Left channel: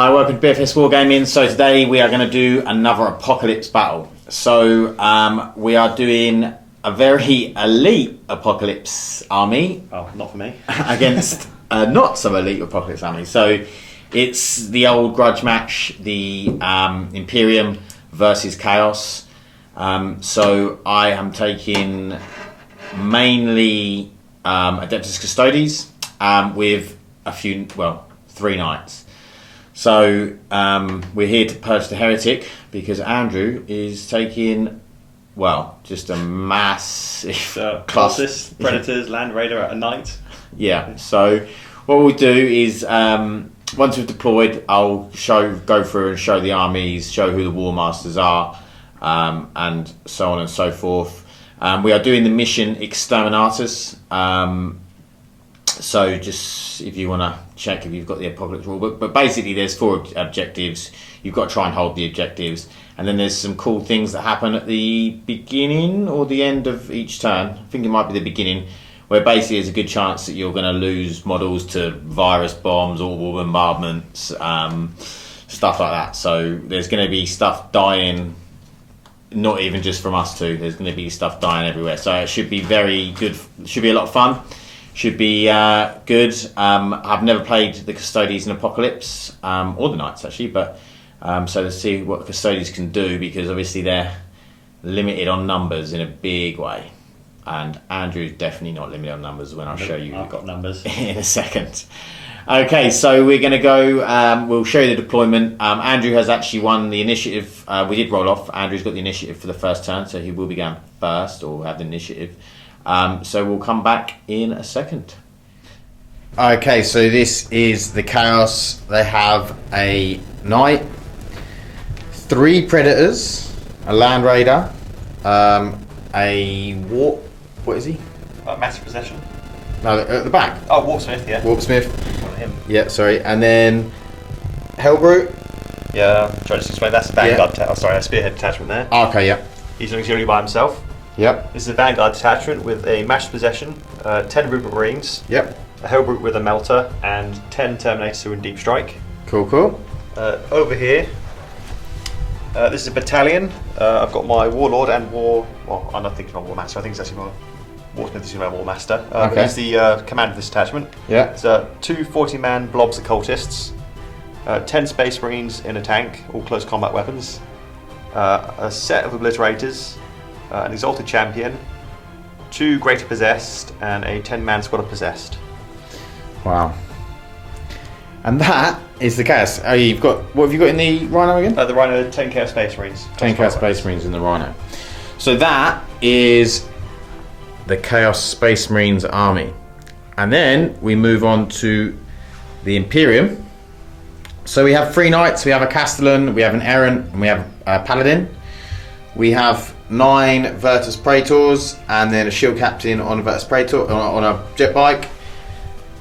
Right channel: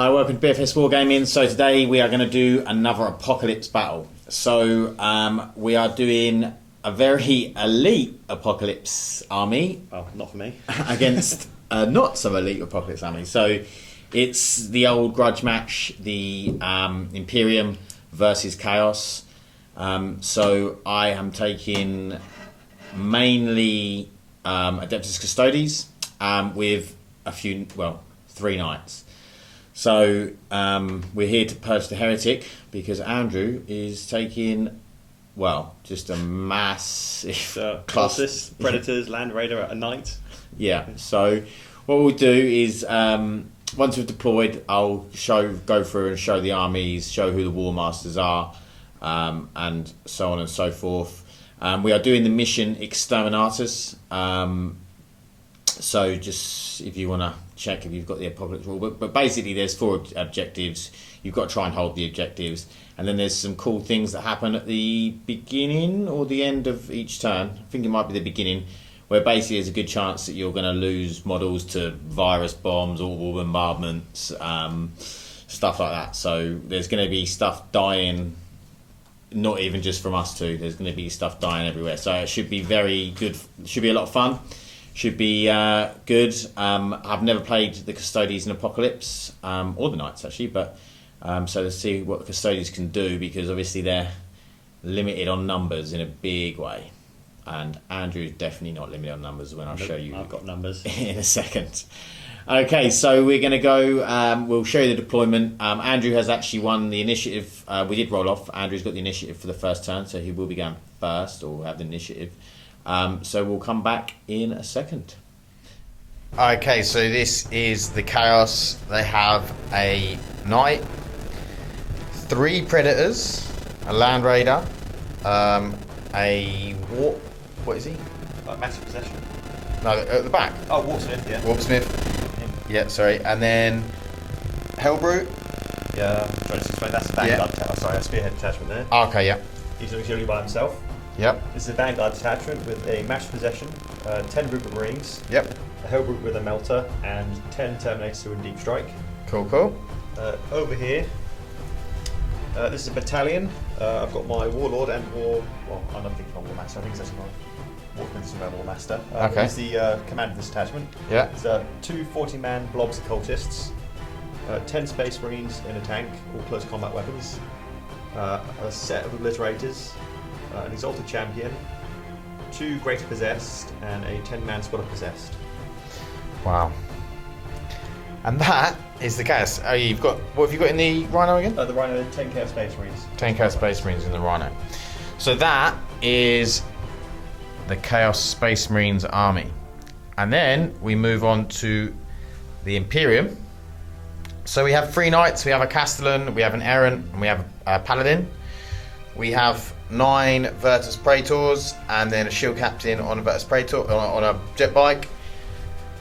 Hi, welcome to BFS Wargaming. So today we are going to do another Apocalypse battle. So we are doing a very elite Apocalypse army. Oh, not for me. Against not so elite Apocalypse army. So it's the old grudge match, the Imperium versus Chaos. So I am taking mainly Adeptus Custodes with a few, well, 3 knights. So we're here to purge the heretic because Andrew is taking, well, just a massive Colossus, Predators, Land Raider at a knight. Yeah. So what we'll do is once we've deployed, I'll go through and show the armies, show who the War Masters are, and so on and so forth. We are doing the mission Exterminatus. So just if you want to check if you've got the Apocalypse rule book, but basically there's 4 objectives. You've got to try and hold the objectives, and then there's some cool things that happen at the beginning or the end of each turn. I think it might be the beginning, where basically there's a good chance that you're going to lose models to virus bombs, orbital bombardments, stuff like that. So there's going to be stuff dying, not even just from us two. There's going to be stuff dying everywhere. So it should be very good. It should be a lot of fun. Should be good. I've never played the Custodes in Apocalypse, or the Knights actually, but so let's see what the Custodes can do, because obviously they're limited on numbers in a big way. And Andrew's definitely not limited on numbers when I'll show you. I've got numbers. In a second. Okay, so we're going to go, we'll show you the deployment. Andrew has actually won the initiative. We did roll off. Andrew's got the initiative for the first turn, so he will be going first, or have the initiative. So we'll come back in a second. Okay, so this is the Chaos. They have a Knight, 3 Predators, a Land Raider, a Warp. What is he? Massive Possession. No, at the back. Oh, Warpsmith, yeah. Warpsmith. One of him. Yeah, sorry. And then Hellbrute. Yeah, try to explain. That's a Vanguard. Sorry, a Spearhead detachment there. Oh, okay, yeah. He's auxiliary by himself. Yep. This is a Vanguard detachment with a Master Possession, 10 Rupert Marines. Yep. A Hellbrute with a Melter, and 10 Terminators who are in Deep Strike. Cool, cool. Over here, this is a battalion. I've got my Warlord and War. Well, I'm not thinking of War Master. I think it's actually my Warsmith is my War Master. Okay. He's the commander of this detachment. Yeah. It's 2 40-man blobs occultists, 10 Space Marines in a tank, all close combat weapons, a set of obliterators, an Exalted Champion, 2 Greater Possessed, and a 10-man squad of Possessed. Wow. And that is the Chaos. Oh, you've got, what have you got in the Rhino again? The Rhino, 10 Chaos Space Marines. 10 Chaos Space Marines in the Rhino. So that is the Chaos Space Marines army. And then we move on to the Imperium. So we have 3 knights, we have a Castellan, we have an Errant, and we have a Paladin. We have 9 Virtus Praetors, and then a Shield Captain on a Virtus Praetor, on a jet bike.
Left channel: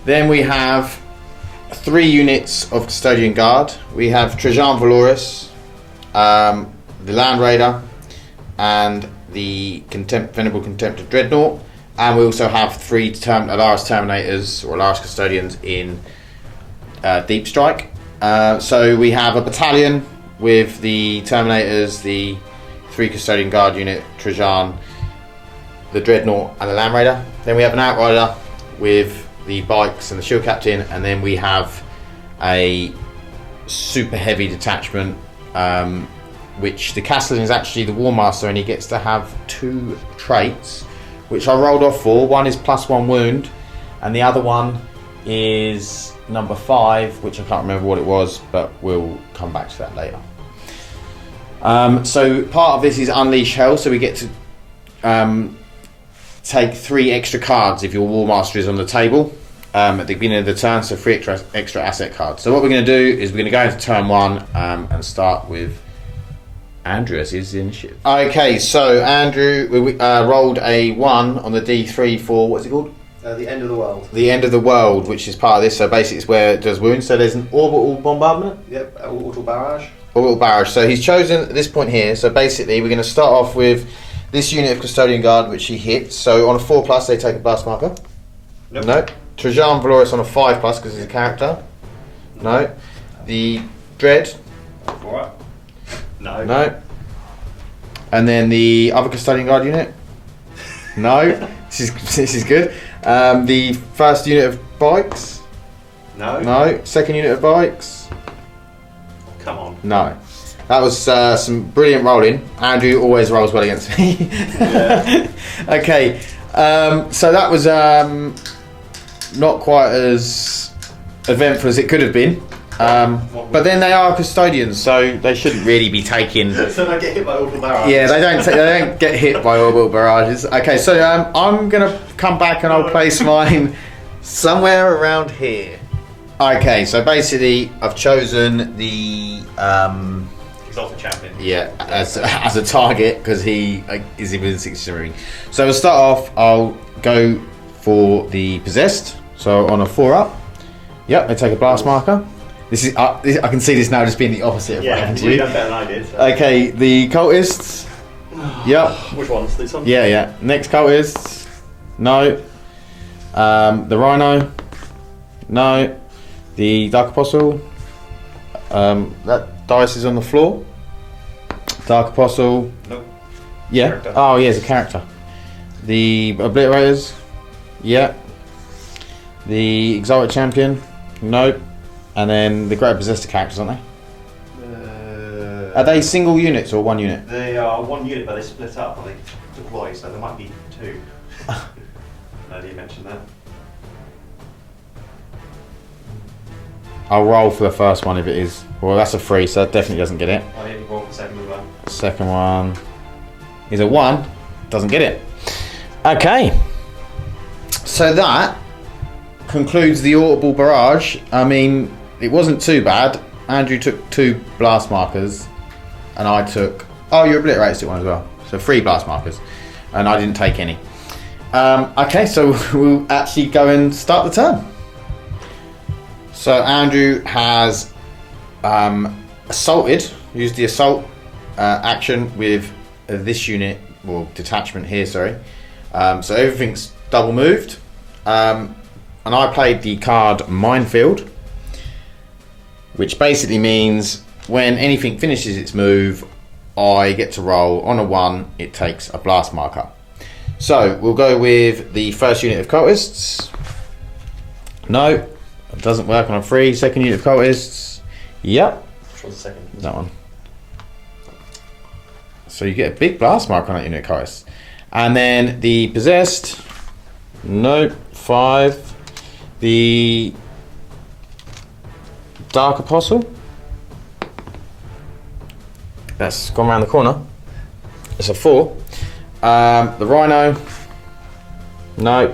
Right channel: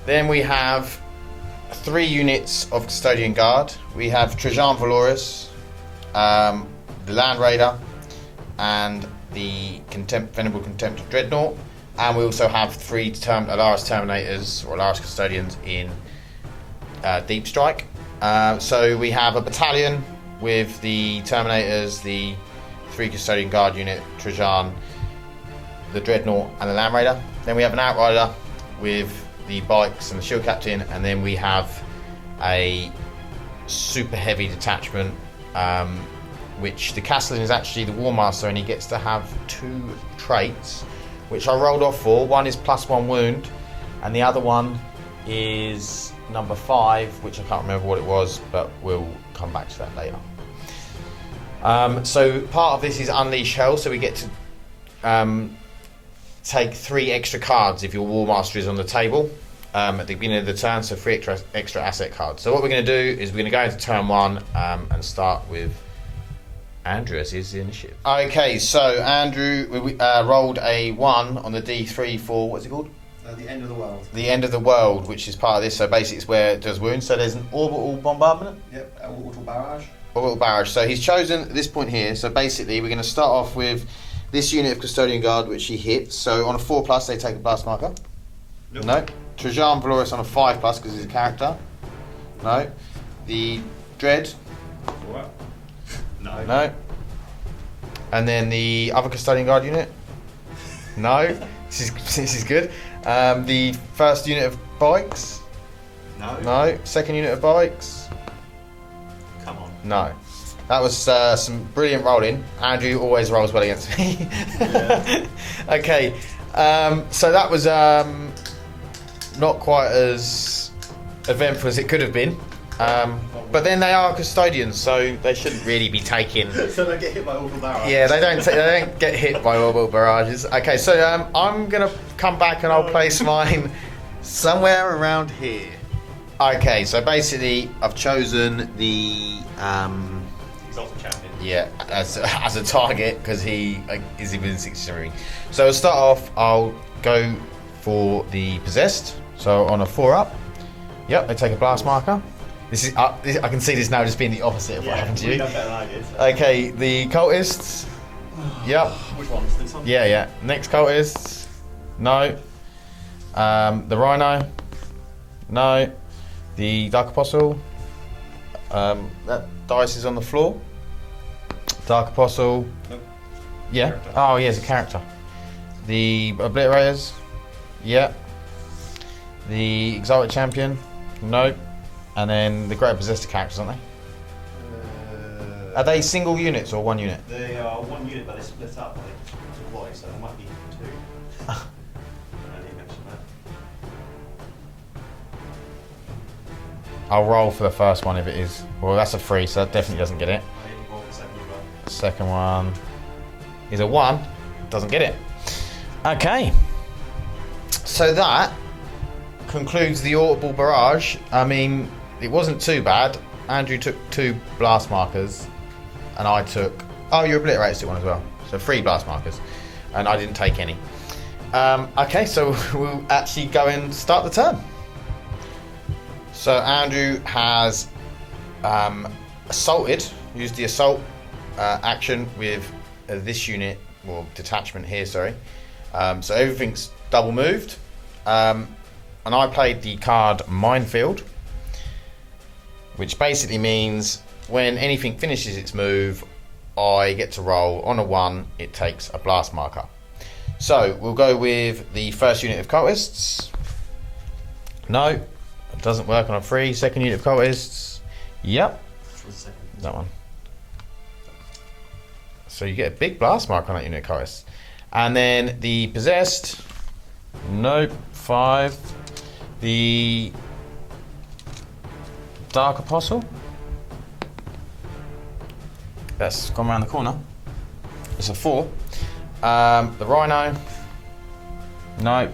Then we have 3 units of Custodian Guard. We have Trajan Valoris, the Land Raider, and the Venerable Contempt of Dreadnought. And we also have 3 Alaris Terminators, or Alaris Custodians in Deep Strike. So we have a battalion with the Terminators, the 3 Custodian Guard unit, Trajan, the Dreadnought, and the Land Raider. Then we have an Outrider with the bikes and the Shield Captain, and then we have a super heavy detachment, which the Castellan is actually the War Master, and he gets to have 2 traits, which I rolled off for. One is +1 wound, and the other one is number 5, which I can't remember what it was, but we'll come back to that later. So part of this is Unleash Hell, so we get to take 3 extra cards if your War Master is on the table at the beginning of the turn, so 3 extra asset cards. So what we're going to do is we're going to go into turn 1 and start with Andrew as his initiative. Okay, so Andrew rolled a 1 on the D3 for, what's it called? The End of the World. The End of the World, which is part of this, so basically it's where it does wounds. So there's an orbital bombardment? Yep, orbital barrage. Orbital barrage. So he's chosen at this point here, so basically we're going to start off with this unit of Custodian Guard, which he hits. So on a 4+, they take a blast marker. Nope. No. Trajan Valoris on a 5+ because he's a character. No. The Dread. Alright. No. No. And then the other Custodian Guard unit. No. This is good. The first unit of bikes. No. No. Second unit of bikes. Come on. No. That was some brilliant rolling. Andrew always rolls well against me. Yeah. Okay. So that was not quite as eventful as it could have been. But then they are custodians, so they shouldn't really be taking. So they get hit by orbital barrages. Yeah, they don't get hit by orbital barrages. Okay, so I'm gonna come back and I'll place mine somewhere around here. Okay, so basically I've chosen the Exalted Champion. yeah as a target because he is within 60 range. So to start off, I'll go for the possessed. So on a 4-up. Yep, I take a blast marker. This is I can see this now just being the opposite of Yeah, what you've done better than I did. So. Okay, the cultists. Yep. Which ones? This one? Yeah. Next cultists. No. The rhino. No. The Dark Apostle. That dice is on the floor. Dark Apostle. Nope. Yeah. Character. Oh, yeah, it's a character. The Obliterators. Yeah. The Exalted Champion. Nope. And then the Great Possessed characters, aren't they? Are they single units or one unit? They are one unit, but they split up. I think deploy, so there might be two. I didn't mention that. I'll roll for the first one if it is. Well, that's a 3, so that definitely doesn't get it. I didn't roll for the second one. Second one is a 1. Doesn't get it. Okay. So that concludes the audible barrage. I mean, it wasn't too bad. Andrew took 2 blast markers, and I took. Oh, you obliterated one as well. So 3 blast markers, and I didn't take any. Okay, so we'll actually go and start the turn. So Andrew has assaulted, used the assault action with this unit, or detachment here, sorry. So everything's double moved. And I played the card Minefield, which basically means when anything finishes its move, I get to roll on a 1, it takes a blast marker. So we'll go with the first unit of cultists. No, it doesn't work on a 3. Second unit of cultists. Yep. Which one's the second? That one. So you get a big blast mark on that unit of cultists. And then the possessed. Nope. 5. The Dark Apostle. That's gone around the corner. It's a 4. The Rhino. No.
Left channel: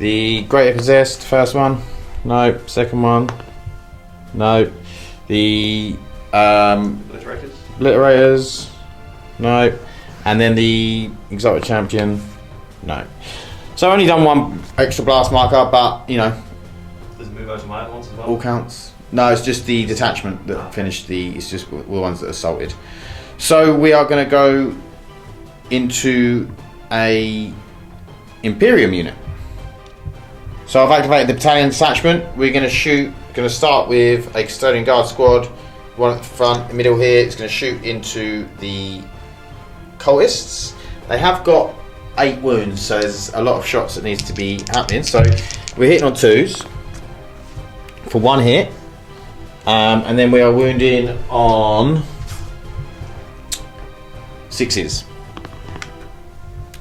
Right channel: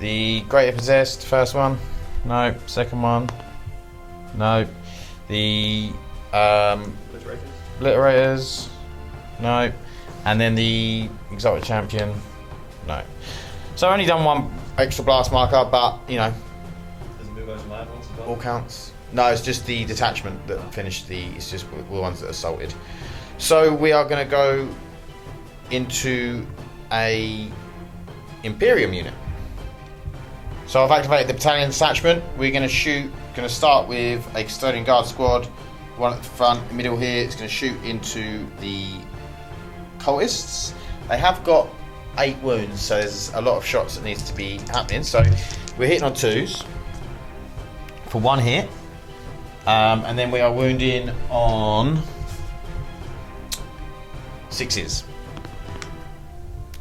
The Greater Possessed, first one. No. Second one. No. The Obliterators. Obliterators. No. And then the Exotic Champion. No. So I've only done 1 extra blast marker, but you know. Does it move over to my other ones as well? All counts. No, it's just the detachment that finished the. It's just the ones that assaulted. So we are going to go into a Imperium unit. So I've activated the battalion detachment. We're going to shoot. Going to start with a Custodian Guard squad. One at the front, middle here. It's going to shoot into the cultists. They have got 8 wounds, so there's a lot of shots that needs to be happening. So we're hitting on 2s for 1 hit, and then we are wounding on 6s.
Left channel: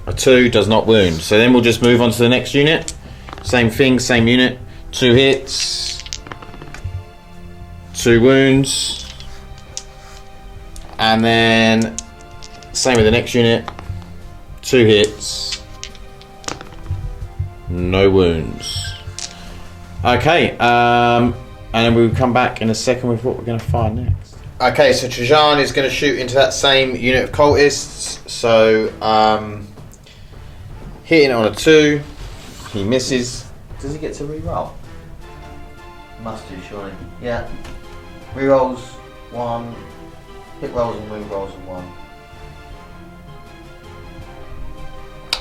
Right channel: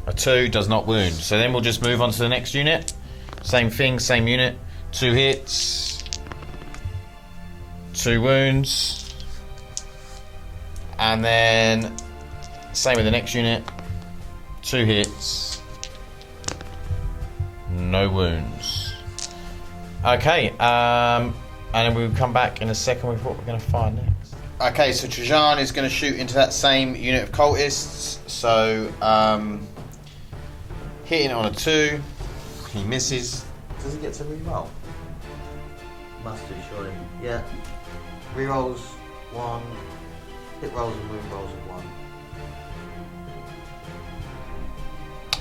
A 2 does not wound, so then we'll just move on to the next unit. Same thing, same unit. 2 hits, 2 wounds, and then same with the next unit. 2 hits, no wounds. Okay, and then we'll come back in a second with what we're going to find next. Okay, so Trajan is going to shoot into that same unit of cultists. So, hitting on a 2, he misses. Does he get to reroll? Must do, surely. Yeah. Rerolls 1, hit rolls and rerolls of 1.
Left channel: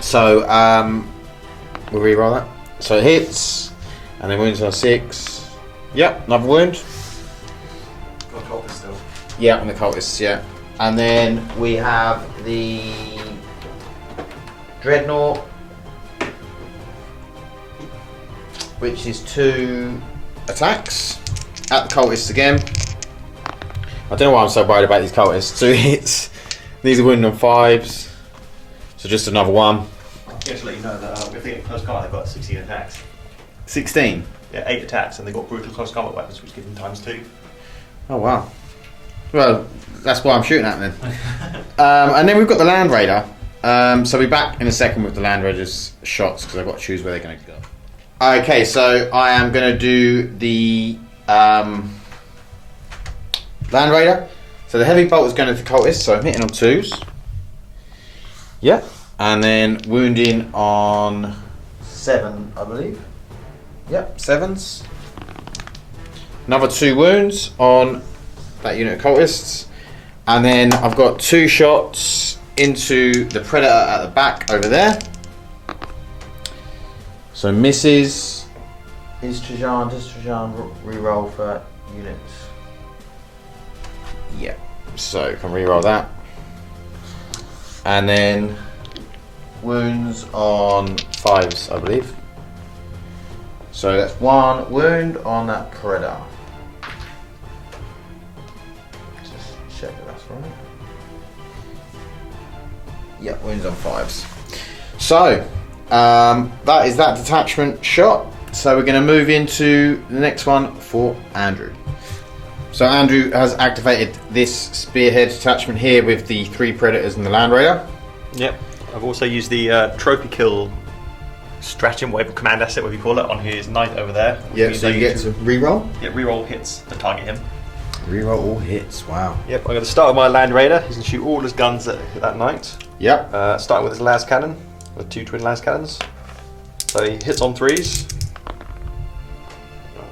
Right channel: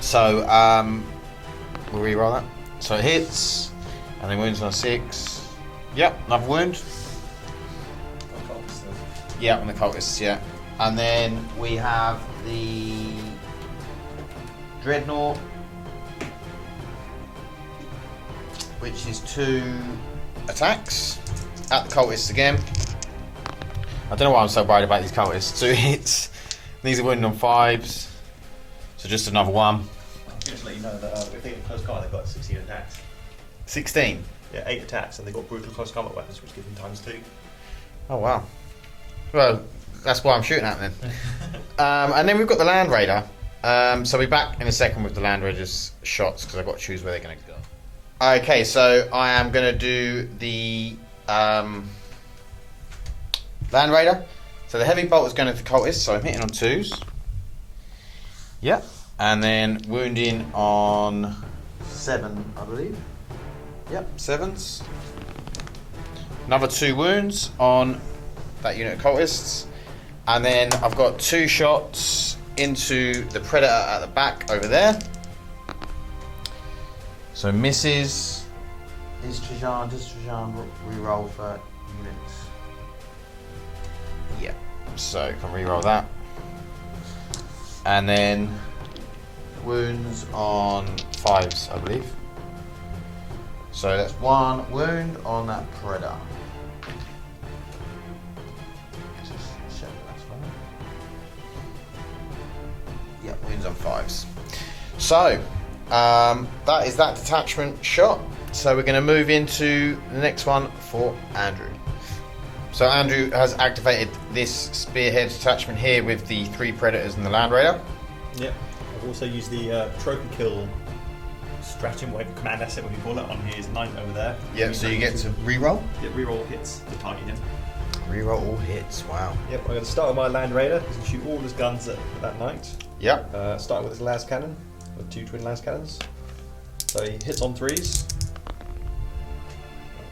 So, we'll reroll that. So it hits, and then wounds on 6. Yep, another wound. God, cultist still. Yeah, on the cultists, yeah. And then we have the Dreadnought, which is 2 attacks at the cultists again. I don't know why I'm so worried about these cultists. 2 hits. These are wounded on 5s. So just another one. Just to let you know that if they get close combat, they've got 16 attacks. 16? Yeah, 8 attacks, and they've got brutal close combat weapons, which give them ×2. Oh wow. Well, that's why I'm shooting at them. And then we've got the Land Raider. So we'll be back in a second with the Land Raider's shots, because I've got to choose where they're going to go. Okay, so I am going to do the Land Raider. So the heavy bolt is going to the cultist, so I'm hitting on 2s. Yep. And then wounding on 7, I believe. Yep, 7s. Another 2 wounds on that unit of cultists. And then I've got 2 shots into the Predator at the back over there. So misses. Does Trajan reroll for that unit? Yeah. So can reroll that. And then wounds on 5s, I believe. So that's 1 wound on that Predator. Just check that that's right. Yeah, wounds on 5s. So that is that detachment shot. So we're going to move into the next one for Andrew. So Andrew has activated this spearhead detachment here with the 3 Predators and the Land Raider. Yep. I've also used the trophy kill stratagem, whatever command asset, whatever you call it, on his knight over there. Yeah, so you get to reroll? Yeah, reroll hits to target him. Reroll all hits, wow. Yep, I'm going to start with my Land Raider. He's going to shoot all his guns at that knight. Yep. Starting with his las cannon, with 2 twin las cannons. So he hits on 3s.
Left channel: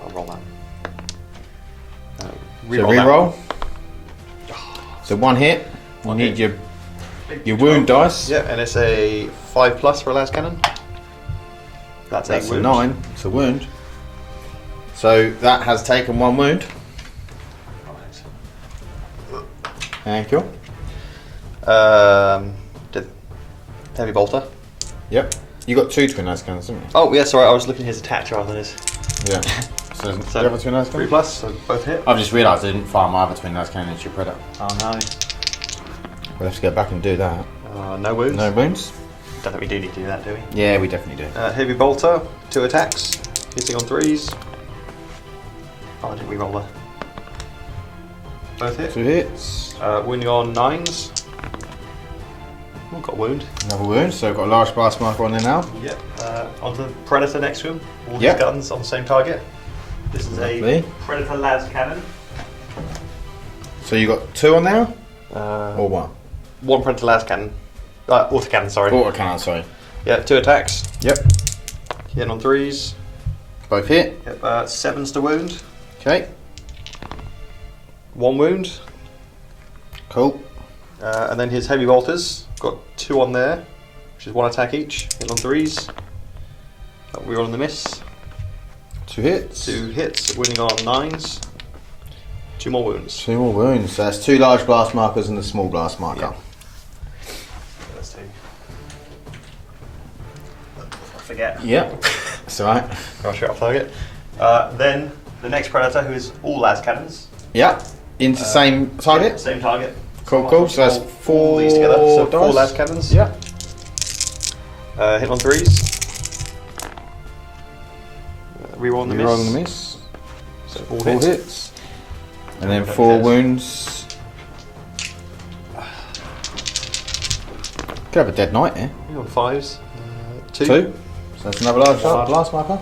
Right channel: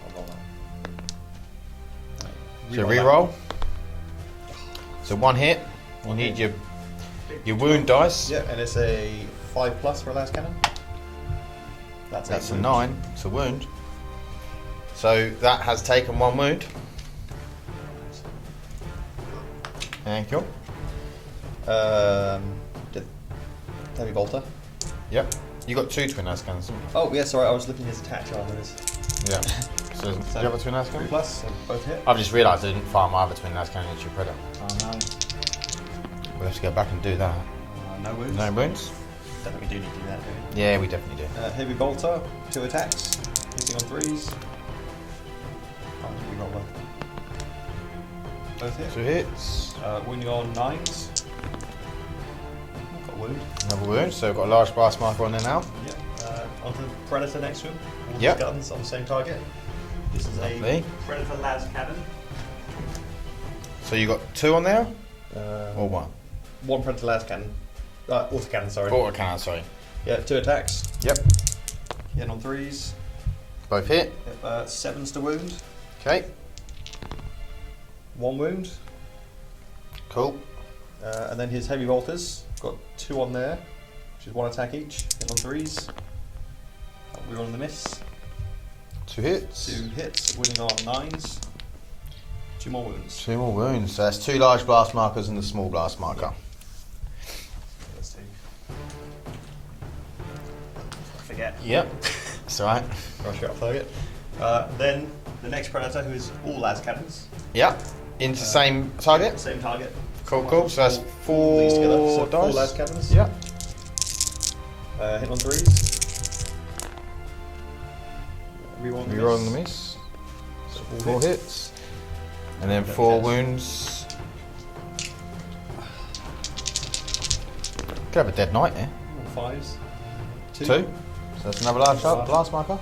I'll roll that. Reroll. So 1 hit. 1 hit your wound dice. Yep, and it's a 5+ for a las cannon. That's a wound. 9. It's a wound. So that has taken 1 wound. Thank you. Did heavy bolter. Yep. You got 2 twin las cannons, didn't you? Oh yeah, sorry, I was looking at his attacks rather than his. Yeah. So, So 3+, so both hit. I've just realised I didn't fire my other twin las cannons into your Predator. Oh no. We'll have to go back and do that. No wounds. No wounds? Don't think we do need to do that, do we? Yeah, we definitely do. Heavy bolter, 2 attacks, hitting on 3s. Oh, I didn't reroll there. Both hit. 2 hits. Wounding on 9s. Oh, got a wound. Another wound, so I've got a large blast marker on there now. Yep. Onto the Predator next to him. All his Yep. guns on the same target. This is Lovely. a Predator las cannon. So you got 2 on there? Or 1? 1 Predator las cannon. Autocannon, sorry. Autocannon, sorry. Yeah, 2 attacks. Yep. Hitting on 3s. Both hit. Yep, 7s to wound. Okay. 1 wound. Cool. And then his heavy bolters. Got 2 on there, which is 1 attack each. Hitting on 3s. We're on the miss. 2 hits. 2 hits, winning on 9s. 2 more wounds. 2 more wounds. So that's 2 large blast markers and a small blast marker. Yeah. That's 2. Before I forget. Yep. That's alright. I'll shoot off target. Then the next Predator, who is all las cannons. Yep. Into the same target? Yeah, same target. Cool, cool. So that's 4 these together. So 4 las cannons. Yep. Hit on 3s. Reroll on the miss. Reroll on the miss. So 4 4 hits. hits. And then Don't 4 hit. wounds. Could have a dead knight here. On 5s. 2. 2. So that's another large blast marker.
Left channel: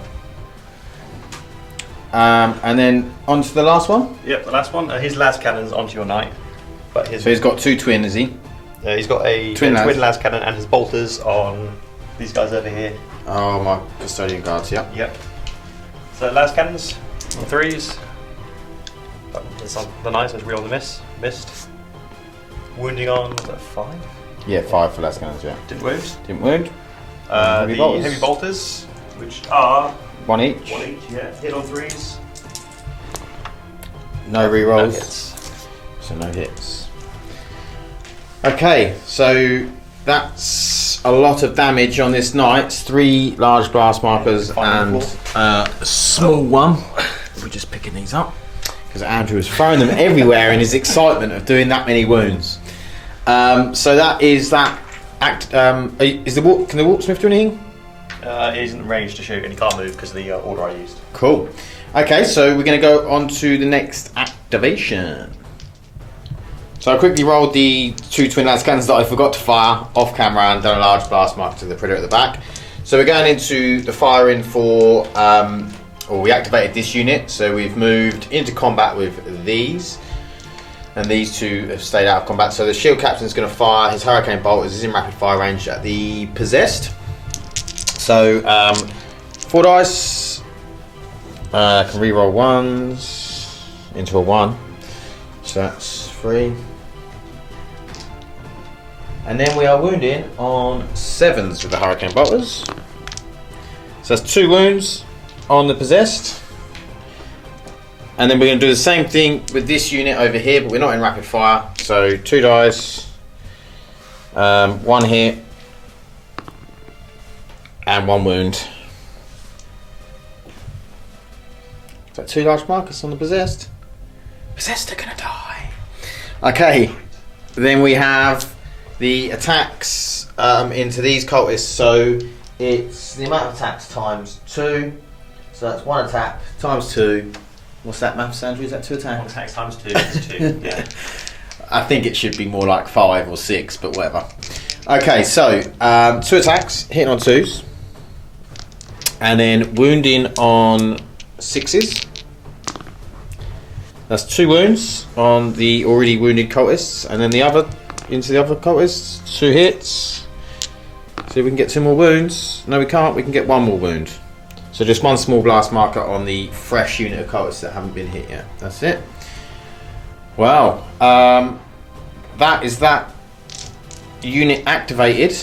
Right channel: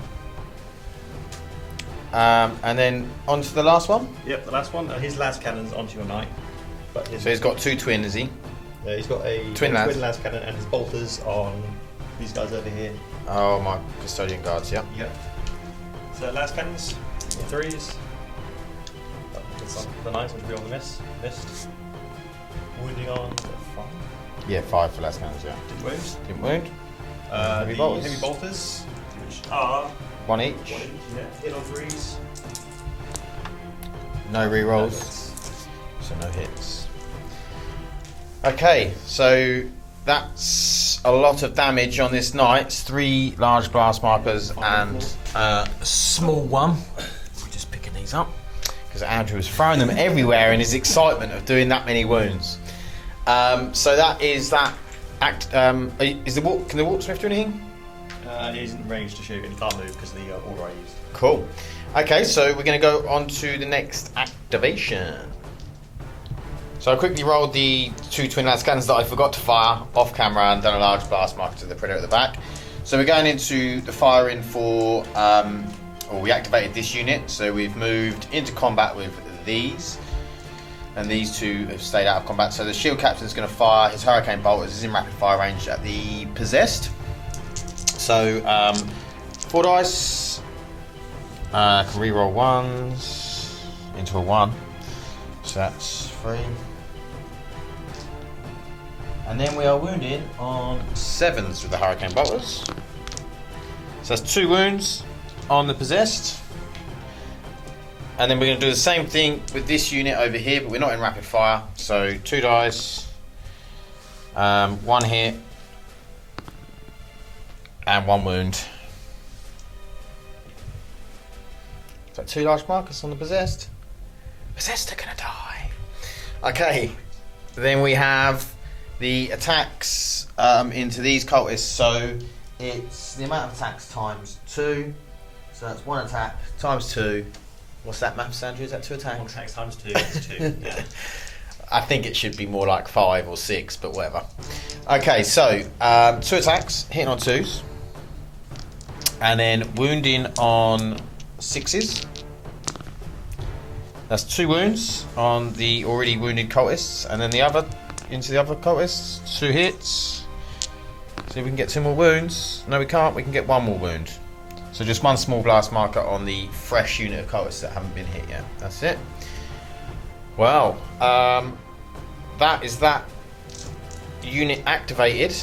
And then on to the last one. Yep, the last one. His las cannons onto your knight. But his So he's got 2 twin, is he? he's got a Twin twin las cannon and his bolters on these guys over here. Oh, my custodian guards, yeah. Yep. So las cannons on 3s. That's on the knight, so it's real on the missed. Wounding on 5. Yeah, 5 for last cannons, yeah. Didn't wound. Didn't wound. The bolters. heavy bolters, which are 1 each. 1 each. Yeah. Hit on 3s. No rerolls. hits. So no hits. Okay, so that's a lot of damage on this knight. 3 large blast markers and a small one. We're just picking these up because Andrew was throwing them everywhere in his excitement of doing that many wounds. So that is that act. Can the Warpsmith do anything? He isn't ranged to shoot and he can't move because of the order I used. Cool. Okay, so we're going to go on to the next activation. So I quickly rolled the 2 twin laser cannons that I forgot to fire off camera and done a large blast mark to the Predator at the back. So we're going into the firing for, we activated this unit, so we've moved into combat with these. And these 2 have stayed out of combat. So the shield captain is going to fire his hurricane bolt as he's in rapid fire range at the possessed. So 4 dice. I can re-roll 1s into a 1. So that's 3. And then we are wounding on 7s with the hurricane bolters. So that's 2 wounds on the possessed. And then we're going to do the same thing with this unit over here, but we're not in rapid fire. So 2 dice, 1 hit, and 1 wound. So 2 large markers on the possessed. Possessed are going to die. Okay, then we have the attacks into these cultists. So it's the amount of attacks times 2. So that's 1 attack times 2. What's that, maths, Andrew? Is that 2 attacks? 1 attack times 2 is 2, yeah. I think it should be more like 5 or 6, but whatever. Okay, so 2 attacks, hitting on 2s. And then wounding on 6s. That's 2 wounds on the already wounded cultists. And then the other, into the other cultists, 2 hits. So we can get 2 more wounds. No, we can't, we can get 1 more wound. So just 1 small blast marker on the fresh unit of cultists that haven't been hit yet. That's it. Wow. That is that unit activated.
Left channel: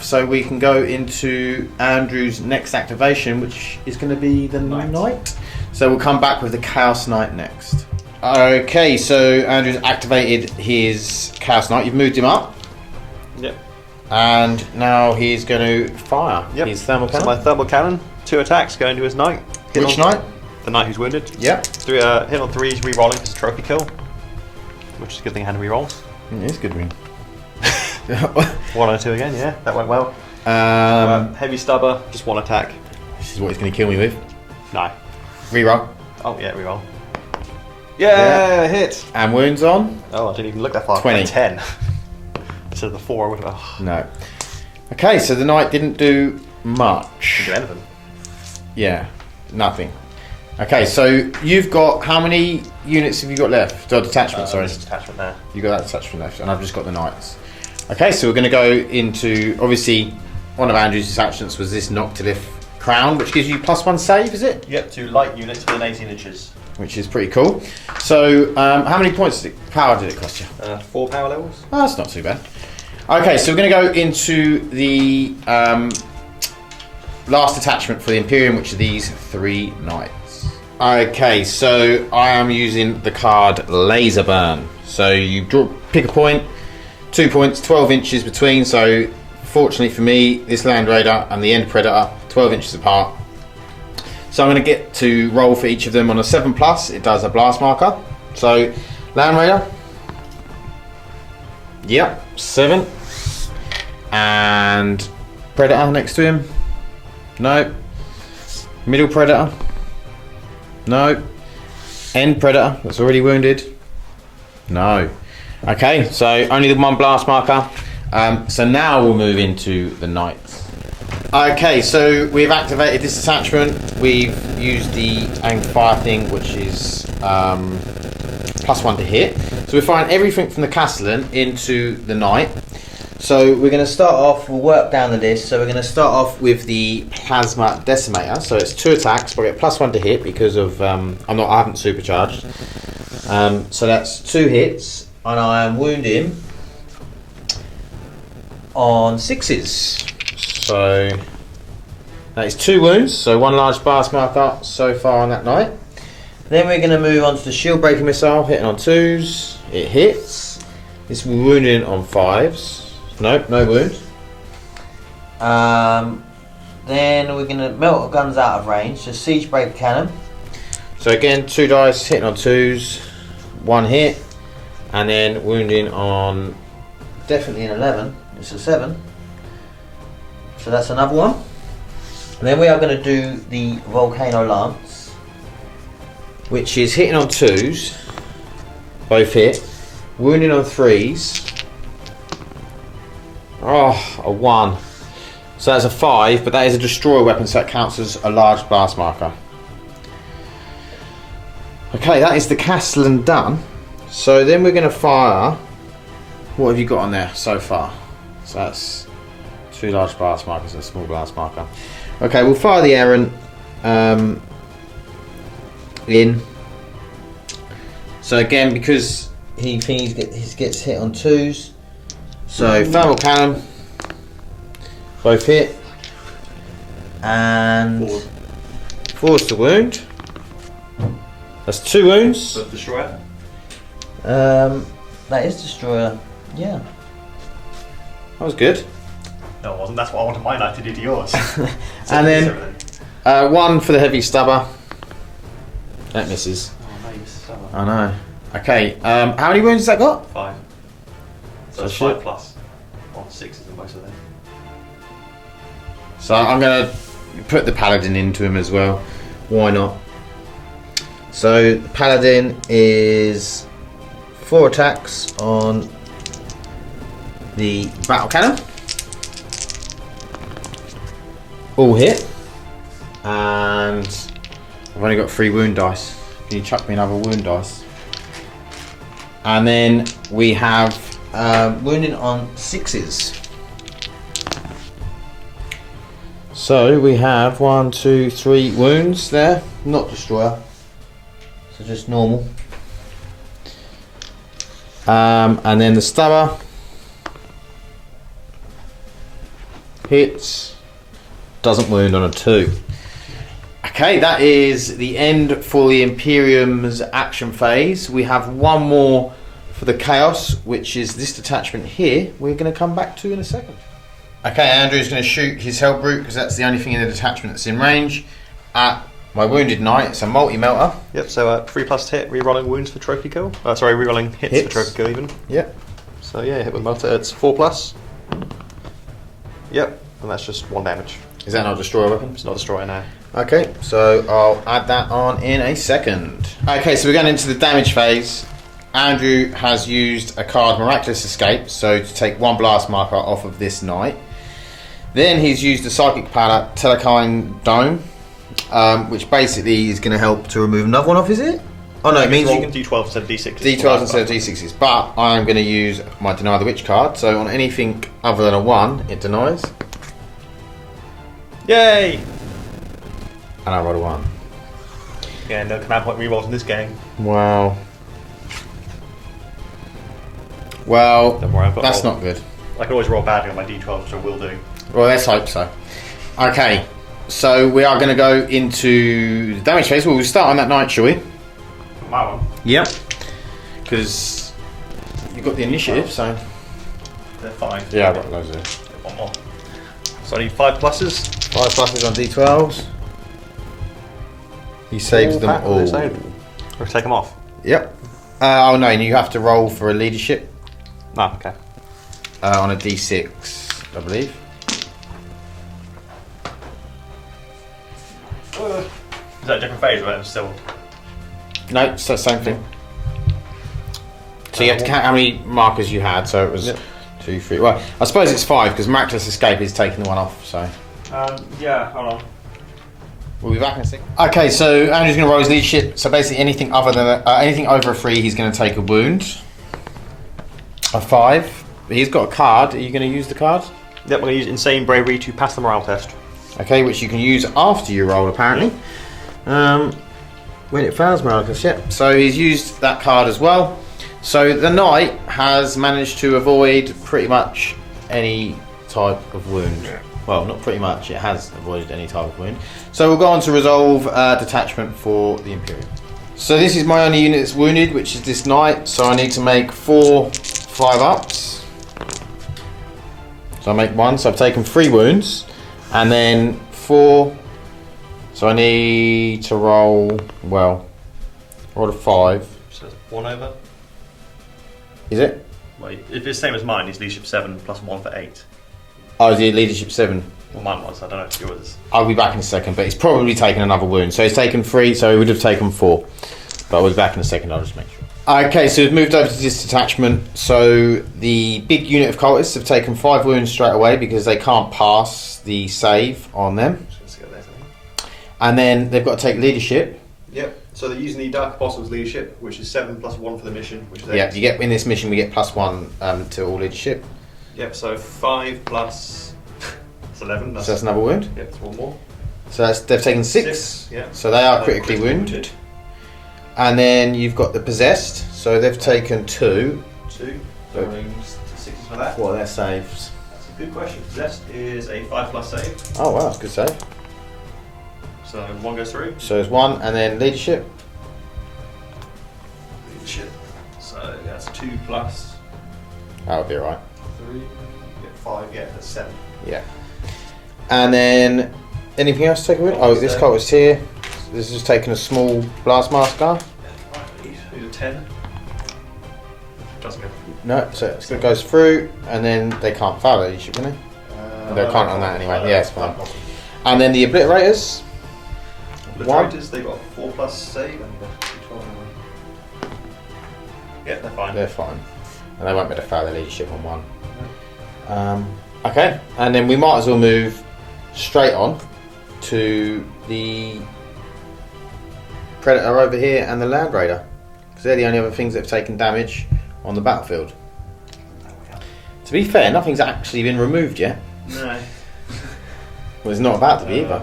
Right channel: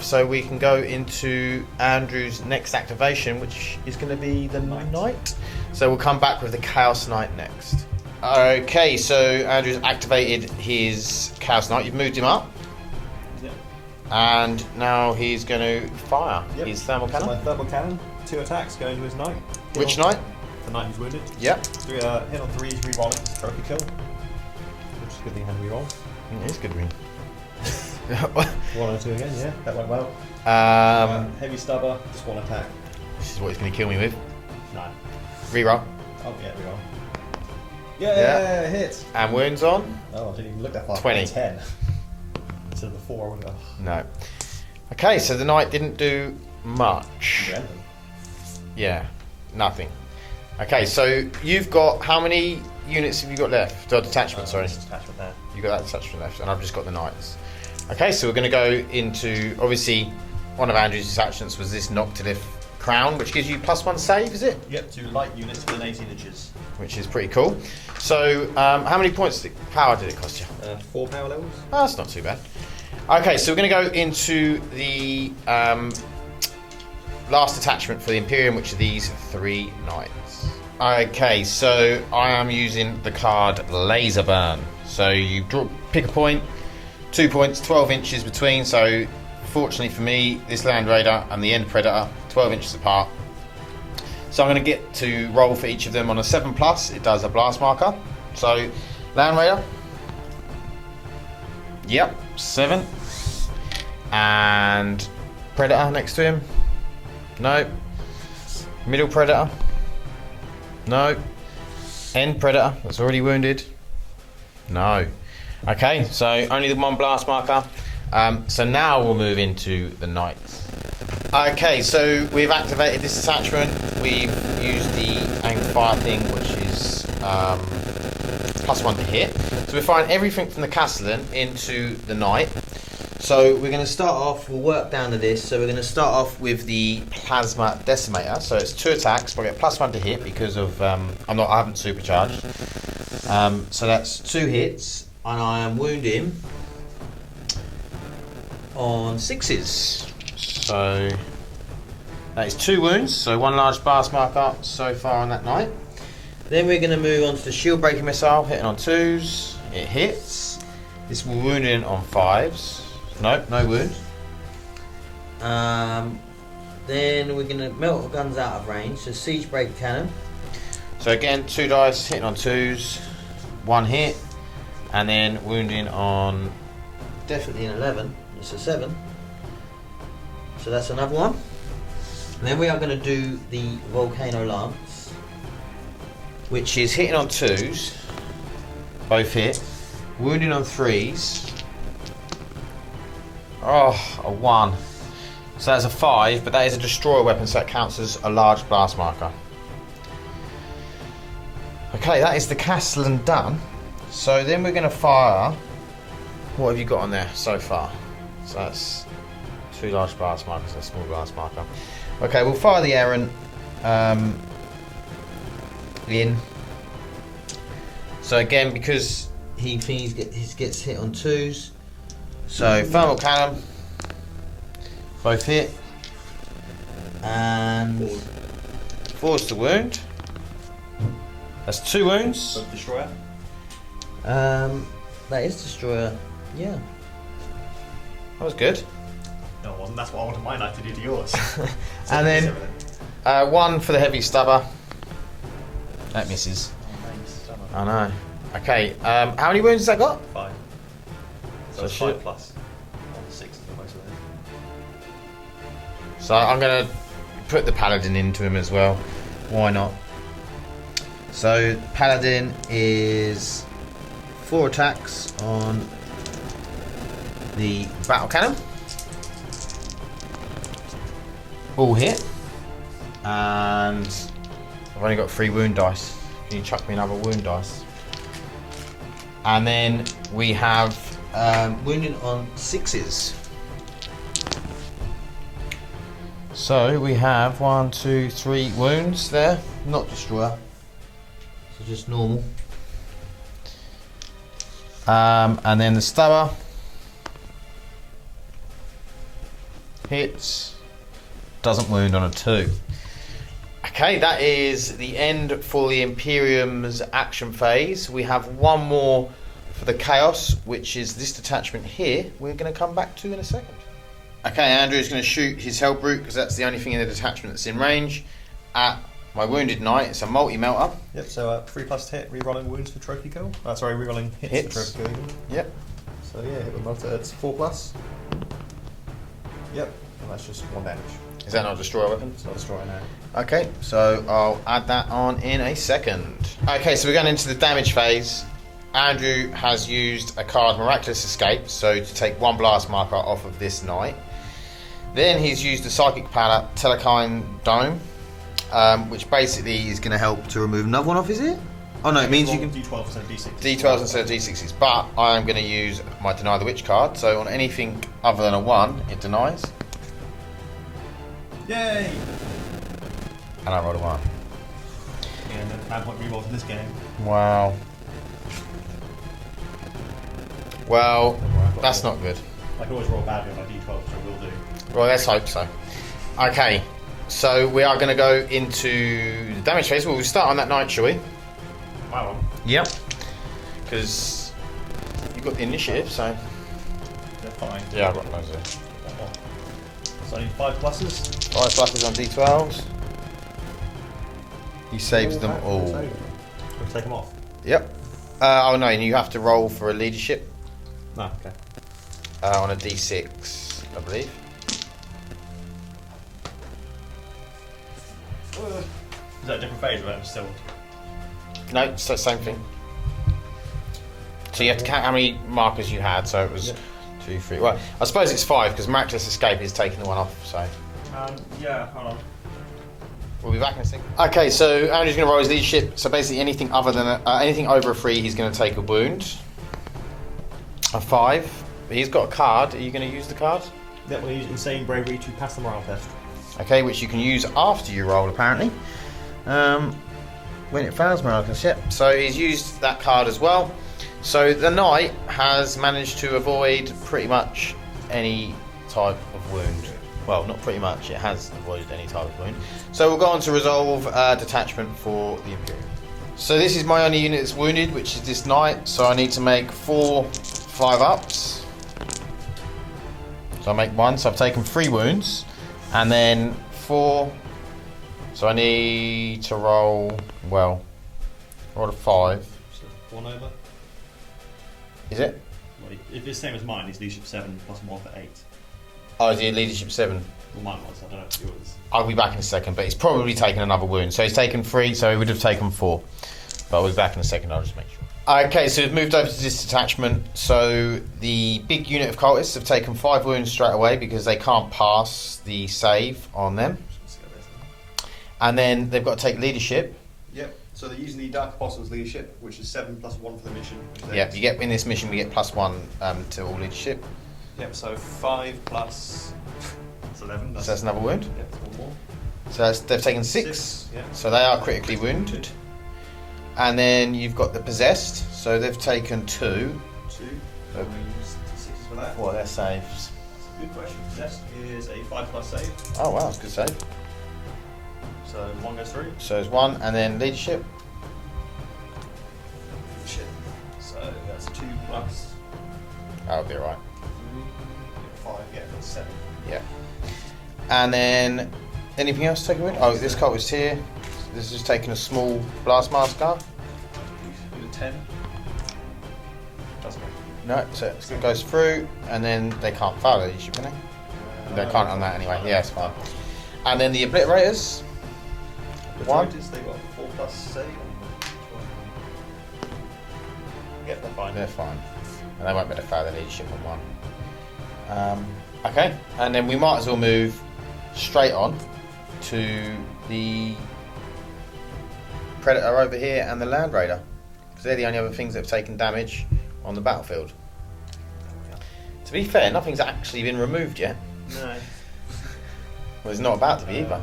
So we can go into Andrew's next activation, which is going to be the Knight. So we'll come back with the Chaos Knight next. Okay, so Andrew's activated his Chaos Knight. You've moved him up. Yep. And now he's going to fire. Yep. His thermal cannon. So my thermal cannon, 2 attacks going to his knight. Which knight? The knight who's wounded. Yeah. Hit on 3s, re-rolling his trophy kill, which is a good thing I had to re-roll. It is good win. 1 and 2 again, yeah, that went well. Heavy stubber, just 1 attack. This is what he's going to kill me with. No. Reroll. Oh yeah, re-roll. Yeah, hit. And wounds on? Oh, I didn't even look that far. 20. 10. Instead of the 4, I would have. No. Okay, so the knight didn't do much. Didn't do anything. Yeah, nothing. Okay, so you've got, how many units have you got left? Got detachment, sorry. There's a detachment there. You got that detachment left, and I've just got the knights. Okay, so we're going to go into, obviously, one of Andrew's detachments was this Noctilith Crown, which gives you +1 save, is it? Yep, 2 light units within 18 inches. Which is pretty cool. So, how many points power did it cost you? 4 power levels. Oh, that's not too bad. Okay, so we're going to go into the last attachment for the Imperium, which are these 3 knights. Okay, so I am using the card Laser Burn. So you pick a point, 2 points, 12 inches between. So fortunately for me, this Land Raider and the End Predator, 12 inches apart. So I'm going to get to roll for each of them on a 7+. It does a blast marker. So Land Raider. Yep, 7. And Predator next to him. No. Middle Predator. No. End Predator, that's already wounded. No. Okay, so only the 1 blast marker. So now we'll move into the Knights. Okay, so we've activated this attachment. We've used the anchor fire thing, which is +1 to hit. So we're firing everything from the Castellan into the Knight. So we're going to start off, we'll work down the list. So we're going to start off with the Plasma Decimator. So it's 2 attacks, but we get +1 to hit because of I haven't supercharged. So that's 2 hits, and I am wounding on 6s. So that is 2 wounds, so 1 large blast marker so far on that Knight. Then we're going to move on to the shield breaking missile, hitting on 2s. It hits. This will wound in on 5s. Nope, no wound. Then we're going to melt our guns out of range. So siege break cannon. So again, 2 dice hitting on 2s, 1 hit, and then wounding on. Definitely an 11. It's a 7. So that's another one. And then we are going to do the volcano lance, Which is hitting on 2s, both hit, wounding on 3s. Oh, a 1. So that's a 5, but that is a destroyer weapon, so that counts as a large blast marker. Okay, that is the Castellan done. So then we're going to fire. What have you got on there so far? So that's 2 large blast markers and a small blast marker. Okay, we'll fire the errant in. So again, because he gets hit on 2s. so thermal cannon, both hit, And 4's to wound. That's 2 wounds. But destroyer. that is destroyer. Yeah. That was good. No, it wasn't. That's what I wanted my knight to do to yours. And then 1 for the heavy stabber. That misses. I know. Okay, how many wounds has that got? 5. So that's 5 plus. Well, 6 in most of them. So I'm going to put the paladin into him as well. Why not? So paladin is 4 attacks on the battle cannon. All hit. And I've only got 3 wound dice. Can you chuck me another wound dice? And then we have Wounding on 6s. so we have 1, 2, 3 wounds there, not destroyer. So just normal. And then the stabber hits, doesn't wound on a 2. Okay, that is the end for the Imperium's action phase. We have one more for the Chaos, which is this detachment here. We're going to come back to in a second. Okay, Andrew's going to shoot his Hell Brute because that's the only thing in the detachment that's in range at my Wounded Knight. It's a multi-melter. Yep, so 3 plus hit, rerolling wounds for trophy kill. Sorry, rerolling hits for trophy kill even. Yep. So yeah, hit with melter, it's 4 plus. Yep, and that's just 1 damage. Is that not a destroyer weapon? It's not a destroyer now. Okay, so I'll add that on in a second. Okay, so we're going into the damage phase. Andrew has used a card Miraculous Escape, so to take 1 blast marker off of this knight. Then he's used the Psychic Power Telekine Dome, which basically is going to help to remove another one off, is it? Oh no, it means you can D12 instead of D6s. D12 instead of D6s, but I'm going to use my Deny the Witch card, so on anything other than a 1, it denies. Yay! And I roll a 1. Yeah, no command point rerolls in this game. Wow. Well, Don't worry, I've got that's roll. not good. I can always roll badly on my D12, which I will do. Well, let's hope so. Okay, so we are going to go into the damage phase. Well, we'll start on that knight, shall we? My one. Yep. Because you've got the initiative, so... They're fine. Yeah, I've got those there. One more. So I need 5 pluses. 5 pluses on D12s. He saves them all. Or take them off. Yep. Oh no, you have to roll for a leadership No, okay. on a D6, I believe. Is that a different phase or is it still? No, it's the same thing. So you have to count how many markers you had, so it was 2, 3. Well, I suppose it's 5 because Miraculous Escape is taking 1 off, so. Yeah, hold on. We'll be back in a second. Okay, so Andrew's going to roll his leadership. So basically, anything other than anything over a 3, he's going to take a wound. A 5. But he's got a card. Are you going to use the card? Yep, we're going to use Insane Bravery to pass the morale test. Okay, which you can use after you roll, apparently. When it fails, Marcus. Yep. So he's used that card as well. So the knight has managed to avoid pretty much any type of wound. Well, not pretty much, it has avoided any type of wound. So we'll go on to resolve detachment for the Imperium. So this is my only unit that's wounded, which is this knight. So I need to make 4 5-ups. So I make 1. So I've taken 3 wounds, and then 4. So I need to roll a 5. So 1 over. Is it? Well, if it's the same as mine, it's leadership 7 plus 1 for 8. Oh, is it leadership 7? Well, mine was. I don't know if yours. I'll be back in a second, but he's probably taken another wound. So he's taken 3, so he would have taken 4. But I'll be back in a second, I'll just make sure. Okay, so we've moved over to this detachment. So the big unit of cultists have taken 5 wounds straight away because they can't pass the save on them. And then they've got to take leadership. Yep. So they're using the Dark Apostles leadership, which is 7 plus 1 for the mission, which is 8. Yeah, you get in this mission we get +1 to all leadership. Yep. So 5 plus it's 11. So that's another wound. Yep. That's 1 more. So they've taken 6. Yeah. So they are critically wounded. And then you've got the possessed. So they've taken 2. 2. So rooms to 6s for that. What are their saves? That's a good question. Possessed is a 5+ save. Oh wow, good save. So 1 goes through. So there's 1, and then leadership. Leadership. So that's 2 plus That'll be alright. 3. Yeah, 5. Yeah, that's 7. Yeah. And then anything else taken with? Oh, this cult was here. This is taking a small blast master. Who's a 10? Doesn't go. No, so it goes through, and then they can't follow you, shouldn't they? They can't on that anyway. Yeah, it's fine. And then the obliterators. Obliterators, they've got 4+ save and 12. Yeah, they're fine. They're fine. And they won't be able to follow their leadership on 1. Okay, and then we might as well move straight on to the Predator over here and the Land Raider, because they're the only other things that have taken damage on the battlefield. To be fair, nothing's actually been removed yet. No. Well, it's not about to be either.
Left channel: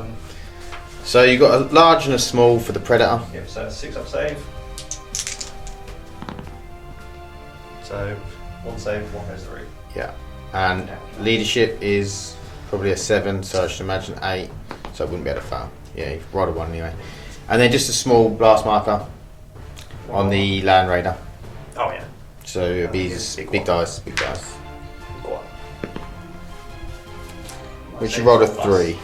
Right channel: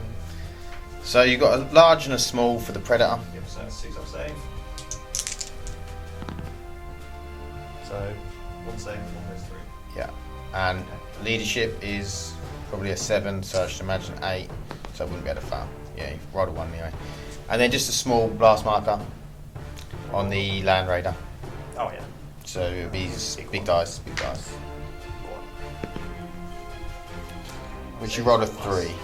So you've got a large and a small for the Predator. Yep, so 6-up save. So 1 save, 1 goes through. Yeah. And leadership is probably a 7, so I should imagine 8, so I wouldn't be able to fail. Yeah, you've rolled a 1 anyway. And then just a small blast marker on the Land Raider. Oh yeah. So it'd be big dice. Which you rolled a 3.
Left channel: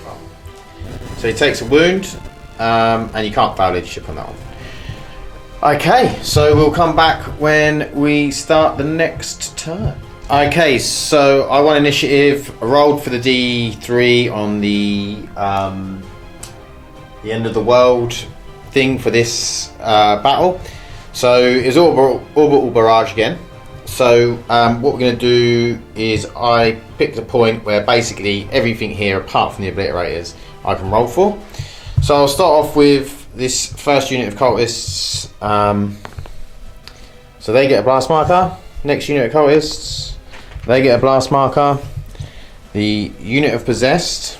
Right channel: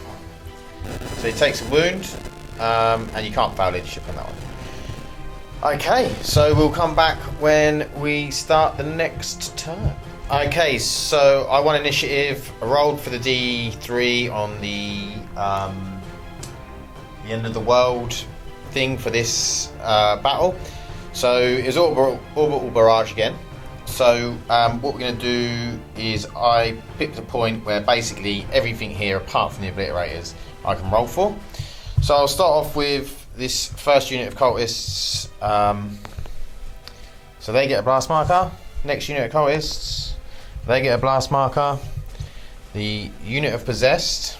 So he takes a wound, and you can't fail leadership on that one. Okay, so we'll come back when we start the next turn. Okay, so I won initiative. I rolled for the D3 on the end of the world thing for this battle. So it's orbital barrage again. So what we're going to do is I picked a point where basically everything here apart from the obliterators I can roll for. So I'll start off with this first unit of cultists. So they get a blast marker. Next unit of cultists, they get a blast marker. The unit of possessed,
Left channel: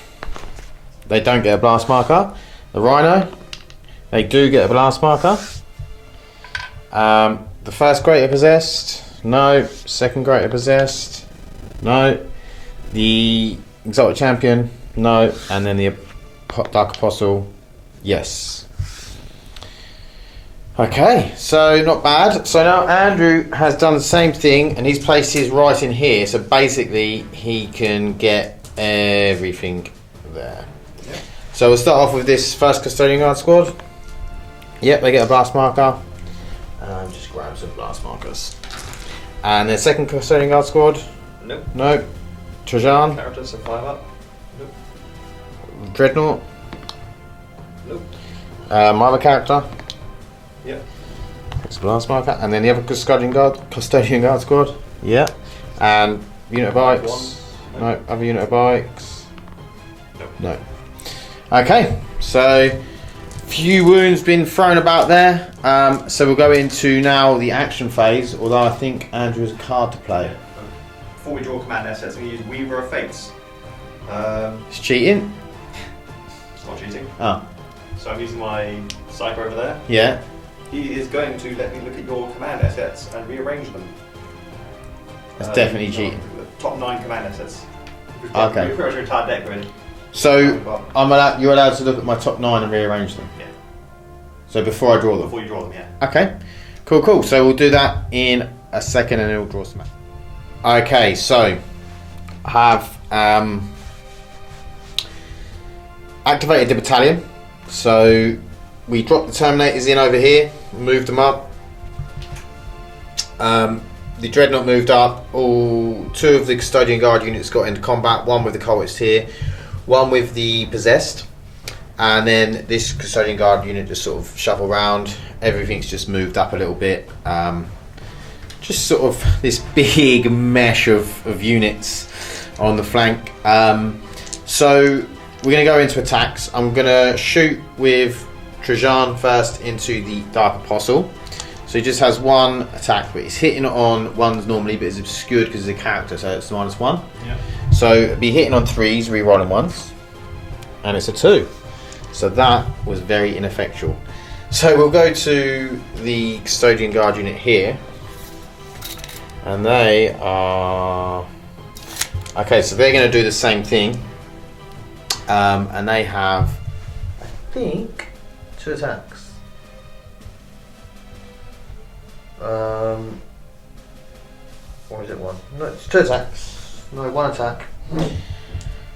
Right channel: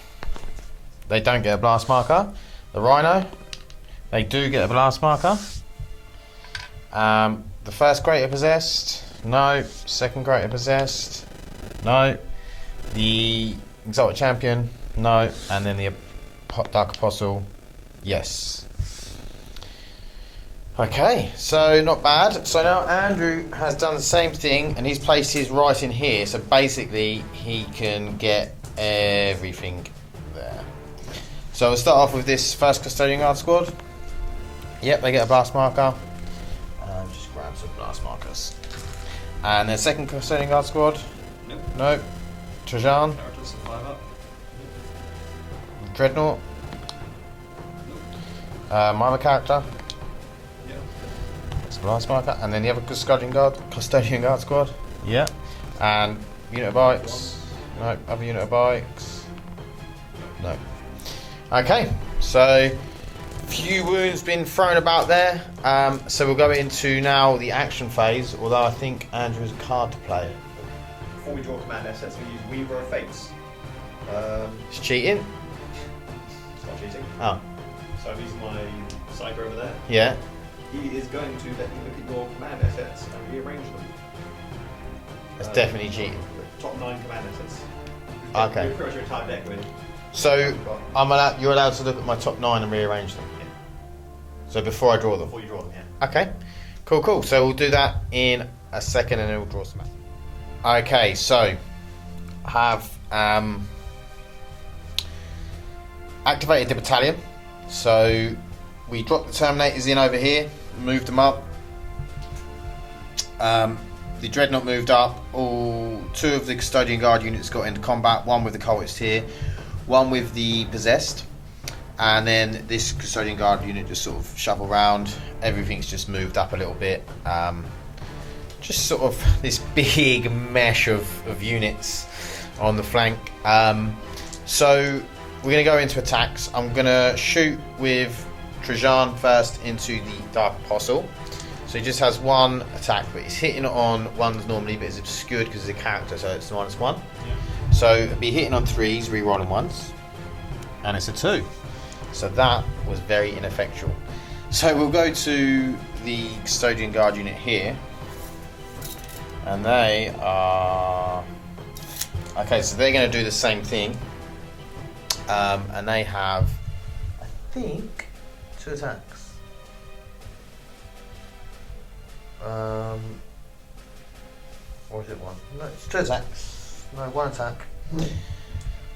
they don't get a blast marker. The rhino, they do get a blast marker. The first greater possessed, no. Second greater possessed, no. The exalted champion, no. And then the dark apostle, yes. Okay, so not bad. So now Andrew has done the same thing, and he's placed his right in here. So basically, he can get everything there. Okay. So we'll start off with this first custodian guard squad. Yep, they get a blast marker. Just grab some blast markers. And the second custodian guard squad. Nope. Nope. Trajan. Characters, so 5-up. Nope. Dreadnought. Nope. My other character. Yep. It's a blast marker. And then the other custodian guard squad. Yeah. And unit of bikes. No. Other unit of bikes. Nope. No. Okay. So few wounds been thrown about there. So we'll go into now the action phase. Although I think Andrew has a card to play. Before we draw command assets, I'm going to use Weaver of Fates. It's cheating. It's not cheating. Oh. So I'm using my Psycho over there. Yeah. He is going to let me look at your command assets and rearrange them. That's definitely cheating. Top 9 command assets. Okay. We've got your entire deck really. So you're allowed to look at my top 9 and rearrange them. Yeah. So before I draw them? Before you draw them, yeah. Okay, cool. So we'll do that in a second and then we'll draw some. Okay, so I have activated the battalion. So we dropped the Terminators in over here, moved them up. The Dreadnought moved up. All 2 of the Custodian Guard units got into combat. 1 with the cultists here, 1 with the Possessed. And then this Custodian Guard unit just sort of shuffle around. Everything's just moved up a little bit. Just sort of this big mesh of units on the flank. So we're going to go into attacks. I'm going to shoot with Trajan first into the Dark Apostle. So he just has 1 attack, but he's hitting on 1s normally, but it's obscured because of the character, so it's -1. Yeah. So it'll be hitting on 3s, re-rolling 1s, and it's a 2. So that was very ineffectual. So we'll go to the Custodian Guard unit here, and they are... Okay, so they're going to do the same thing, and they have, I think, 2 attacks. Or is it 1? No, it's 2 attacks. No, 1 attack.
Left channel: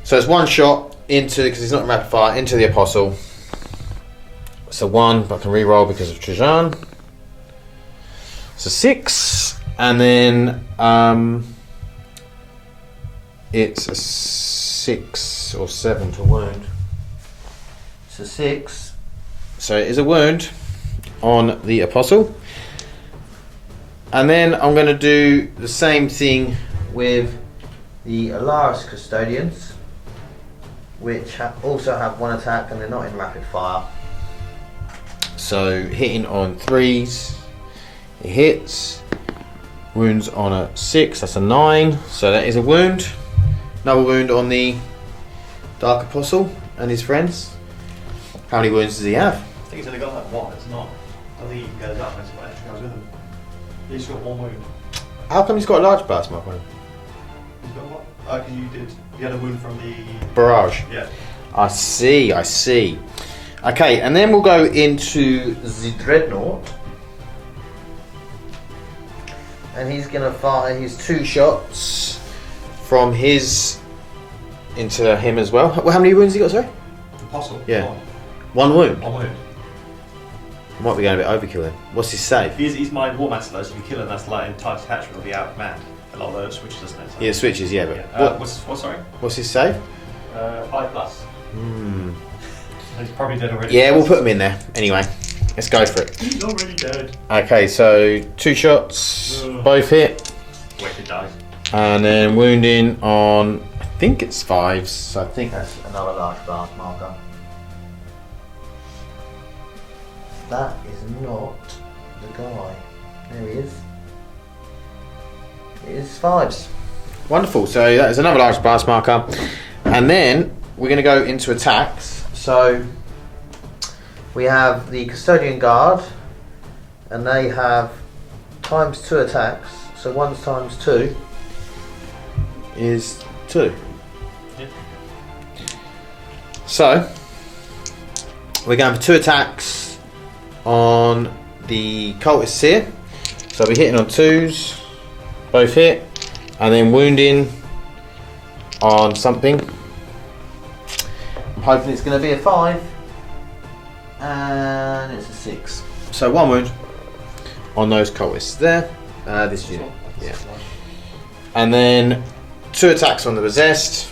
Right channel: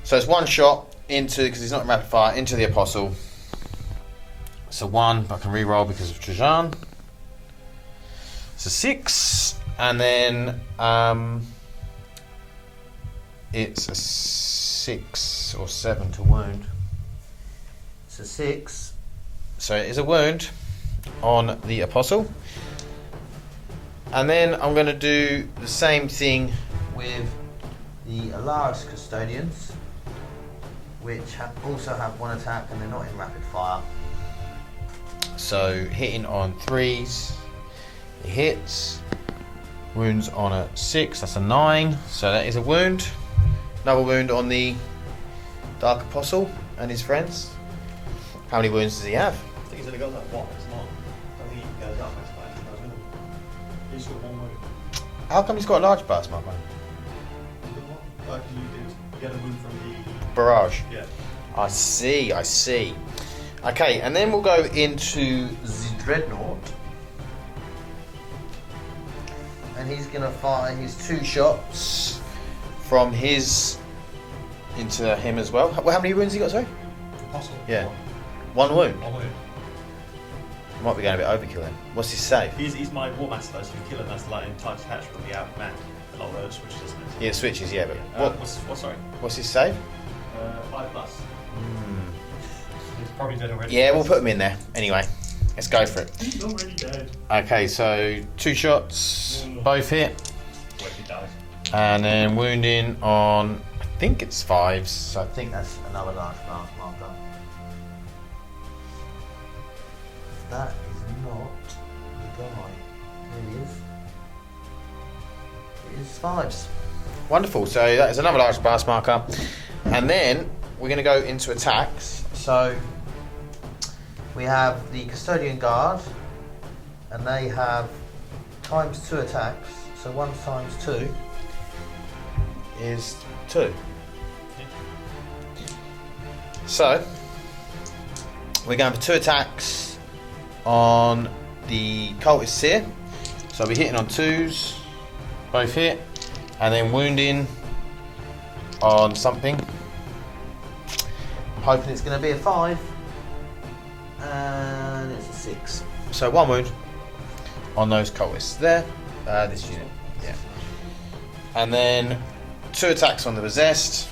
So it's 1 shot into, because it's not rapid fire, into the Apostle. So 1, but I can re-roll because of Trajan. So 6, and then it's a 6 or 7 to wound. It's a 6. So it is a wound on the Apostle. And then I'm going to do the same thing with the Alaris Custodians, which also have 1 attack and they're not in rapid fire. So hitting on 3s, it hits. Wounds on a 6, that's a 9, so that is a wound. Another wound on the Dark Apostle and his friends. How many wounds does he have? I think he's only got like 1, it's not. I think he goes up, that's why I was with him. He's got 1 wound. How come he's got a large burst, Mark? He's got what? Oh, because you had a wound from the... Barrage. Yeah. I see. Okay, and then we'll go into the Dreadnought. And he's going to fire his 2 shots from his into him as well. How many wounds he got, sir? Apostle? Yeah. 1 wound? 1 wound. Might be going a bit overkill then. What's his save? He's my War Master though, so if you kill him, that's like entire detachment will be outmanned. A lot of those switches, doesn't it? So Yeah, switches, yeah. yeah. Sorry? What's his save? 5+. He's probably dead already. Yeah, we'll put him in there. Anyway, let's go for it. He's already dead. Okay, so 2 shots, both hit. Weighted dice. And then wounding on, I think it's 5s, so I think that's Another large blast marker. That is not the guy. There he is. It is 5s. wonderful. So that is another large blast marker. And then we're going to go into attacks. So we have the Custodian Guard, and they have ×2 attacks. So 1 times 2 is 2. Yeah. So we're going for 2 attacks on the cultists here. So we're hitting on 2s, both hit, and then wounding on something. I'm hoping it's going to be a 5, and it's a 6. So 1 wound on those cultists there. This unit. Yeah. And then 2 attacks on the possessed,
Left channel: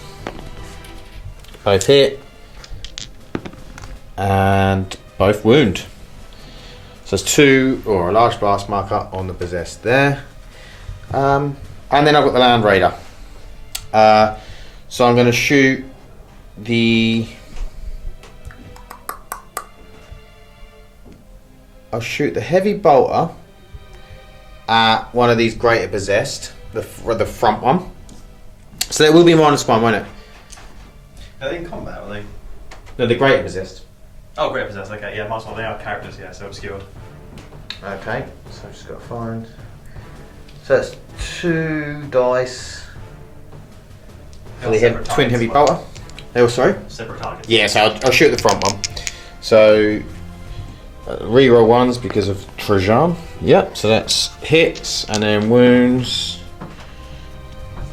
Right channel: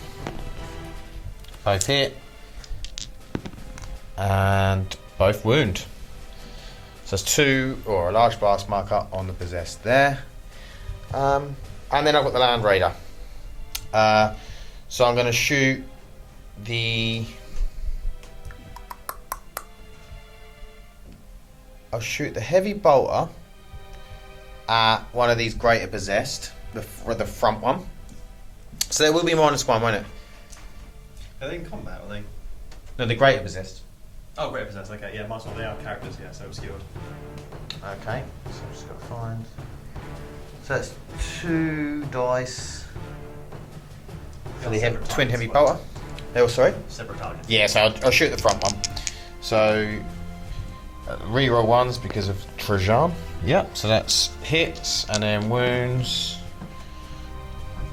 both hit, and both wound. So it's 2 or a large blast marker on the possessed there. And then I've got the Land Raider. So I'm going to shoot I'll shoot the heavy bolter at one of these greater possessed, the front one. So there will be -1, won't it? Are they in combat, are they? No, the greater possessed. Oh, great possessed, okay, yeah, might as well, they are characters, yeah, so obscured. Okay, so I've just got to find. So that's 2 dice. For the twin heavy bolter. Oh, sorry? Separate targets. Yeah, so I'll shoot the front one. So reroll ones because of Trajan. Yep, so that's hits and then wounds.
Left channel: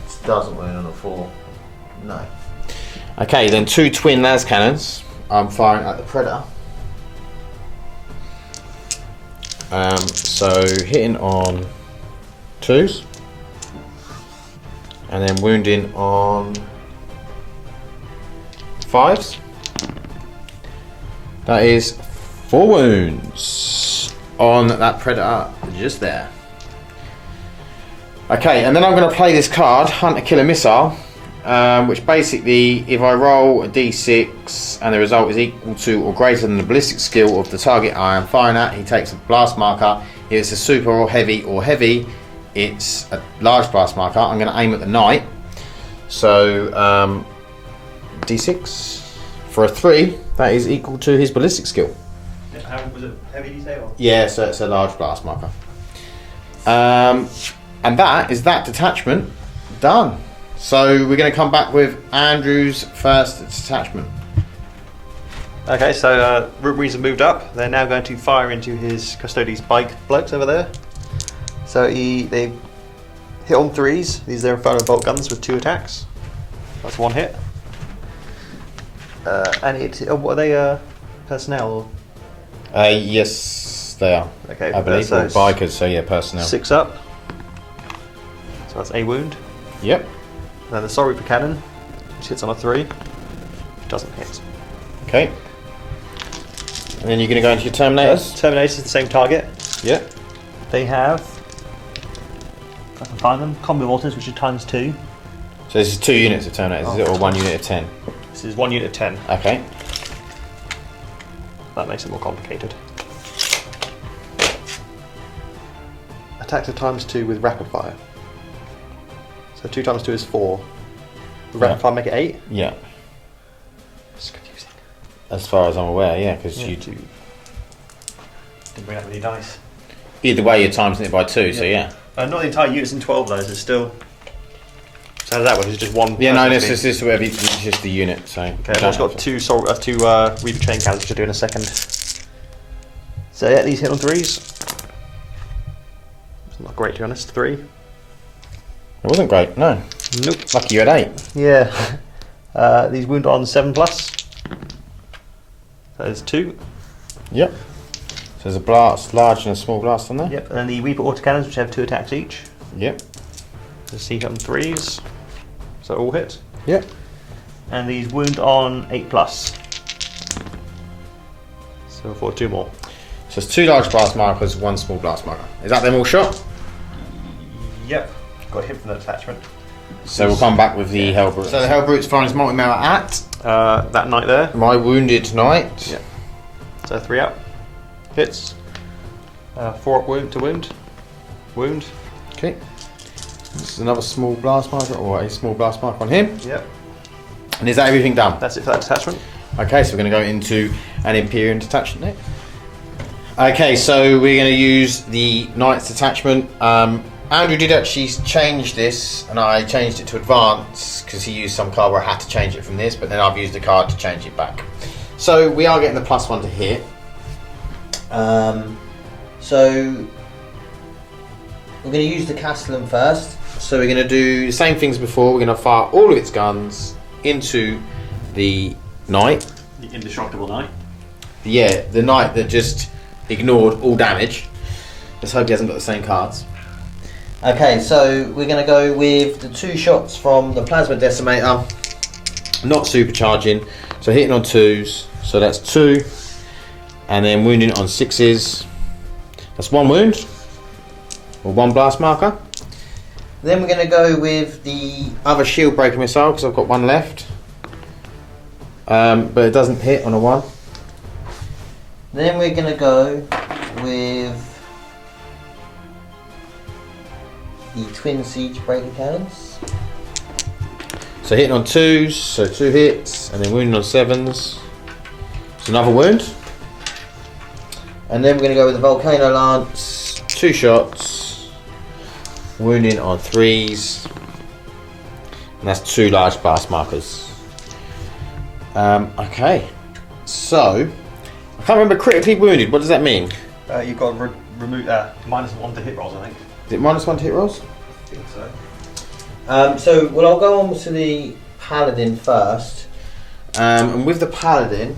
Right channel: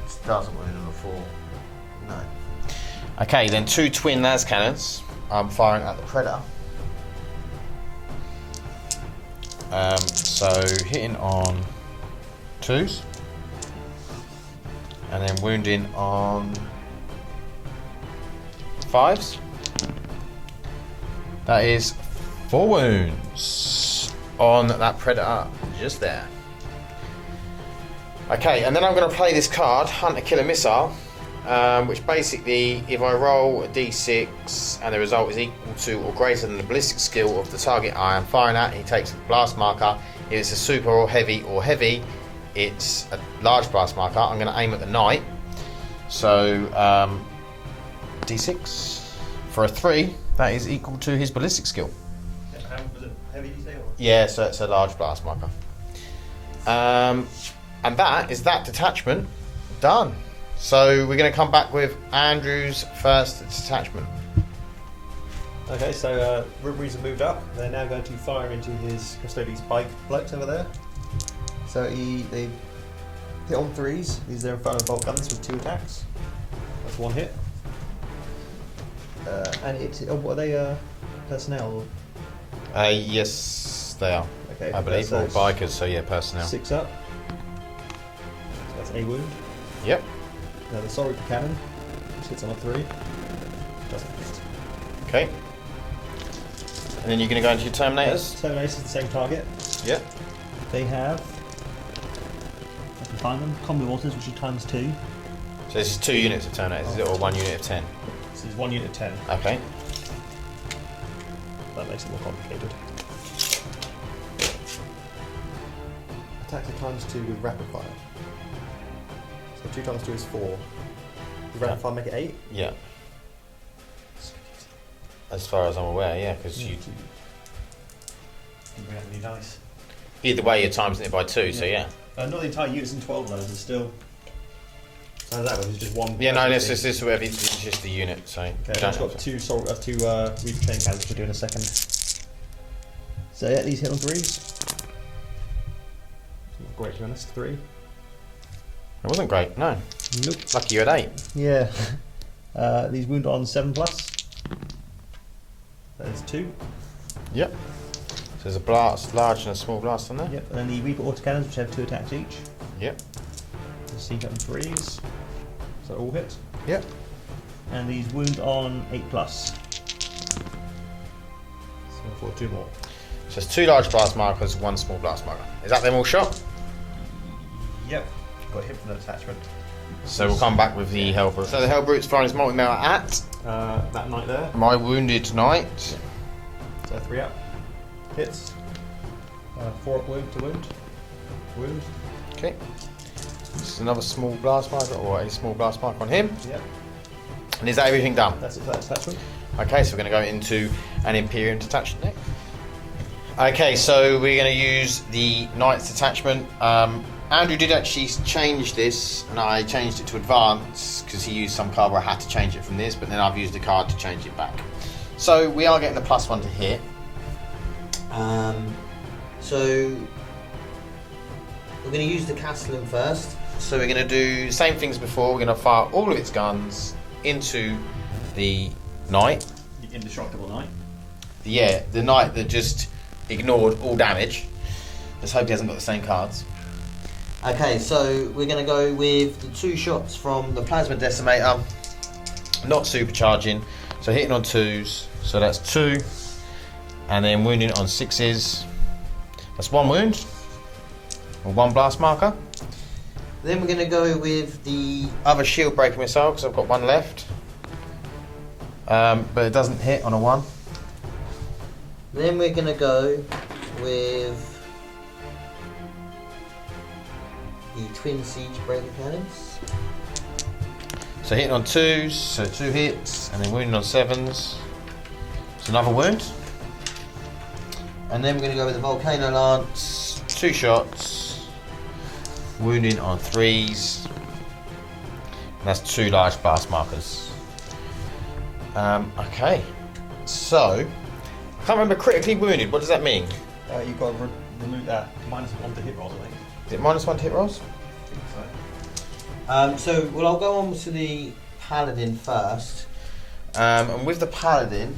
This doesn't win on a 4. No. Okay, then 2 twin las cannons. I'm firing at the Predator. So hitting on 2s. And then wounding on 5s. That is 4 wounds on that Predator just there. Okay, and then I'm going to play this card, Hunter Killer Missile, which basically, if I roll a d6 and the result is equal to or greater than the ballistic skill of the target I am firing at, he takes a blast marker. If it's a super or heavy, it's a large blast marker. I'm going to aim at the knight. So, d6 for a 3, that is equal to his ballistic skill. How was it heavy, did you say? Or? Yeah, so it's a large blast marker. And that is that detachment done. So we're going to come back with Andrew's first detachment. Okay, so Rubberies have moved up. They're now going to fire into his Custodes bike blokes over there. So they hit on 3s. These are Inferno bolt guns with 2 attacks. That's 1 hit. And what are they? Personnel? Or? Yes, they are. Okay, I believe so they're bikers, so yeah, personnel. 6 up. So that's a wound. Yep. Now the Sorry for Cannon, which hits on a 3, doesn't hit. Okay. And then you're going to go into your Terminators. Terminator is the same target. Yep. They have, if I can find them, combo mortars, which is times 2. So this is 2 units of Terminators, is it, or 1 unit of 10? This is 1 unit of 10. Okay. That makes it more complicated. Attack to times 2 with rapid fire. So 2 times 2 is 4. Would rapid fire make it 8? Yeah. It's confusing. As far as I'm aware, yeah, because you didn't bring up any dice. either way you're timesing it by 2, so yeah. Not the entire unit's in 12 those, it's still... So how does that work? Is it just one? Yeah, no, this is whatever it's just the unit, so... Okay, I've also got two Reaper Chain Cannons, which I'll do in a second. So yeah, these hit on 3s. It's not great to be honest, 3. It wasn't great, no. Nope. Lucky you had 8. Yeah. These wound on 7+. That is 2. Yep. So there's a blast, large and a small blast on there. Yep, and then the Reaper Autocannons, which have 2 attacks each. Yep. The C hit on 3s. So all hit. Yep. And these wound on 8+. So for 2 more. So it's 2 large blast markers, 1 small blast marker. Is that them all shot? Yep. Got hit from the attachment. So we'll come back with the Hellbrute. So the Hellbrute's firing his multi-mail at that knight there. my wounded knight. Yeah. So 3 up. Hits. 4 up wound to wound. Wound. Okay. This is another small blast marker, or a small blast marker on him. Yep. And is that everything done? That's it for that detachment. Okay, so we're going to go into an Imperium detachment now. Okay, so we're going to use the Knight's detachment. Andrew did actually change this, and I changed it to Advance because he used some card where I had to change it from this, but then I've used the card to change it back. So we are getting the +1 to hit. So we're going to use the Castellan first. So we're going to do the same things before. We're going to fire all of its guns into the Knight. The indestructible knight. Yeah, the Knight that just ignored all damage. Let's hope he hasn't got the same cards. Okay, so we're going to go with the 2 shots from the Plasma Decimator. Not supercharging, so hitting on 2s. So that's 2, and then wounding on 6s. That's 1 wound, or 1 blast marker. Then we're going to go with the Other shield breaker missile because I've got 1 left, but it doesn't hit on a 1. Then we're going to go with the Twin Siege Breaker Cannons. So hitting on 2s, so 2 hits, and then wounding on 7s. It's another wound. And then we're going to go with the Volcano Lance. 2 shots, wounding on 3s, and that's 2 large blast markers. Okay, so can't remember. Critically wounded. What does that mean? You've got to remove -1 to hit rolls, I think. Is it -1 to hit rolls? I think so. I'll go on to the paladin first. And with the paladin,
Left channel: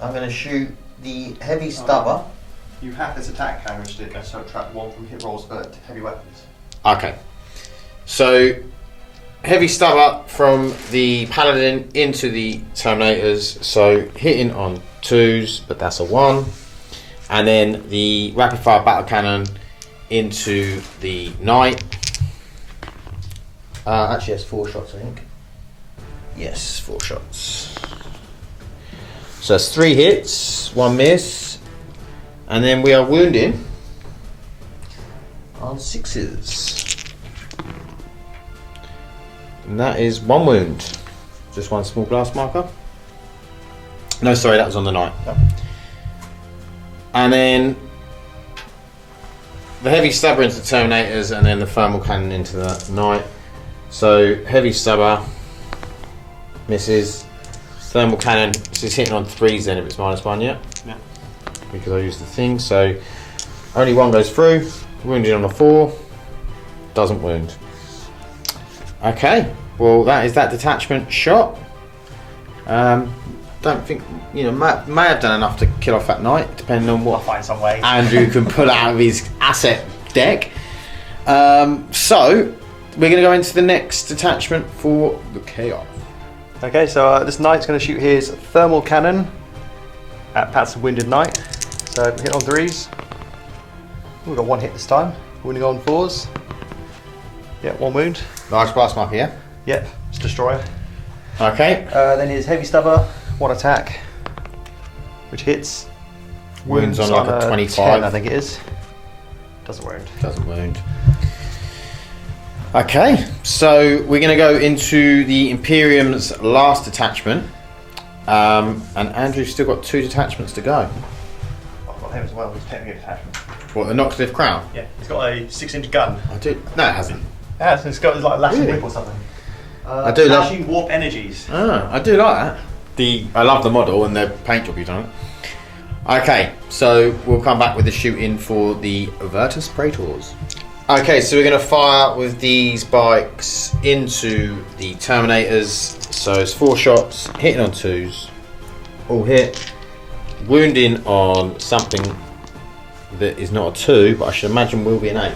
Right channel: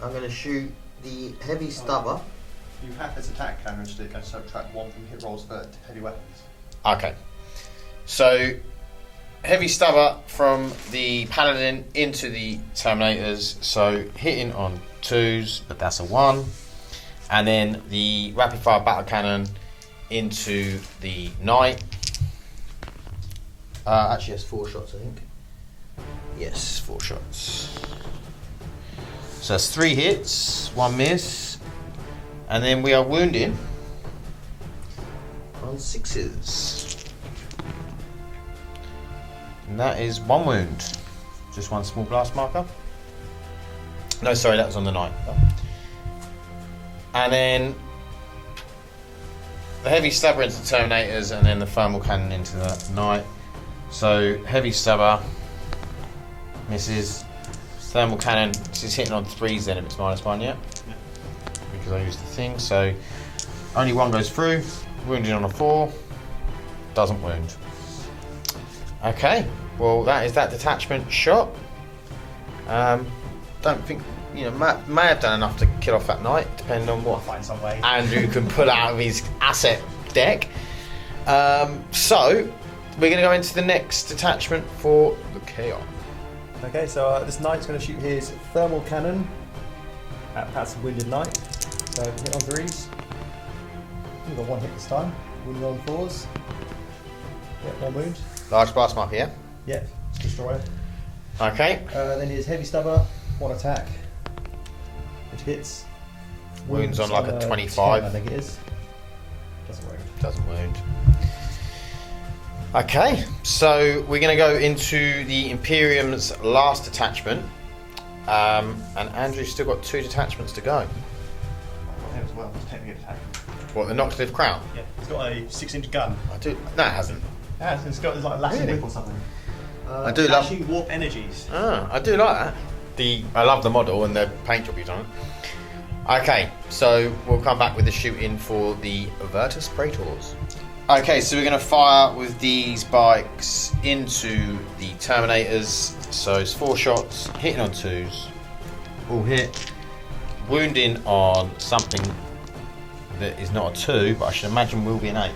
I'm going to shoot the heavy stubber. You have this attack counter and subtract 1 from hit rolls for heavy weapons. okay. So heavy stubber from the paladin into the terminators. So hitting on 2s, but that's a 1. And then the rapid fire battle cannon into the knight. Actually, that's 4 shots, I think. Yes, 4 shots. So that's 3 hits, 1 miss, and then we are wounding on 6s. And that is 1 wound. Just 1 small blast marker. No, sorry, that was on the knight. Oh. And then the heavy stubber into the terminators, and then the thermal cannon into the knight. So heavy stubber misses. Thermal cannon, so it's hitting on 3s then if it's -1, yeah? Yeah. Because I use the thing, so only 1 goes through. Wounded on a 4, doesn't wound. Okay, well that is that detachment shot. Don't think, may have done enough to kill off that knight, depending on I'll what find some way. Andrew can pull out of his asset deck. So we're going to go into the next detachment for the chaos. Okay, so this knight's going to shoot his thermal cannon at Pat's wounded knight. So hit on 3s. We've got 1 hit this time. Wounding on 4s. Yep, 1 wound. Nice blast mark here. Yep, it's destroyer. Okay. Then his heavy stubber, 1 attack, which hits. Wounds Wounds on on like a a 25. 10, I think it is. Doesn't wound. Doesn't wound. Okay, so we're going to go into the Imperium's last detachment. And Andrew's still got 2 detachments to go. I've got him as well, he's technically an attachment. What, the Noxcliff Crown? Yeah, he's got a 6-inch gun. I do. No, it hasn't. Yeah, so it's got like a lashing Really? whip or something. I do love- Lashing warp energies. I do like that. I love the model and the paint job you've done. Okay, so we'll come back with the shooting for the Virtus Praetors. Okay, so we're going to fire with these bikes into the Terminators. So it's 4 shots, hitting on 2s, all hit, wounding on something that is not a 2, but I should imagine will be an 8.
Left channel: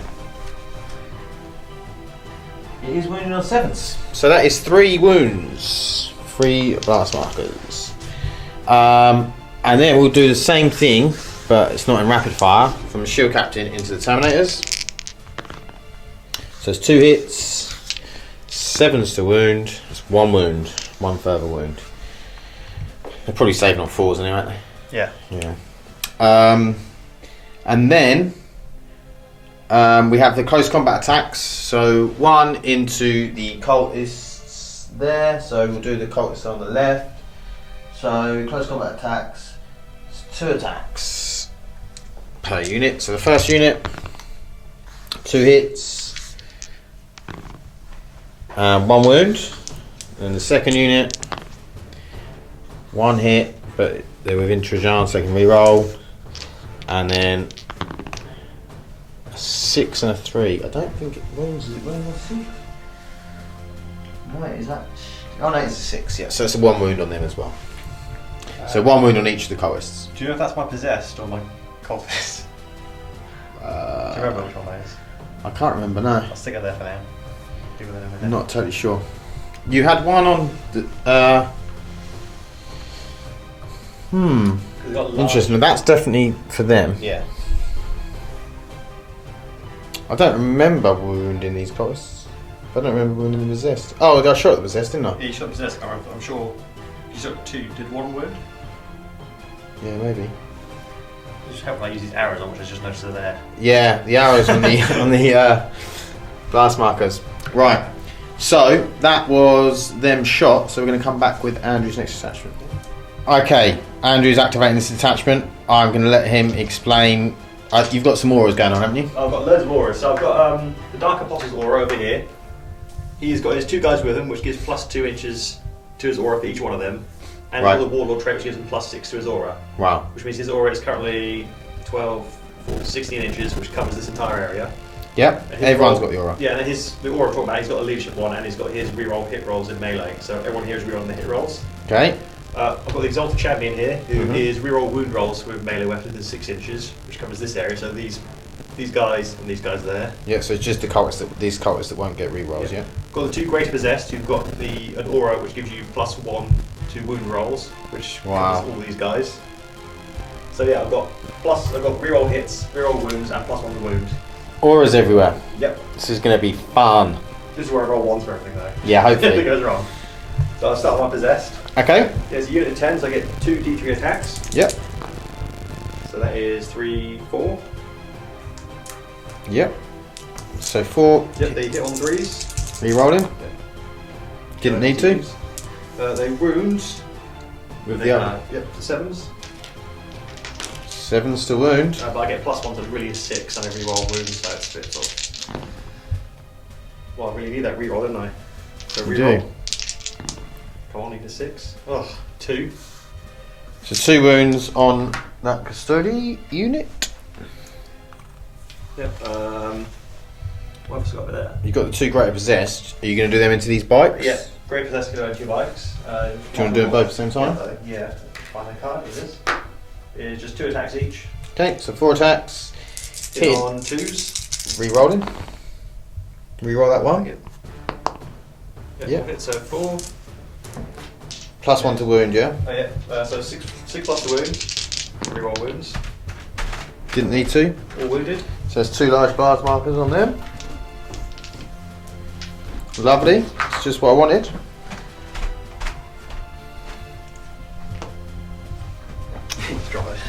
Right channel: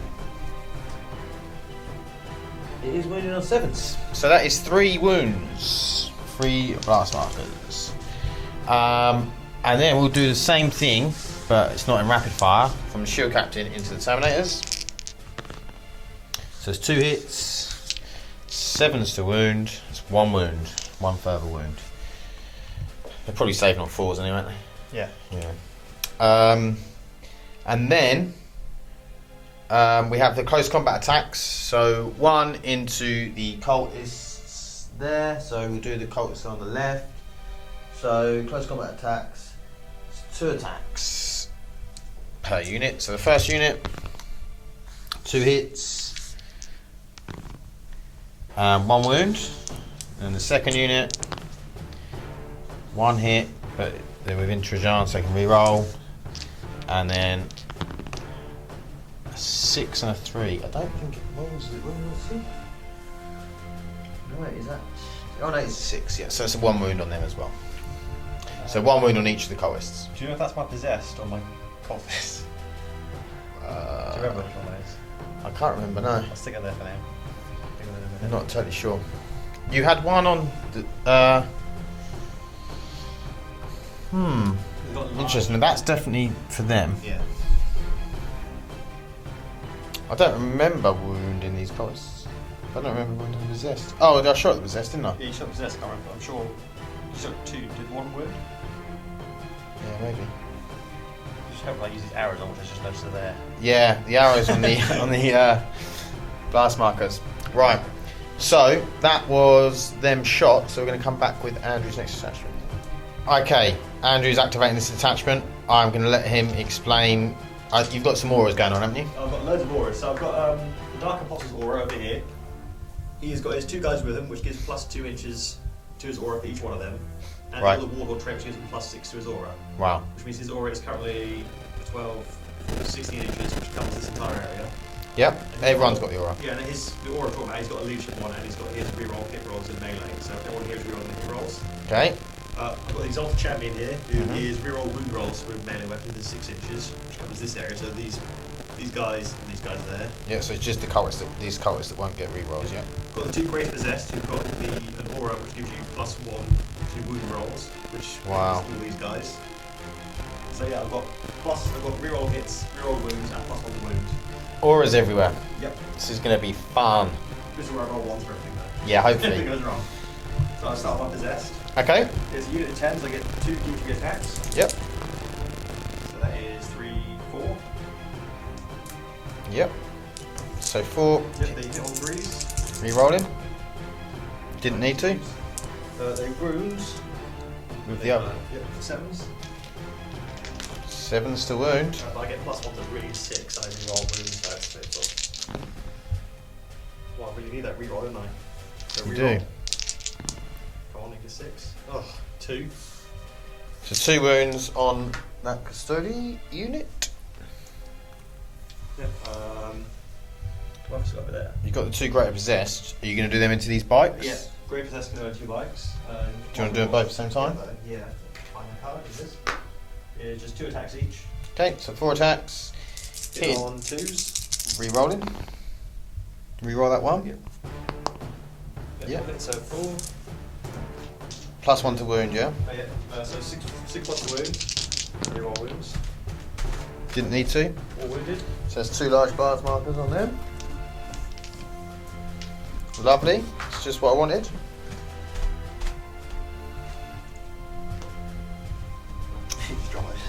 It is wounded on 7s. So that is 3 wounds, 3 blast markers. And then we'll do the same thing, but it's not in rapid fire, from the Shield Captain into the Terminators. So it's 2 hits, 7s to wound, it's 1 wound, 1 further wound. They're probably saving on 4s anyway, aren't they? Yeah. Yeah. And then we have the close combat attacks. So 1 into the cultists there. So we'll do the cultists on the left. So close combat attacks. It's 2 attacks per unit. So the first unit, 2 hits, 1 wound. Then the second unit, 1 hit, but they're within Trajan, so they can re-roll. And then 6 and a 3. I don't think it rolls. Is it rolling a 6? No, is that? Oh no, it's a 6. Yeah, so it's a 1 wound on them as well. So 1 wound on each of the cultists. Do you know if that's my possessed or my cultist? Do you remember which one that is? I can't remember, no. I'll stick it there for now. Stick it there for I'm now. not totally sure. You had 1 on the. We've got large- Interesting. That's definitely for them. Yeah. I don't remember wounding these cultists. I don't remember wounding the resist. Oh, I shot the resist, didn't I? Yeah, you shot possessed, I can't remember. I'm sure you shot 2. Did 1 wound? Yeah, maybe. Just help I use these arrows on, which I just noticed are there. Yeah, the arrows on the on the blast markers. Right. So that was them shot. So we're going to come back with Andrew's next attachment. Okay, Andrew's activating this attachment. I'm going to let him explain. You've got some auras going on, haven't you? I've got loads of auras. So I've got the Dark Apostle's aura over here. He's got his 2 guys with him, which gives +2 inches to his aura for each one of them. and Right. all the Warlord trait which gives him +6 to his aura, Wow. which means his aura is currently 12, 14, 16 inches, which covers this entire area. Yep. And his Everyone's roll- got the aura. Yeah, and then the aura I'm talking about, he's got a leadership one, and he's got his reroll hit rolls in melee. So everyone here is rerolling the hit rolls. Okay. I've got the Exalted Champion here, who is reroll wound rolls with melee weapons within 6 inches, which covers this area. So these guys and these guys there. Yeah, so it's just these cultists that won't get rerolls, yeah? Got the 2 Greater Possessed, who've got an aura which gives you +1 to wound rolls, which covers all these guys. So yeah, I've got reroll hits, reroll wounds, and +1 to wound. Auras everywhere. Yep. This is going to be fun. This is where I roll 1s for everything though. Yeah, hopefully. If it goes wrong. So I'll start with my Possessed. Okay. There's a unit of 10, so I get 2 D3 attacks. Yep. So that is 3, 4. Yep. So 4 Yep, they hit on 3s. rerolling. Didn't need to. They wound. With They the other. Yep, 7s. 7's to wound. But I get +1 to really 6 on every roll wounds, so it's a bit sort of... Well, I really need that reroll, didn't I? So You reroll. do. Come on, need a 6. Ugh, 2. So 2 wounds on that custody unit. Yep. What else got over there? You've got the 2 greater possessed. Are you going to do them into these bikes? Yeah, Great Possessed can go into 2 bikes. Do you want to do it both at the same time? Yeah, find my card, it is. It's just 2 attacks each. Okay, so 4 attacks. Hit on 2s. Rerolling. Reroll that one. Yep. Yeah. Hit, so 4. +1 to wound, yeah? Oh yeah, so 6 plus the wound. Reroll wounds. Didn't need to. All wounded. So there's 2 large bars markers on them. Lovely. It's just what I wanted.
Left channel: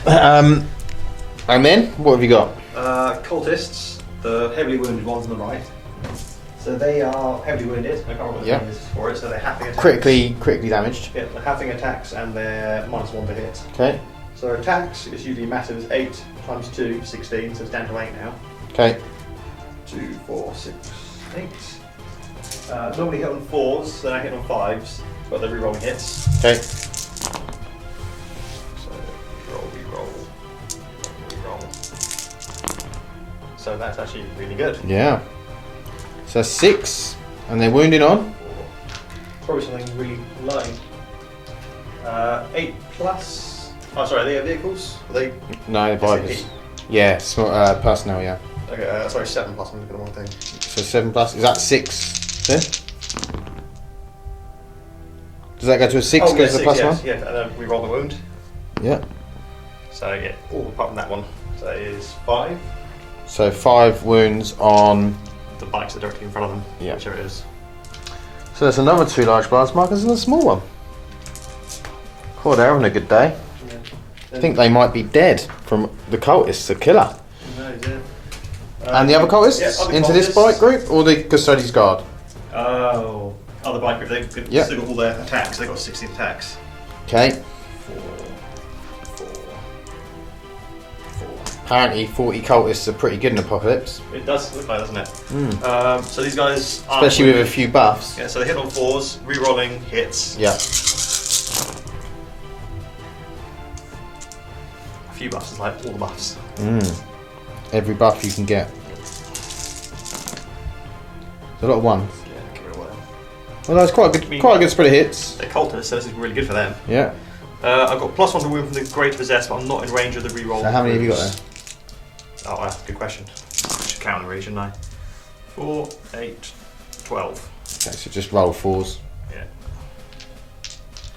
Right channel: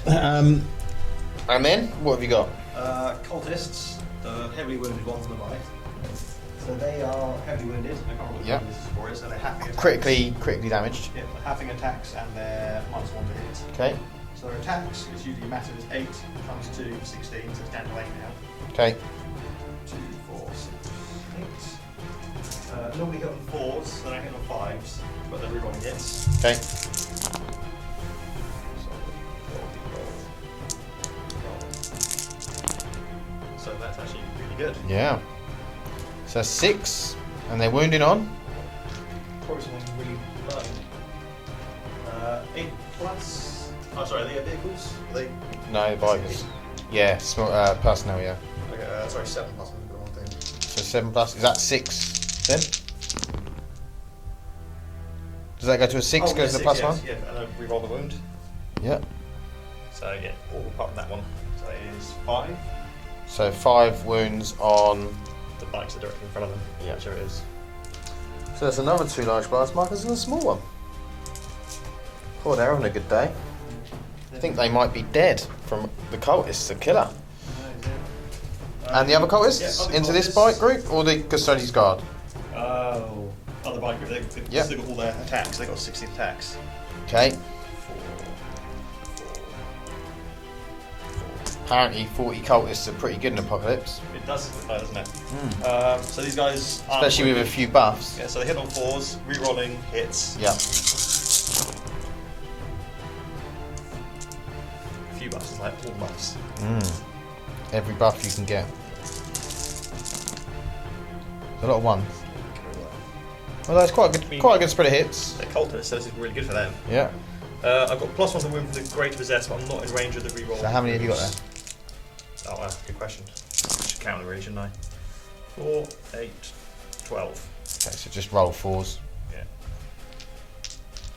And then, what have you got? Cultists, the heavily wounded ones on the right. So they are heavily wounded. I can't remember what the name is for it. So they're halving attacks. Critically damaged. Yeah, they're halving attacks and they're -1 to hit. Okay. So attacks is usually massive is 8 times 2, 16. So it's down to 8 now. Okay. 2, 4, 6, 8. Normally hit on 4s, then I hit on 5s, but they're rerolling hits. Okay. So reroll. So that's actually really good. Yeah. So 6, and they're wounded on. Probably something really low. 8 plus. Oh, sorry, are they vehicles? Are they? No, SAP? bikers. Yeah, it's not personnel, yeah. Okay, sorry, 7 plus. I'm looking at the wrong thing. So 7 plus, is that 6? Yeah? Does that go to a 6? Oh, yeah, Goes to 6, plus yes. one? Yeah, and then we roll the wound. Yeah. So, yeah, all apart from that one. So that is 5. So 5 wounds on. The bikes are directly in front of them, Yeah. whichever it is. So there's another 2 large bars markers and a small one. Oh, they're having a good day. I think they might be dead from the cultists, the killer. No, he's in. And the other cultists? Yeah, other into this cultists. bike group or the custodian's guard? Oh, other bike group, they've Yeah. still got all their attacks, they've got 16 attacks. Okay. 4. Apparently 40 cultists are pretty good in Apocalypse. It does look like, doesn't it? So these guys aren't Especially with a wounded. few buffs. Yeah, so they hit on 4s, re-rolling hits. Yeah. A few buffs is like all the buffs. Every buff you can get. A lot of ones. Yeah, give it away. Well, that's quite a good spread of hits. They're cultists, so this is really good for them. Yeah. I've got +1 to wound from the Great Possessed, but I'm not in range of the re-roll. So how many have you got wounds. Oh, good question. I should count the really, shouldn't I? 4, 8, 12. Okay, so just roll 4s. Yeah.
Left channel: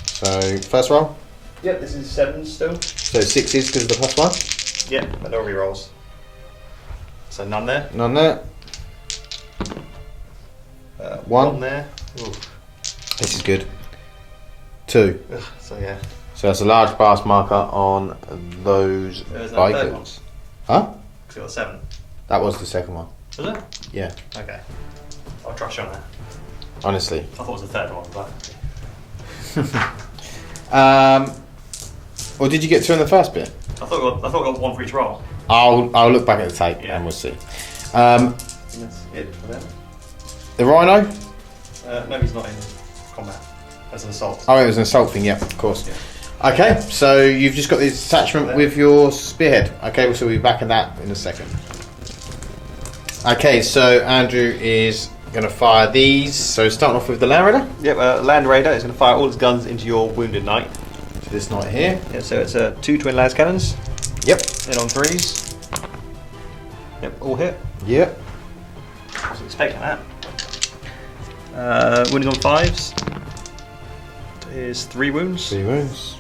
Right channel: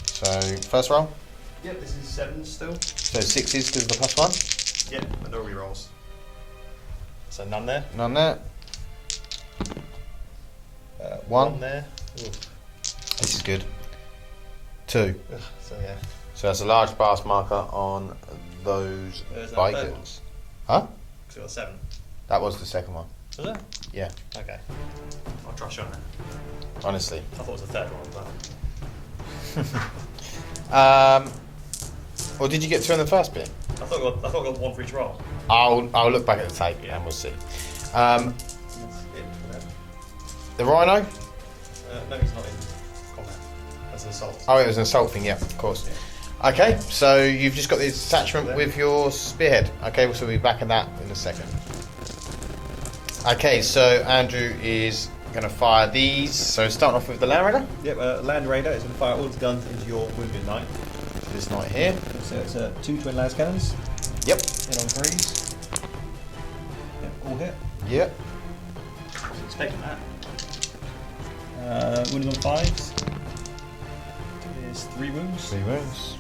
So first roll. Yep, this is 7 still. So 6s because of the +1. Yeah, but no re-rolls. So none there. None there. 1 there. Ooh. This is good. 2. Ugh, so yeah. So that's a large pass marker on those There's that third bikers. one. Huh? Because I got 7. That was the second one. Was it? Yeah. Okay. I'll trust you on that. Honestly. I thought it was the third one, but. Well, did you get 2 in the first bit? I thought I got 1 for each roll. I'll look back at the tape Yeah. and we'll see. That's it for them. The Rhino. No, he's not in combat. That's an assault. Oh, it was an assault thing, yeah, of course. Yeah. Okay, so you've just got this attachment with your spearhead. Okay, so we'll be back in that in a second. Okay, so Andrew is going to fire these. So starting off with the Land Raider. Yep, Land Raider is going to fire all its guns into your wounded knight. So this knight here. Yeah, so it's 2 twin las cannons. Yep. In on 3s. Yep, all hit. Yep. I was expecting that. Wounding on 5s is 3 wounds. 3 wounds.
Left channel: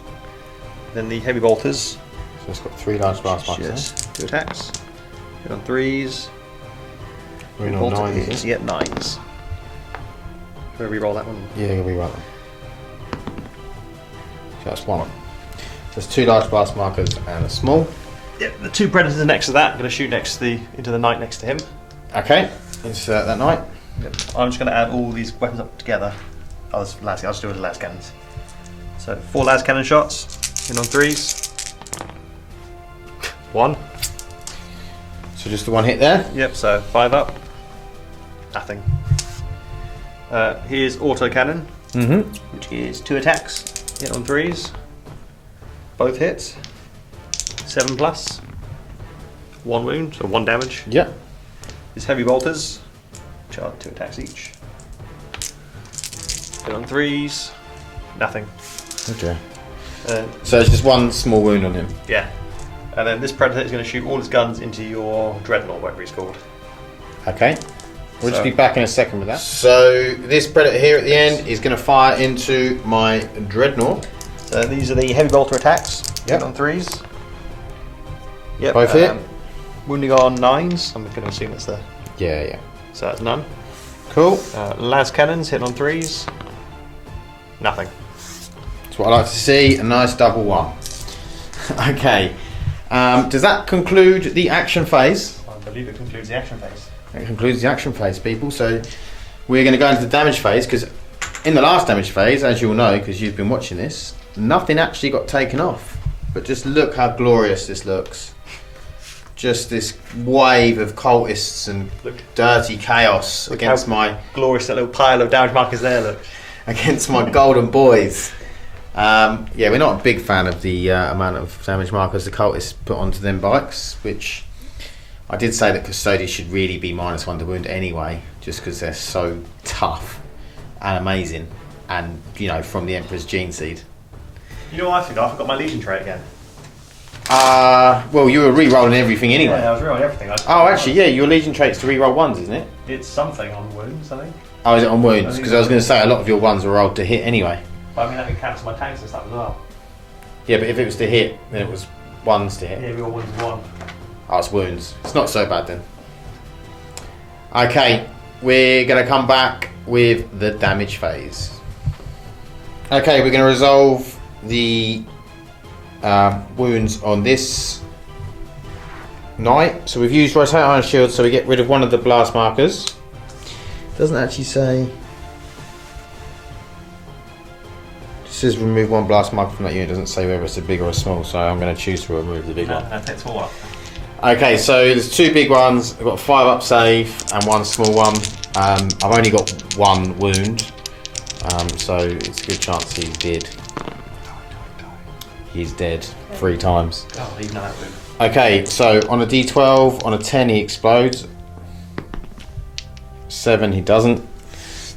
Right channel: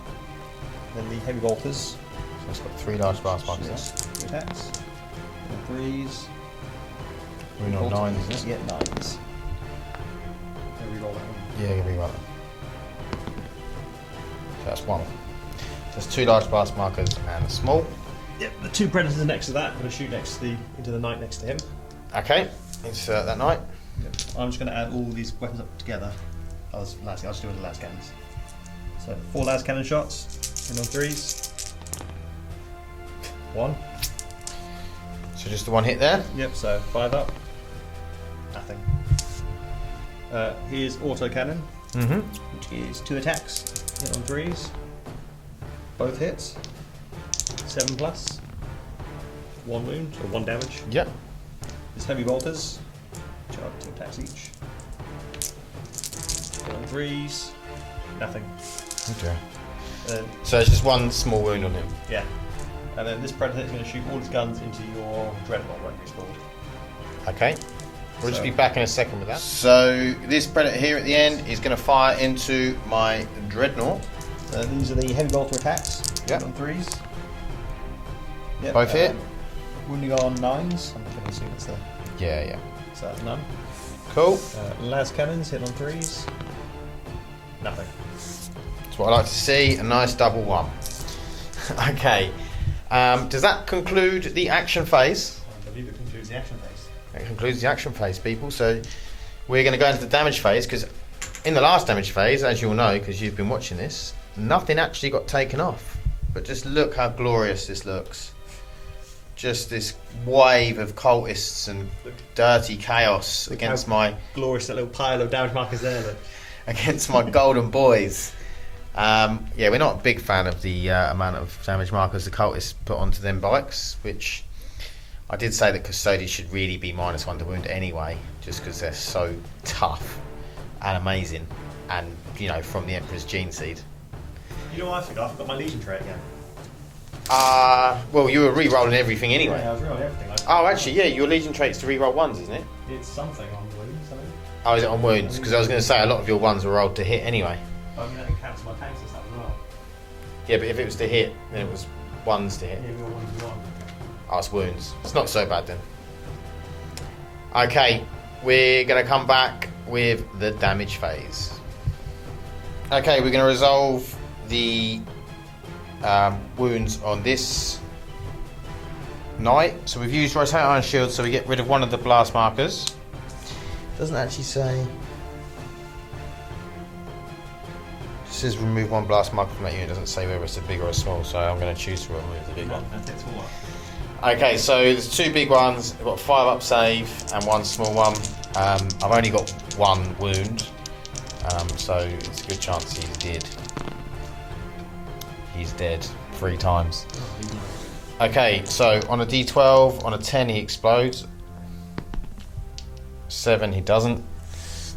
Then the heavy bolters. So it's got 3 large blast markers. Yes, 2 attacks. Hit on 3s. We're on Bolter 9s. is yet 9s. Can we re-roll that one? Yeah, you'll be right. That's 1. There's 2 large blast markers and a small. Yep, the 2 predators next to that. I'm going to shoot into the knight next to him. Okay, insert that knight. Yep. I'm just going to add all these weapons up together. I'll just do it with las cannons. So 4 las cannon shots. In on 3s. 1. So just the 1 hit there. Yep, so 5 up. Nothing. Here's auto cannon, which is 2 attacks. Hit on 3s. Both hits. 7 plus. 1 wound, so 1 damage. Yep. His heavy bolters, which are 2 attacks each. Hit on 3s. Nothing. Okay. So it's just 1 small wound on him. Yeah. And then this predator is going to shoot all his guns into your dreadnought, whatever he's called. Okay. We'll just be back in a second with that. So this predator here at the end is going to fire into my dreadnought. So these are the heavy bolter attacks. Yep. Hit on 3s. Yep. Both hit. Wounding on 9s. I'm going to assume it's there. Yeah. So that's none. Cool. Las cannons hit on 3s. Nothing. That's what I like to see. A nice double 1. Okay. Does that conclude the action phase? I believe it concludes the action phase. It concludes the action phase, people. So we're going to go into the damage phase because in the last damage phase, as you'll know because you've been watching this, nothing actually got taken off. But just look how glorious this looks. Just this wave of cultists and dirty chaos against my Glorious, that little pile of damage markers there, look. against my golden boys. Yeah, we're not a big fan of the amount of damage markers the cultists put onto them bikes, which I did say that Custodians should really be -1 to wound anyway, just because they're so tough and amazing, and you know, from the Emperor's gene seed. You know what I forgot? I forgot my Legion trait again. Well, you were re-rolling everything anyway. Yeah, I was re-rolling everything. Oh, actually, yeah, your Legion trait's to re-roll 1s, isn't it? It's something on wounds, I think. Oh, is it on wounds? I think Because I was going to say a lot of your 1s are rolled to hit anyway. But I mean, that could cancel my tanks and stuff as well. Yeah, but if it was to hit, then it was 1s to hit. Yeah, we all wounds 1. Oh, it's wounds. It's not so bad then. Okay, we're going to come back with the damage phase. Okay, we're going to resolve the wounds on this knight. So we've used rotate iron shield, so we get rid of 1 of the blast markers. Doesn't actually say. It says remove 1 blast marker from that unit. It doesn't say whether it's a big or a small, so I'm going to choose to remove the big one. That takes 4 up. Okay, so there's 2 big ones. I've got 5 up save and 1 small one. I've only got 1 wound, so it's a good chance he's dead. He's dead 3 times. Oh, he's not wound. Okay, so on a d12, on a 10 he explodes. 7 he doesn't.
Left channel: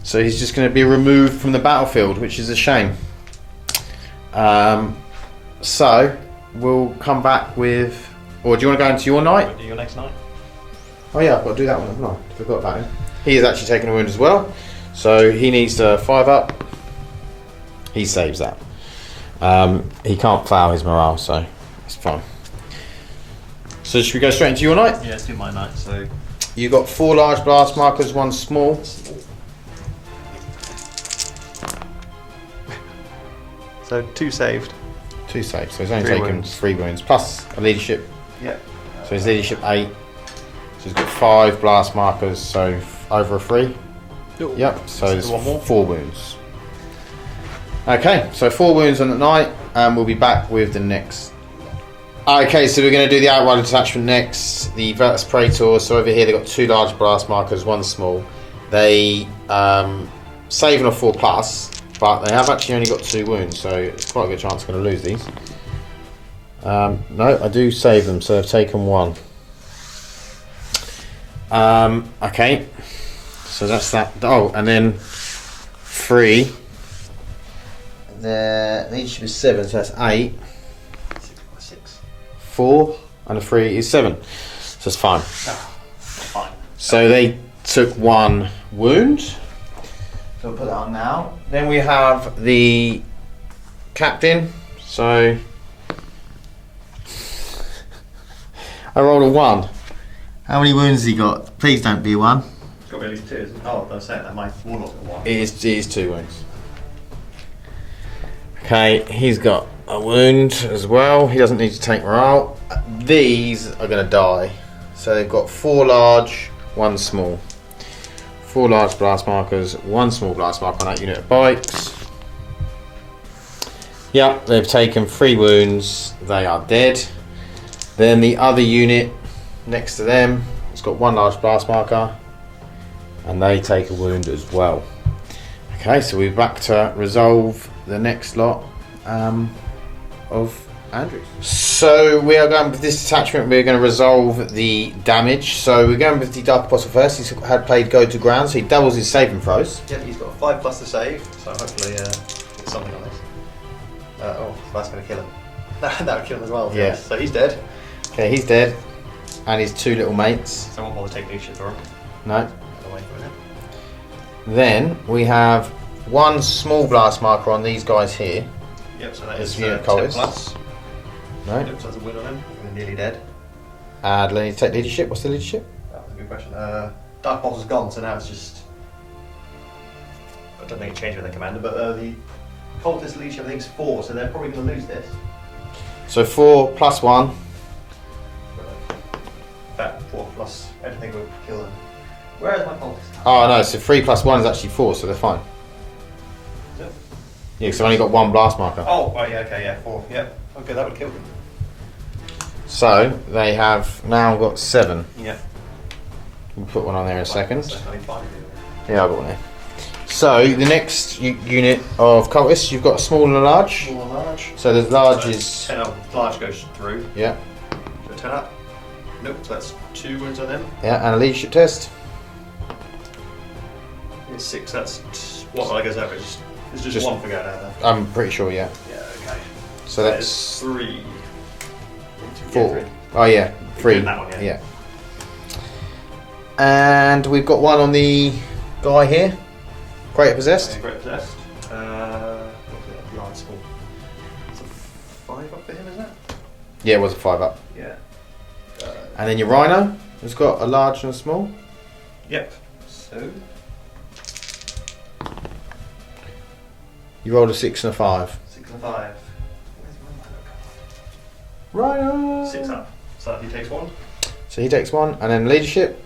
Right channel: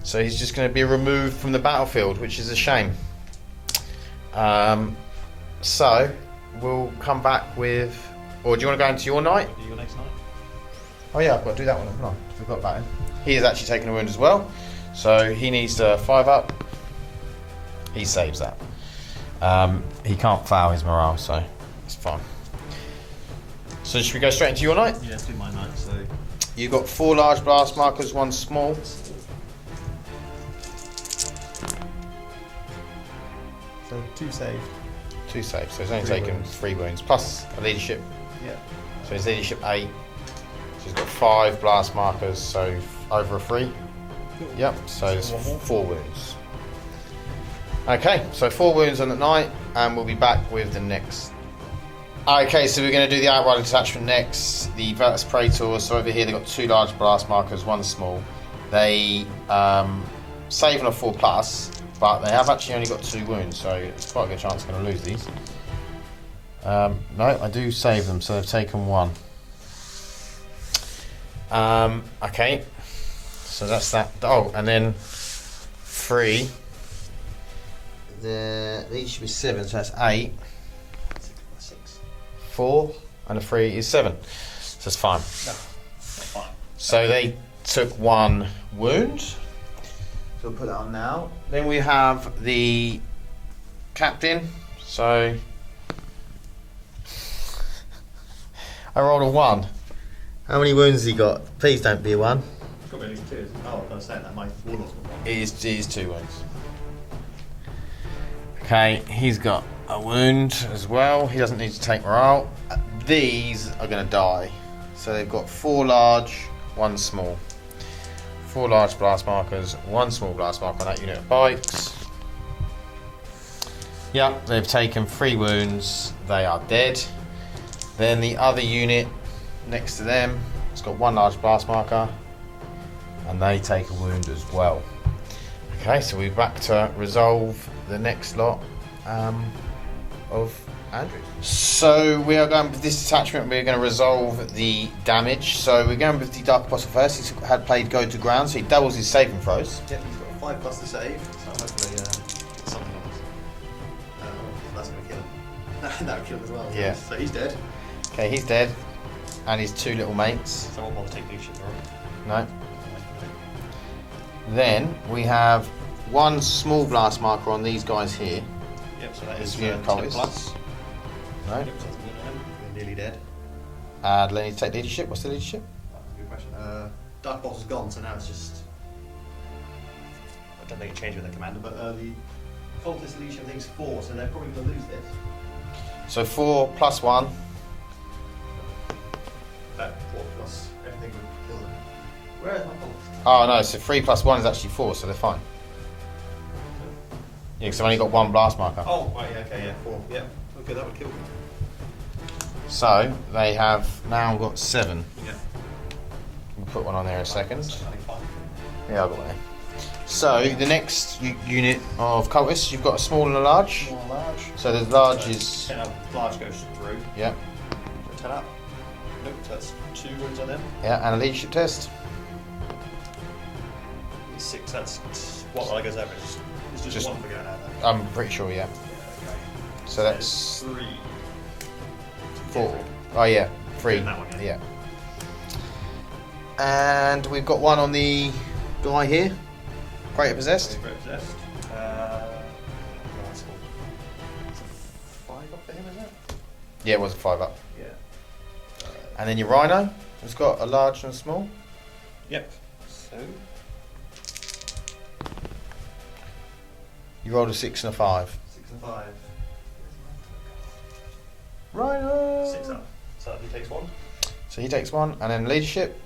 So he's just going to be removed from the battlefield, which is a shame. So we'll come back with. Or do you want to go into your knight? Do your next knight? Oh yeah, I've got to do that one. No, forgot about him. He is actually taking a wound as well, so he needs 5 up. He saves that. He can't fail his morale, so it's fine. So should we go straight into your knight? Yeah, let's do my knight. So You've got 4 large blast markers, 1 small. So 2 saved. 2 saves, so he's only 3 taken wounds. 3 wounds, plus a leadership. Yep. So his leadership 8. So he's got 5 blast markers, so over a 3. Yep, so Let's there's do 1 more. 4 wounds. Okay, so 4 wounds on the knight, and we'll be back with the next. Okay, so we're going to do the outrider detachment next. The Virtus Praetor, so over here they've got 2 large blast markers, 1 small. They save on a 4+, but they have actually only got 2 wounds, so it's quite a good chance I'm going to lose these. No, I do save them, so I've taken 1. Okay, so that's that. Oh, and then 3. The leadership is 7, so that's 8. 6. 4 and a 3 is 7. So it's fine. No, not fine. So they took 1 wound. So we'll put that on now. Then we have the captain. So I rolled a 1. How many wounds has he got? Please don't be a 1. It's got to be at least 2, isn't it? Oh, I was saying that my Warlord's got 1. It is 2 wounds. Okay, he's got a wound as well. He doesn't need to take morale. These are going to die. So they've got 4 large, 1 small. 4 large blast markers, 1 small blast marker on that unit of bites. Yep, they've taken 3 wounds. They are dead. Then the other unit next to them, it's got 1 large blast marker, and they take a wound as well. Okay, so we're back to resolve the next lot of Andrew. So we are going with this attachment, we're going to resolve the damage. So we're going with the Dark Apostle first. He's had played Go to Ground, so he doubles his saving throws. Yep, he's got a 5 plus to save, so hopefully it's something on us. Oh, that's going to kill him. That would kill him as well. Yeah. So he's dead. Yeah, he's dead. And his 2 little mates. So I won't bother taking leadership for him. No. I'll wait for a minute. Then we have 1 small blast marker on these guys here. Yep, so that is Yeah, 10 Collis. plus. Right. Yep, so that's a win on him. We're nearly dead. And let me take leadership. What's the leadership? That was a good question. Dark Apostle's gone, so now it's just... I don't think it changed with the commander, but the cultist leadership I think is 4, so they're probably going to lose this. So 4 plus 1. That 4 plus everything would kill them. Where is my cultist? Oh no, so 3 plus 1 is actually 4, so they're fine. So- Yeah, because I've only got 1 blast marker. Oh, yeah, okay, yeah, 4. Yep. Okay, that would kill them. So they have now got 7. Yeah. We'll put one on there in a second. So only 5. Yeah, I've got one there. So the next unit of cultists, you've got small and large. Small and large. So the large So is 10 up, large goes through. yeah, So 10 up. Nope, so that's 2 wounds on them. yeah, and a leadership test. It's 6, that's what I goes average. It's just 1 for going out there. I'm pretty sure, yeah. Yeah, okay. So That that's is 3. 4. Yeah, 3. Oh yeah, 3. Including that one, yeah. And we've got one on the guy here. Great possessed. Great possessed. Large small. It's a 5 up for him, is that? Yeah, it was a 5 up. Yeah. And then your rhino has got a large and a small. Yep. So You rolled a 6 and a 5. 6 and 5. Rhino. 6 up. So he takes 1. So he takes 1, and then leadership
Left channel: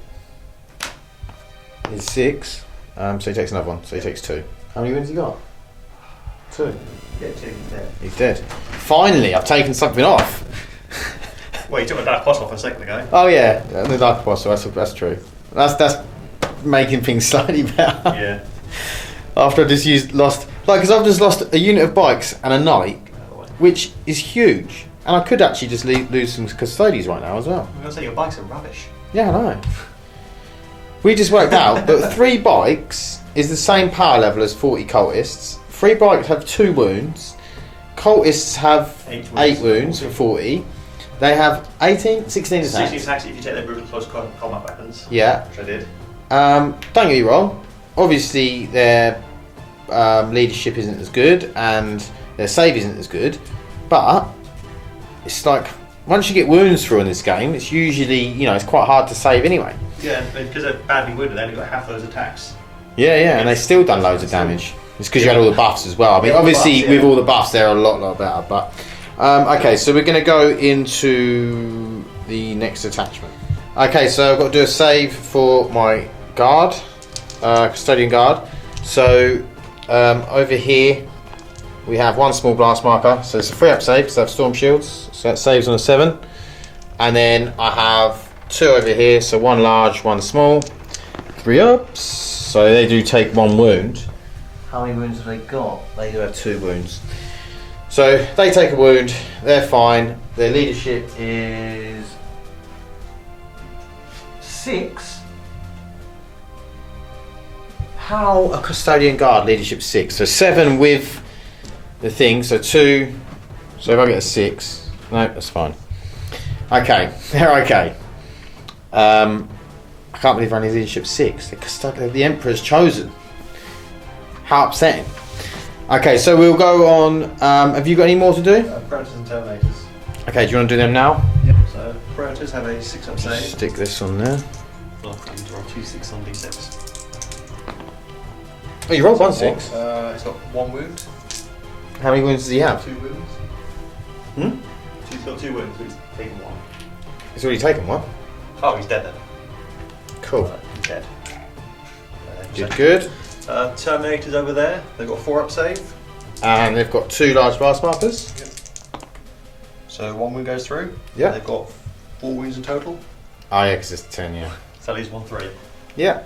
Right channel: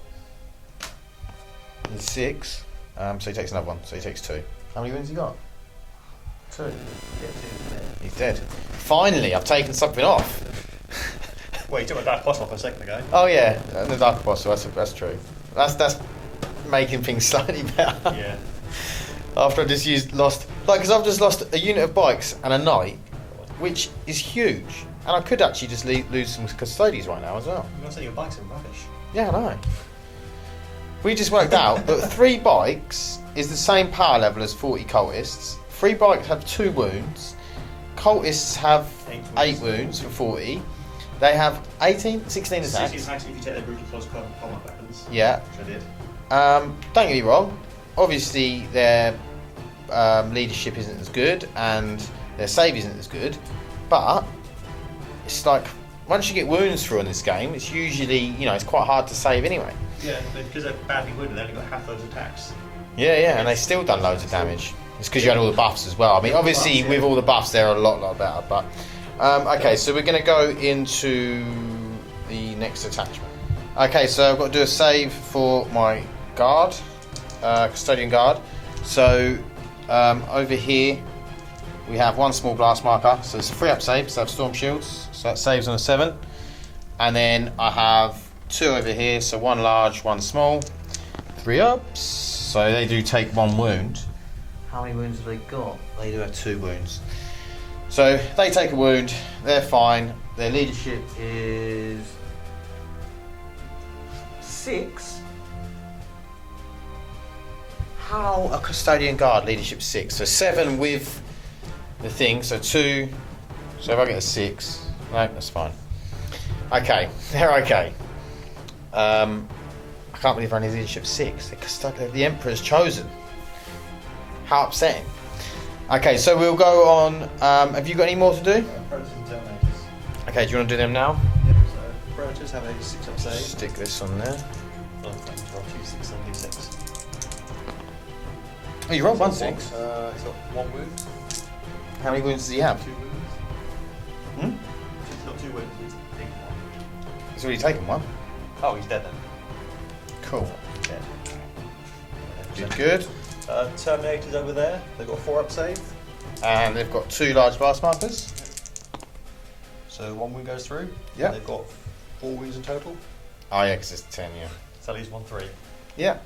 is 6. So he takes another 1. So he takes 2. How many wins he got? 2. Yeah, 2. He's dead. He's dead. Finally, I've taken something off. Well, you took a dark cross off a second ago. Oh yeah, the Dark Apostle. That's true. That's making things slightly better. Yeah. After I just lost, because I've just lost a unit of bikes and a knight, which is huge, and I could actually just lose some custodians right now as well. I'm going to say your bikes are rubbish. Yeah, I know. We just worked out that 3 bikes is the same power level as 40 cultists. 3 bikes have 2 wounds. Cultists have 8 wounds for 40. They have 18, 16 attacks. 16 attacks if you take their brutal close combat weapons. Yeah. Which I did. Don't get me wrong. Obviously, their leadership isn't as good, and their save isn't as good. But it's like once you get wounds through in this game, it's usually it's quite hard to save anyway. Yeah, because they're badly wounded, they only got half those attacks. Yeah, and they've still done loads of damage. It's because you had all the buffs as well. I mean, Yeah, obviously, buffs, yeah. with all the buffs, they're a lot better. But okay, so we're going to go into the next attachment. Okay, so I've got to do a save for my guard, custodian guard. So over here we have 1 small blast marker. So it's a 3-up save because I have storm shields. So that saves on a 7. And then I have 2 over here. So 1 large, 1 small. 3 ups. So they do take 1 wound. How many wounds have they got? They do have 2 wounds. So they take a wound, they're fine. Their leadership is 6. How a custodian guard leadership 6? So 7 with the thing, so 2. So if I get a 6, no, that's fine. Okay, they're okay. I can't believe they're only leadership 6. The Emperor's chosen. How upsetting. Okay, so we'll go on. Have you got any more to do? Predators and Terminators. Okay, do you want to do them now? Yep. So Predators have a 6-up save. Stick this on there. Well, I need to roll 2 6 on d6. Oh, you rolled 1 It's 6. got 1 wound. How many wounds does he have? 2 wounds. Hmm? He's got 2 wounds, so he's taken 1. He's already taken 1. Oh, he's dead then. Cool. He's dead. Good. Terminators over there, they've got a 4-up save. And they've got 2 large blast markers. Yep. So 1 wound goes through. Yeah. And they've got 4 wounds in total. Oh yeah, because it's 10, yeah. So that leaves 1 3. Yeah.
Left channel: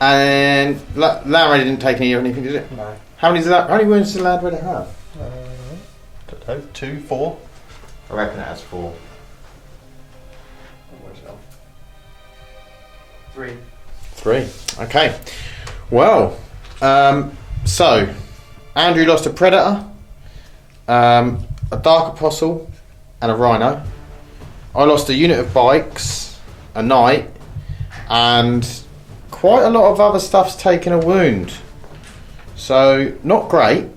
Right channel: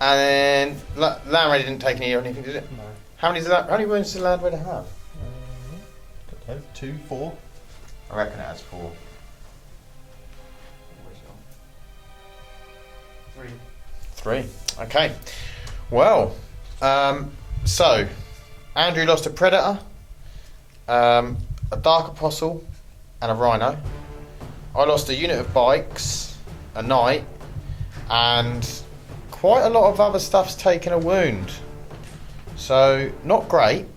And Larry didn't take anything, did it? No. How many wounds does Larry have? Don't know. 2, 4. I reckon it has 4. Where's it gone? 3. Okay. Well, so Andrew lost a Predator, a Dark Apostle, and a Rhino. I lost a unit of bikes, a Knight, and quite a lot of other stuff's taken a wound. So not great.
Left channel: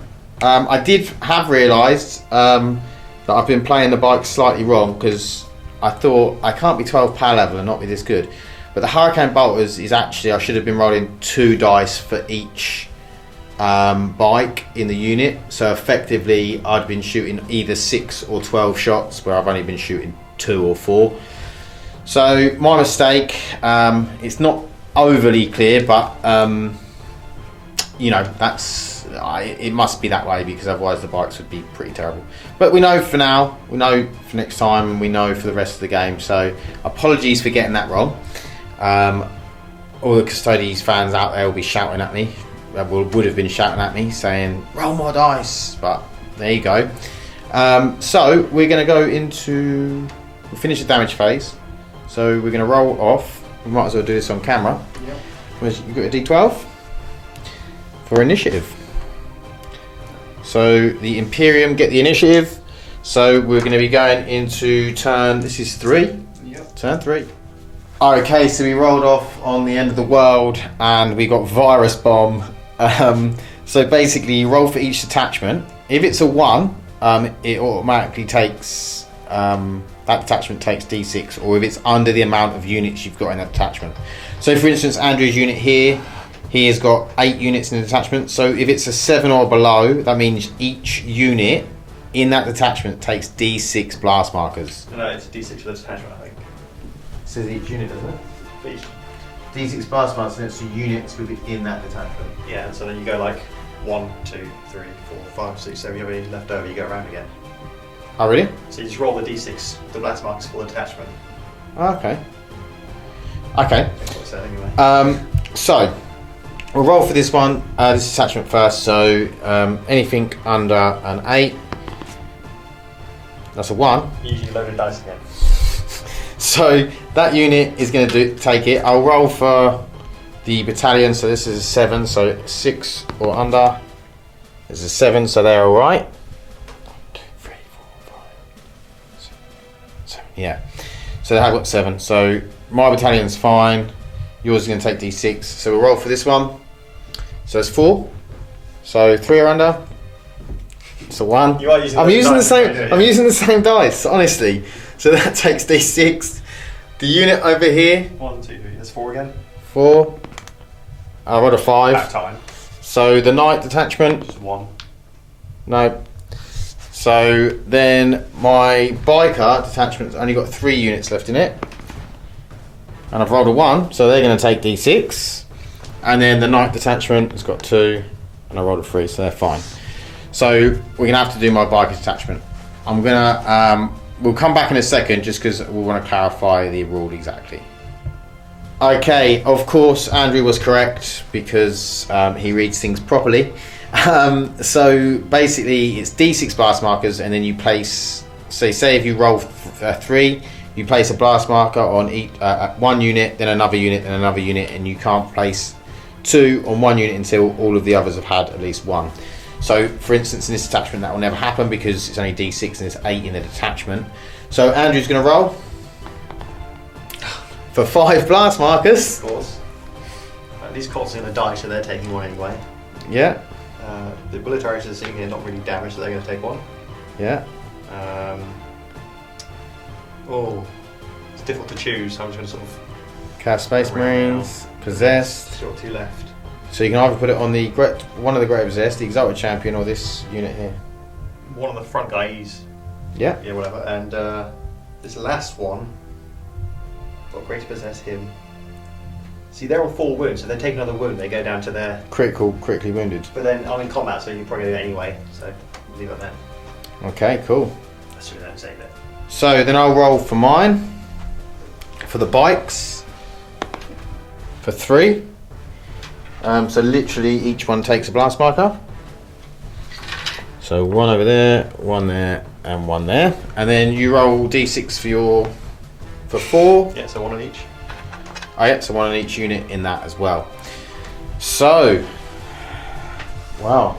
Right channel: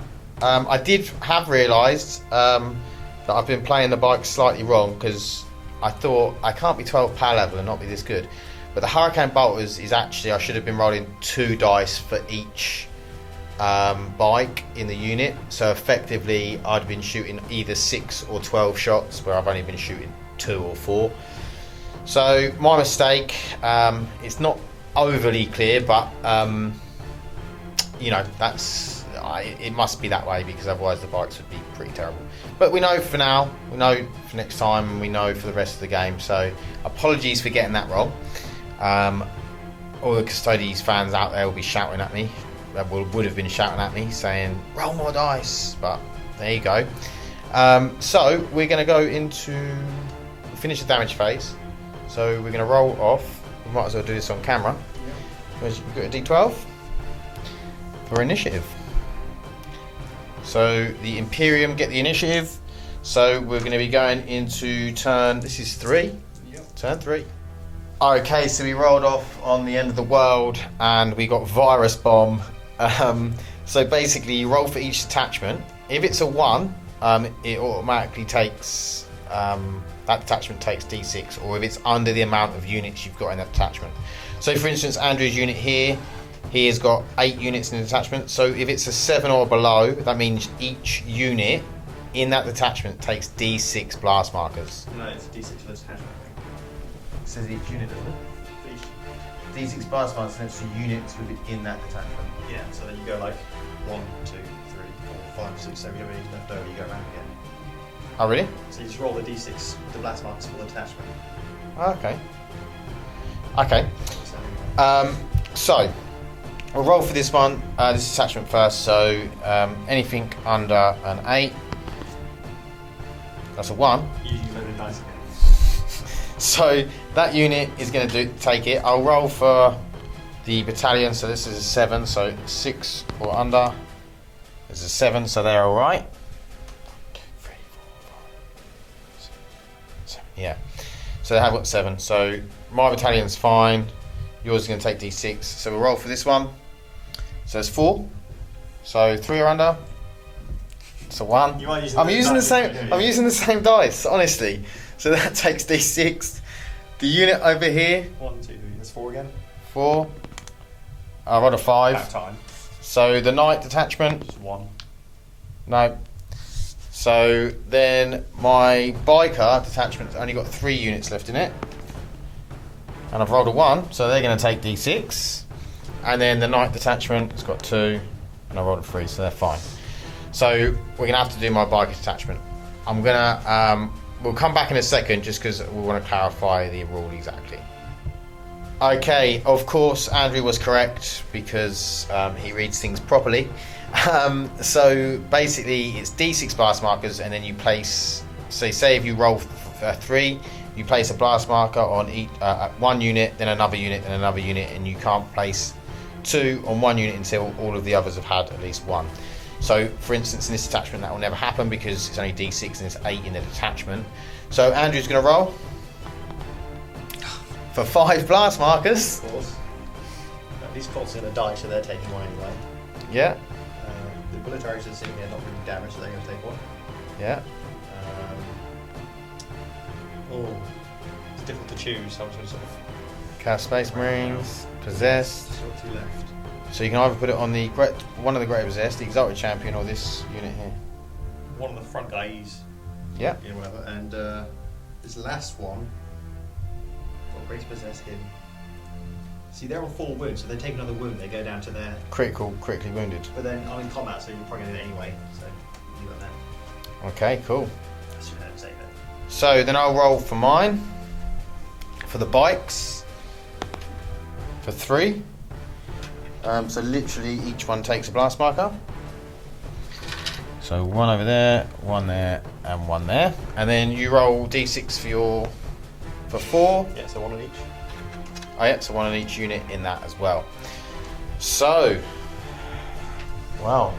I did have realised that I've been playing the bike slightly wrong because I thought I can't be 12 power level and not be this good. But the Hurricane Bolters is actually, I should have been rolling 2 dice for each bike in the unit. So effectively I'd been shooting either 6 or 12 shots where I've only been shooting 2 or 4. So my mistake. It's not overly clear, but you know, it must be that way because otherwise the bikes would be pretty terrible. But we know for now, we know for next time, and we know for the rest of the game. So apologies for getting that wrong. All the Custodians fans out there will be shouting at me, would have been shouting at me saying, roll my dice, but there you go. So we're going to go into, we'll finish the damage phase, so we're going to roll off. We might as well do this on camera. Yep. We've got a d12 for initiative. So the Imperium get the initiative, so we're going to be going into turn, this is 3? Yep. Turn 3. Okay, so we rolled off on the end of the world and we got Virus Bomb. So basically you roll for each detachment. If it's a 1, it automatically takes, that detachment takes d6, or if it's under the amount of units you've got in that detachment. So for instance, Andrew's unit here, he has got 8 units in the detachment, so if it's a 7 or below, that means each unit in that detachment takes d6 blast markers. No, it's a d6 for the detachment, I think. Says each unit, doesn't it? Each. D6 blast markers, so units within that detachment. Yeah, so then you go like 1, 2, 3, 4, 5, 6, 7, you have any left over, you go around again. Oh really? So you just roll the d6, the blast markers for the detachment. Okay. Okay. That's what it said anyway. So we'll roll for this one, this detachment first, so anything under an 8, that's a 1. Usually loaded dice again. So that unit is going to take it. I'll roll for the battalion, so this is a 7, so 6 or under. This is a 7, so they're alright. 2, 3, 4, 5, 6, 7. Yeah. So they have got 7. So my battalion's fine. Yours is going to take d6. So we'll roll for this one. So it's 4. So 3 or under. It's a 1. You are using I'm using the dice, same. yeah. I'm using the same dice, honestly. So that takes d6. The unit over here, 1, 2, 3, that's 4 again. 4. I rolled a 5. Back time. So the Knight detachment, Just 1. no. So then my biker detachment's only got 3 units left in it. And I've rolled a 1, so they're going to take d6. And then the Knight detachment has got 2, and I rolled a 3, so they're fine. So we're going to have to do my biker detachment. I'm going to, we'll come back in a second just because we want to clarify the rule exactly. Okay, of course Andrew was correct because he reads things properly. So basically it's D6 blast markers, and then you place, say if you roll 3, you place a blast marker on each, one unit, then another unit, then another unit, and you can't place 2 on one unit until all of the others have had at least 1. So for instance in this attachment that will never happen because it's only D6 and it's 8 in the attachment. So Andrew's going to roll for 5 blast markers. Of course. These cults are going to die, so they're taking 1 anyway. Yeah. The obliterators are sitting here not really damaged, so they're going to take 1. Yeah. It's difficult to choose, so I'm just going to sort of... Cast Space Marines, Possessed. Still 2 left. So you can either put it on the one of the Great Possessed, the Exalted Champion, or this unit here. One of the front guys. Yeah. Yeah, whatever. And this last one, got Great Possess him. See, they're on 4 wounds, so they take another wound, they go down to their... Critically wounded. But then I'm in combat, so you're probably going to do it anyway, so leave it there. Okay, cool. Assuming I don't save it. So then I'll roll for mine, for the bikes, for 3. So literally each one takes a blast marker. So 1 over there, 1 there, and 1 there. And then you roll D6 for 4. Yeah, so 1 on each. Oh yeah, so 1 on each unit in that as well. So, wow.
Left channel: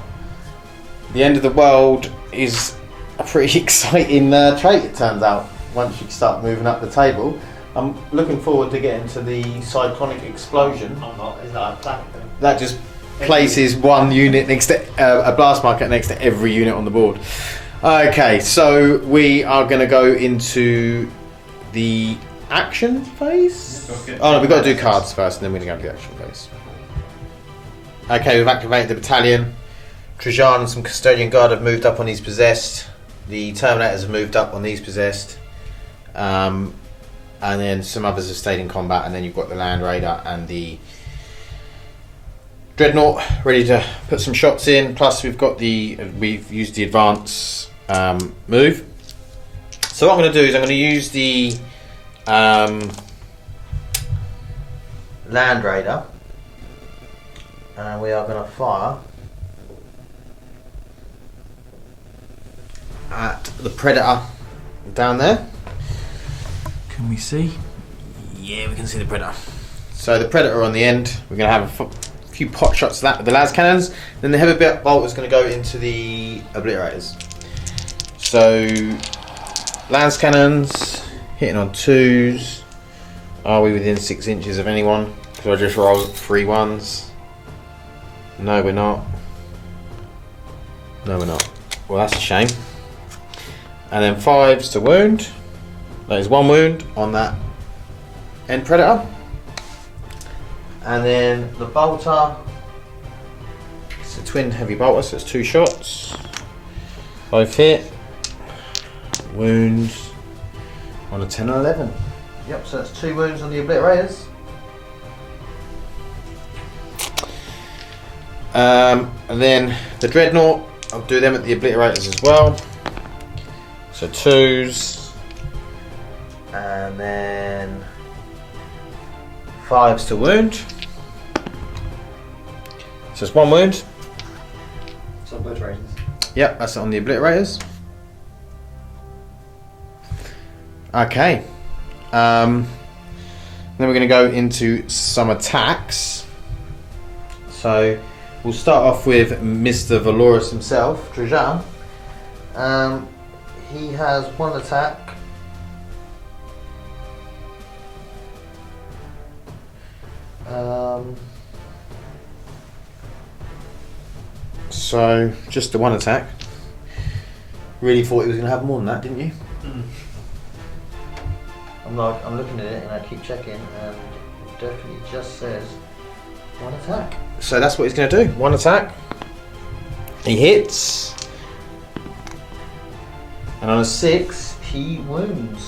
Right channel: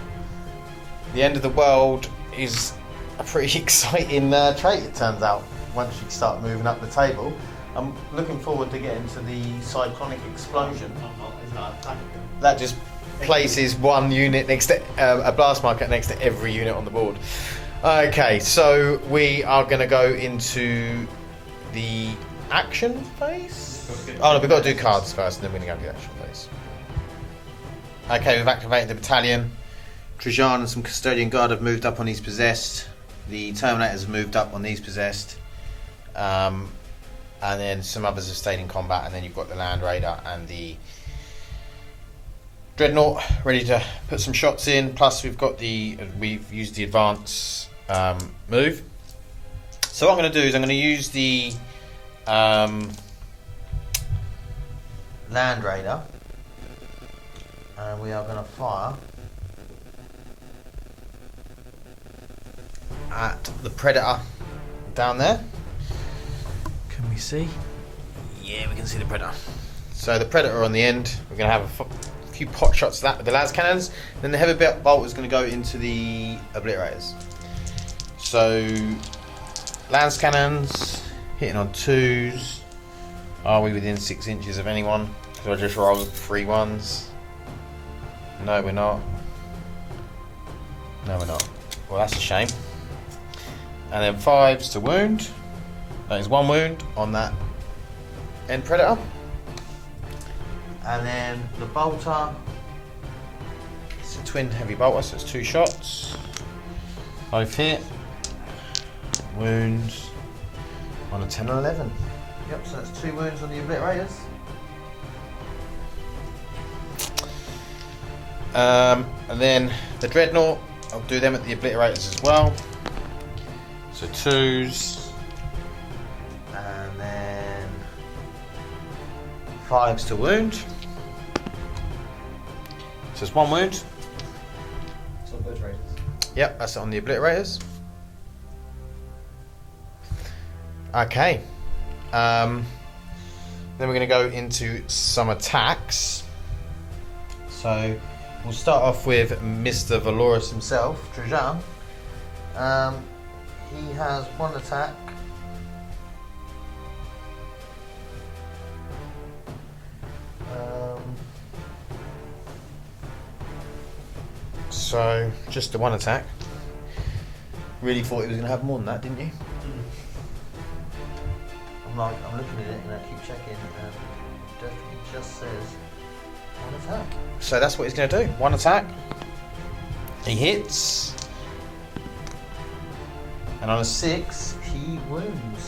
The end of the world is a pretty exciting trait, it turns out, once you start moving up the table. I'm looking forward to getting to the cyclonic explosion. I'm not, is that a planet? That just places one unit next to a blast marker next to every unit on the board. Okay, so we are going to go into the action phase. Oh, we've got to do cards first, and then we're going to do action phase. Okay, we've activated the battalion. Trajan and some custodian guard have moved up on these possessed. The Terminators have moved up on these possessed. And then some others have stayed in combat, and then you've got the Land Raider and the Dreadnought ready to put some shots in. Plus we've used the advance move. So what I'm going to do is I'm going to use the Land Raider, and we are going to fire at the Predator down there. Can we see? Yeah, we can see the Predator. So the Predator on the end, we're going to have a few pot shots of that with the las cannons. Then the heavy bit bolt is going to go into the obliterators. So las cannons hitting on 2s. Are we within 6 inches of anyone? So I just rolled 3 1s. No, we're not. No, we're not. Well, that's a shame. And then 5s to wound. That is 1 wound on that end Predator. And then the bolter, it's a twin heavy bolter, so it's 2 shots. Both hit. Wounds on a 10 or 11. Yep, so that's 2 wounds on the obliterators. And then the Dreadnought, I'll do them at the obliterators as well. So 2s. And then 5s to wound. So it's 1 wound. It's on obliterators. Yep, that's on the obliterators. Okay. Then we're going to go into some attacks. So we'll start off with Mr. Valorous himself, Trajan. He has 1 attack. So just the 1 attack. Really thought he was going to have more than that, didn't you? Mm. I'm looking at it and I keep checking, and it definitely just says 1 attack. So that's what he's going to do. 1 attack. He hits. And on a 6, he wounds.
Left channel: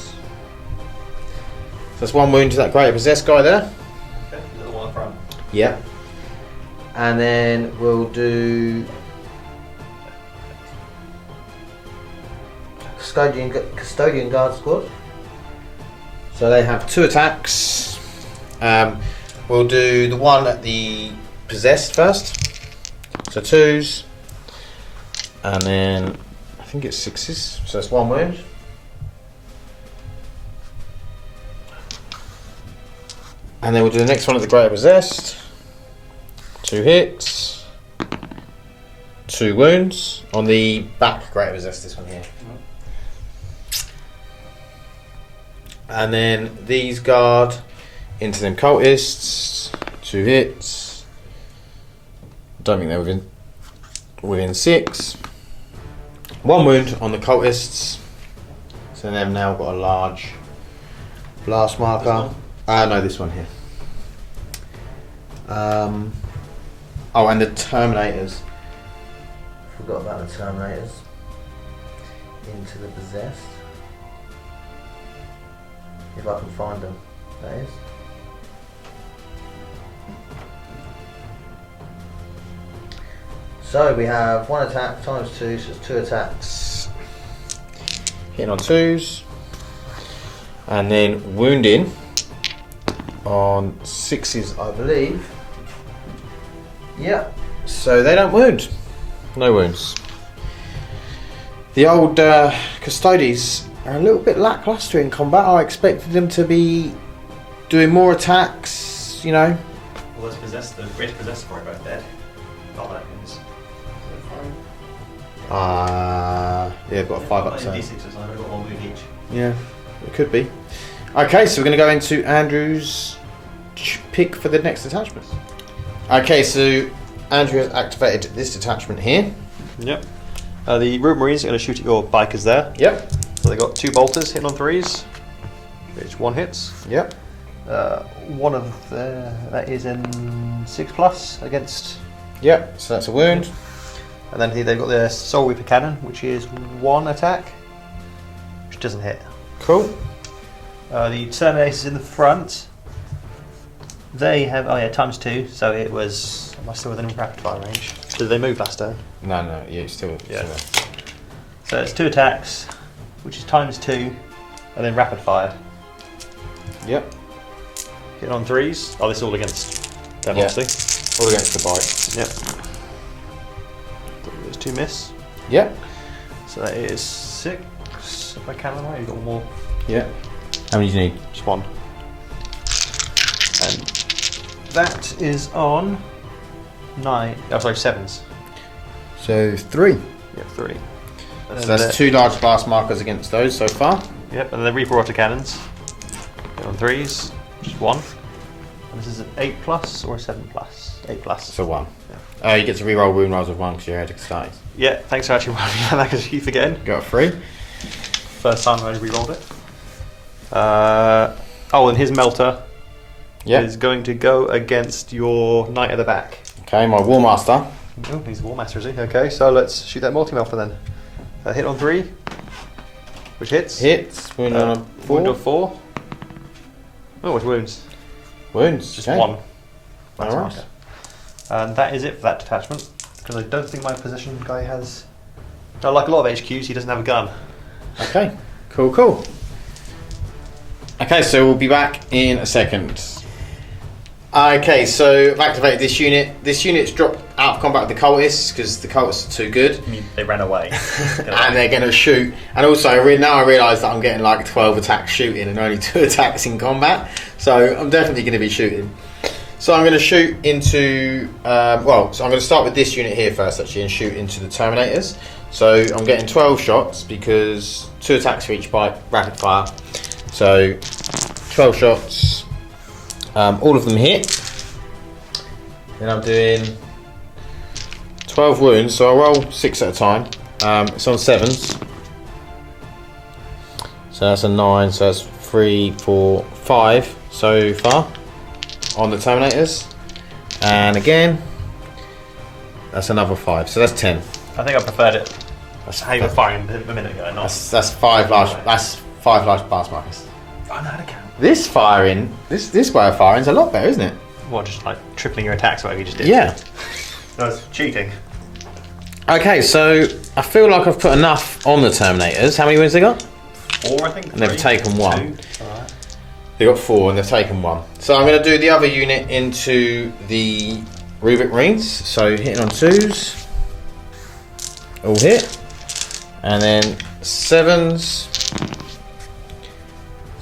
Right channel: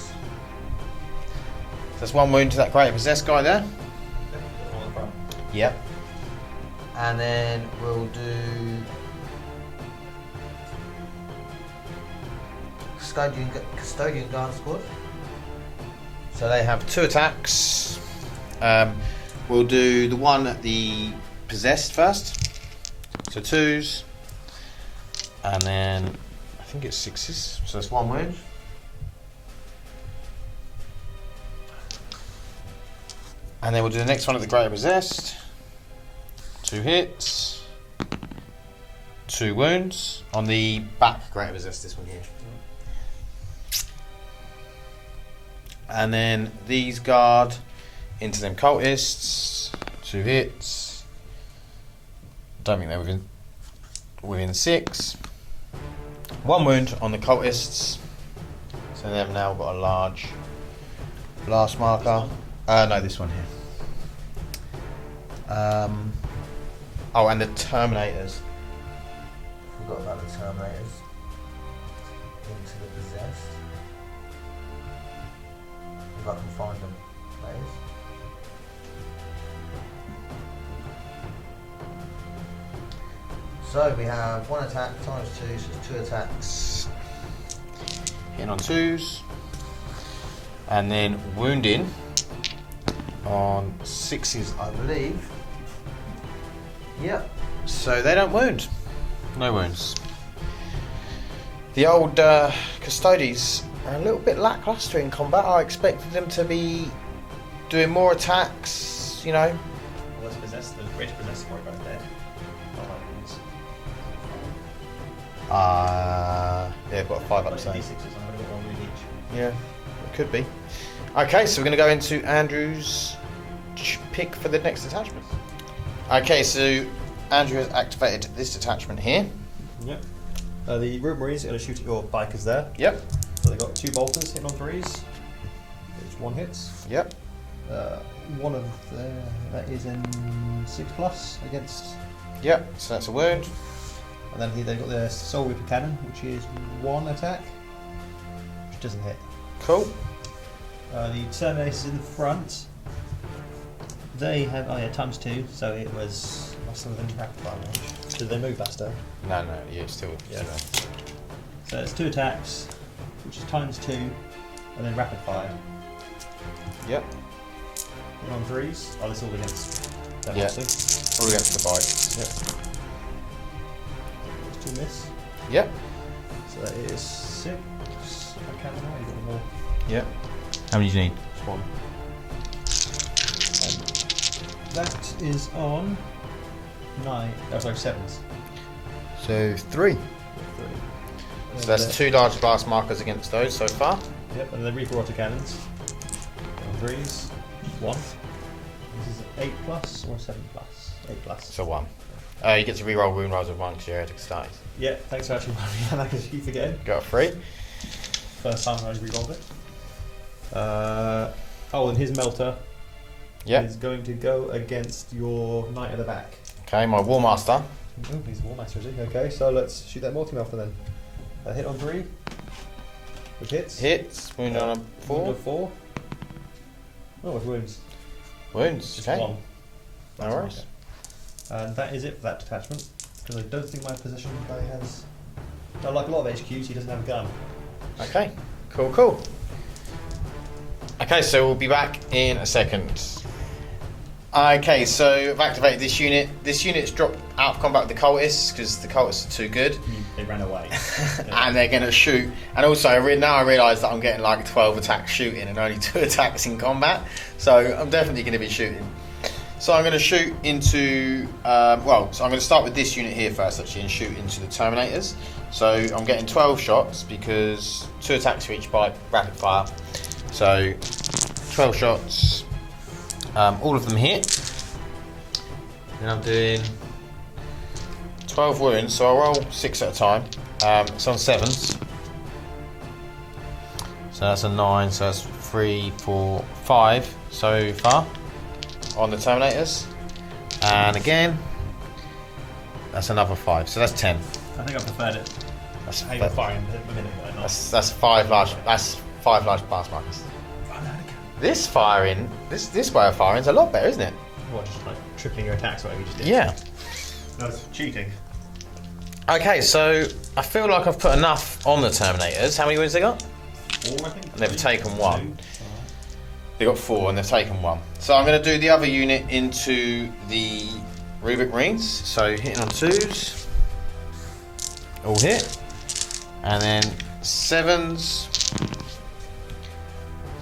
So that's 1 wound to that great possessed guy there. Okay, the one in front. Yep. And then we'll do custodian guard squad. So they have 2 attacks. We'll do the one at the possessed first. So 2s, and then I think it's 6s. So it's 1 wound. And then we'll do the next one at the greater possessed. 2 hits, 2 wounds on the back greater possessed. This one here. And then these guard into them cultists, 2 hits. Don't think they're within 6. 1 wound on the cultists. So they've now got a large blast marker. No, this one here. Oh, and the Terminators. Forgot about the Terminators. Into the possessed. If I can find them, that is. So we have 1 attack times 2, so it's 2 attacks. Hitting on 2s. And then wounding on 6s, I believe. Yep. So they don't wound. No wounds. The old Custodes are a little bit lackluster in combat. I expected them to be doing more attacks, you know. Well, let's possess the greater possessed for both dead. Not like this. Yeah, got a 5 up. D6s, I've got 1 wound each. Yeah, it could be. Okay, so we're going to go into Andrew's pick for the next detachment. Okay, so Andrew has activated this detachment here. Yep. The Root Marines are going to shoot at your bikers there. Yep. So they got 2 bolters hitting on 3s. Each 1 hits. Yep. One of that is in 6+ against. Yep. So that's a wound. And then they've got their Soul Reaper cannon, which is 1 attack, which doesn't hit. Cool. The Terminators in the front. They have ×2, so it was. Am I still within rapid fire range? Did they move last turn? No, yeah, still. Yeah. So it's 2 attacks, which is ×2, and then rapid fire. Yep. Hit on 3s. Oh, this is all against them, Yeah. obviously. All against the bite. Yep. There's 2 miss. Yep. So that is 6. If I can remember, you've got 1 more. Yep. How many do you need? Just 1. And that is on 9. Oh, sorry, 7s. So 3. Yeah, 3. And So then that's 2 large blast markers against those so far. Yep, and then the Reaper autocannons. Hit on 3s, just 1. And this is an 8+ or a 7+? 8+. So 1. Yeah. You get to reroll wound rolls of 1 because you're ahead of side. Yeah, thanks for actually reminding me of that because you keep forgetting. Got 3. First time I rerolled it. And his melter is going to go against your Knight at the back. Okay, my War Master. Oh, he's a War Master, is he? Okay, so let's shoot that multi-melter then. Hit on 3, which hits. Hits. Wound, Wound of 4. Oh, it's wounds. Wounds. Just okay. 1. That's Alright. marker. And that is it for that detachment. Because I don't think my position guy has. No, like a lot of HQs, he doesn't have a gun. Okay. Cool. Okay, so we'll be back in a second. Okay, so I've activated this unit. This unit's dropped out of combat with the cultists because the cultists are too good. I mean, they ran away. And they're going to shoot. And also, now I realise that I'm getting like 12 attacks shooting and only 2 attacks in combat. So I'm definitely going to be shooting. So I'm going to shoot into. So I'm going to start with this unit here first, actually, and shoot into the Terminators. So I'm getting 12 shots because 2 attacks for each bite, rapid fire. So 12 shots. All of them hit. Then I'm doing 12 wounds, so I roll 6 at a time. It's on 7s. So that's a 9, so that's 3, 4, 5 so far on the Terminators. And again, that's another 5, so that's 10. I think I preferred it. That's how you were firing a minute ago, not. That's 5 large blast markers. I know how to count. This way of firing is a lot better, isn't it? What, just like tripling your attacks, whatever you just did? Yeah. That's cheating. Okay, so I feel like I've put enough on the Terminators. How many wounds they got? 4, I think. They've 3, taken 1. 2. Alright. They got 4 and they've taken 1. So I'm going to do the other unit into the Rubik Marines. So hitting on 2s. All hit. And then 7s.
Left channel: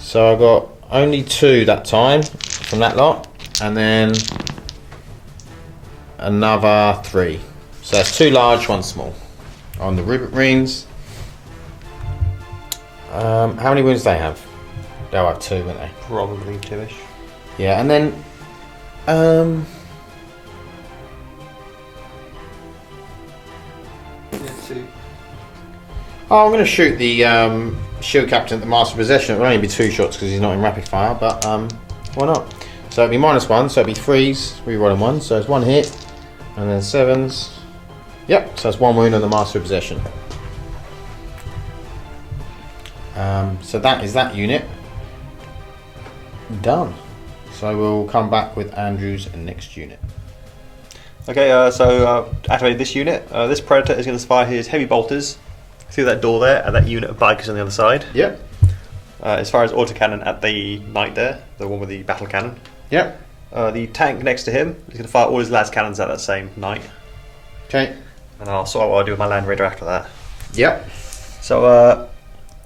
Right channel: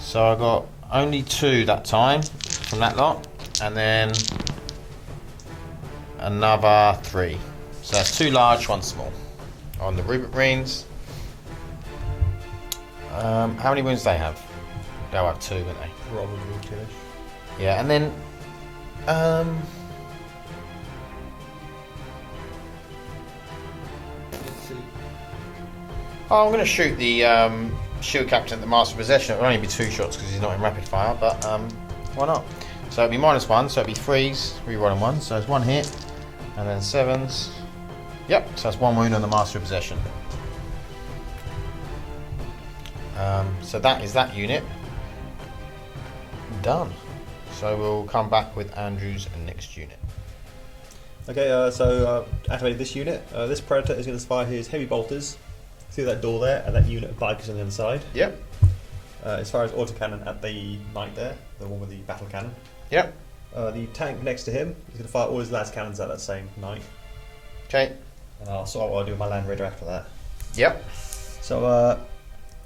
So I got only 2 that time from that lot. And then another 3. So that's 2 large, 1 small on the Rubik Marines. How many wounds do they have? They'll have 2, won't they? Probably 2-ish. Yeah, and then I'm going to shoot the shield captain at the master possession. It will only be 2 shots because he's not in rapid fire, but why not? So it'll be -1, so it'll be 3s, rerolling 1, so it's 1 hit, and then 7s. Yep, so it's 1 wound on the master of possession. So that is that unit done. So we'll come back with Andrew's next unit. Okay, so activate this unit. This Predator is going to fire his heavy bolters through that door there, and that unit of bikers on the other side. Yep. As far as autocannon at the knight there, the one with the battle cannon. Yep. The tank next to him is going to fire all his las cannons at that same knight. Okay. And I'll sort out what I'll do with my Land Raider after that. Yep. So,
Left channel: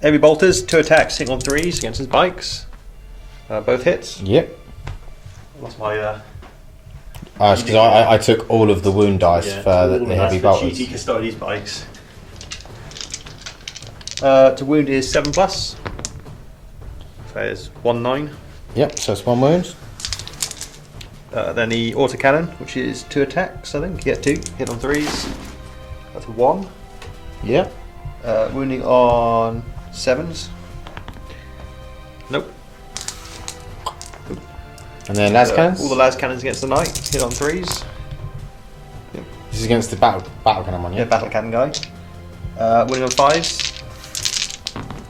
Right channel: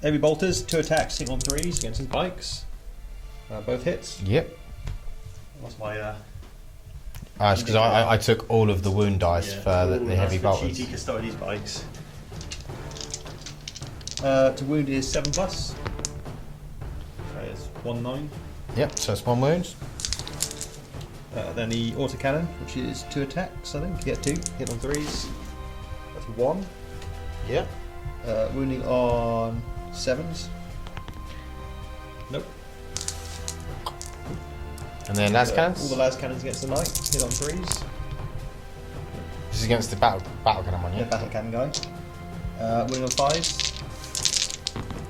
heavy bolters, 2 attacks, hitting on 3s against his bikes. Both hits. Yep. I lost my. Because I took all of the wound dice for the heavy bolters. cheaty Custodes bikes. To wound is 7+. So it's 1-9. Yep, so it's 1 wound. Then the autocannon, which is 2 attacks, I think. You get 2. Hit on 3s. That's 1. Yep. Wounding on 7s. Nope. And then las cannons. All the las cannons against the knight. Hit on 3s. This is against the battle cannon one, Yeah, battle cannon guy. Wounding on 5s.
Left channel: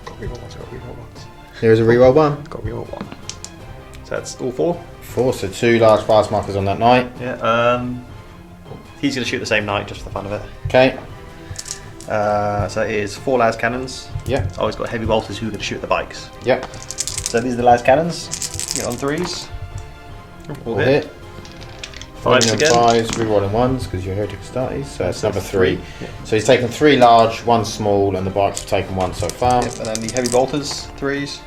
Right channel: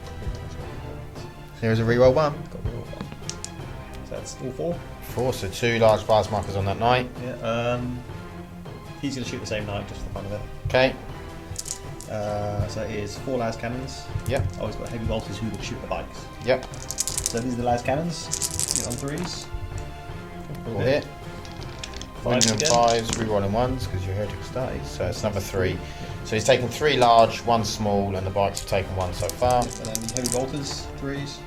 Got reroll once. Here's a reroll 1. Got reroll 1. So that's all 4. 4, so 2 large fast markers on that knight. Yeah. He's going to shoot the same knight just for the fun of it. Okay. So it is 4 las cannons. Yeah. It's always got heavy bolters who are going to shoot the bikes. Yep. So these are the las cannons. Hit on 3s. All hit. 5s again. 5s, rerolling 1s because you heard it started. So that's number 3. Yeah. So he's taken 3 large, 1 small, and the bikes have taken 1 so far. Yep, and then the heavy bolters, 3s.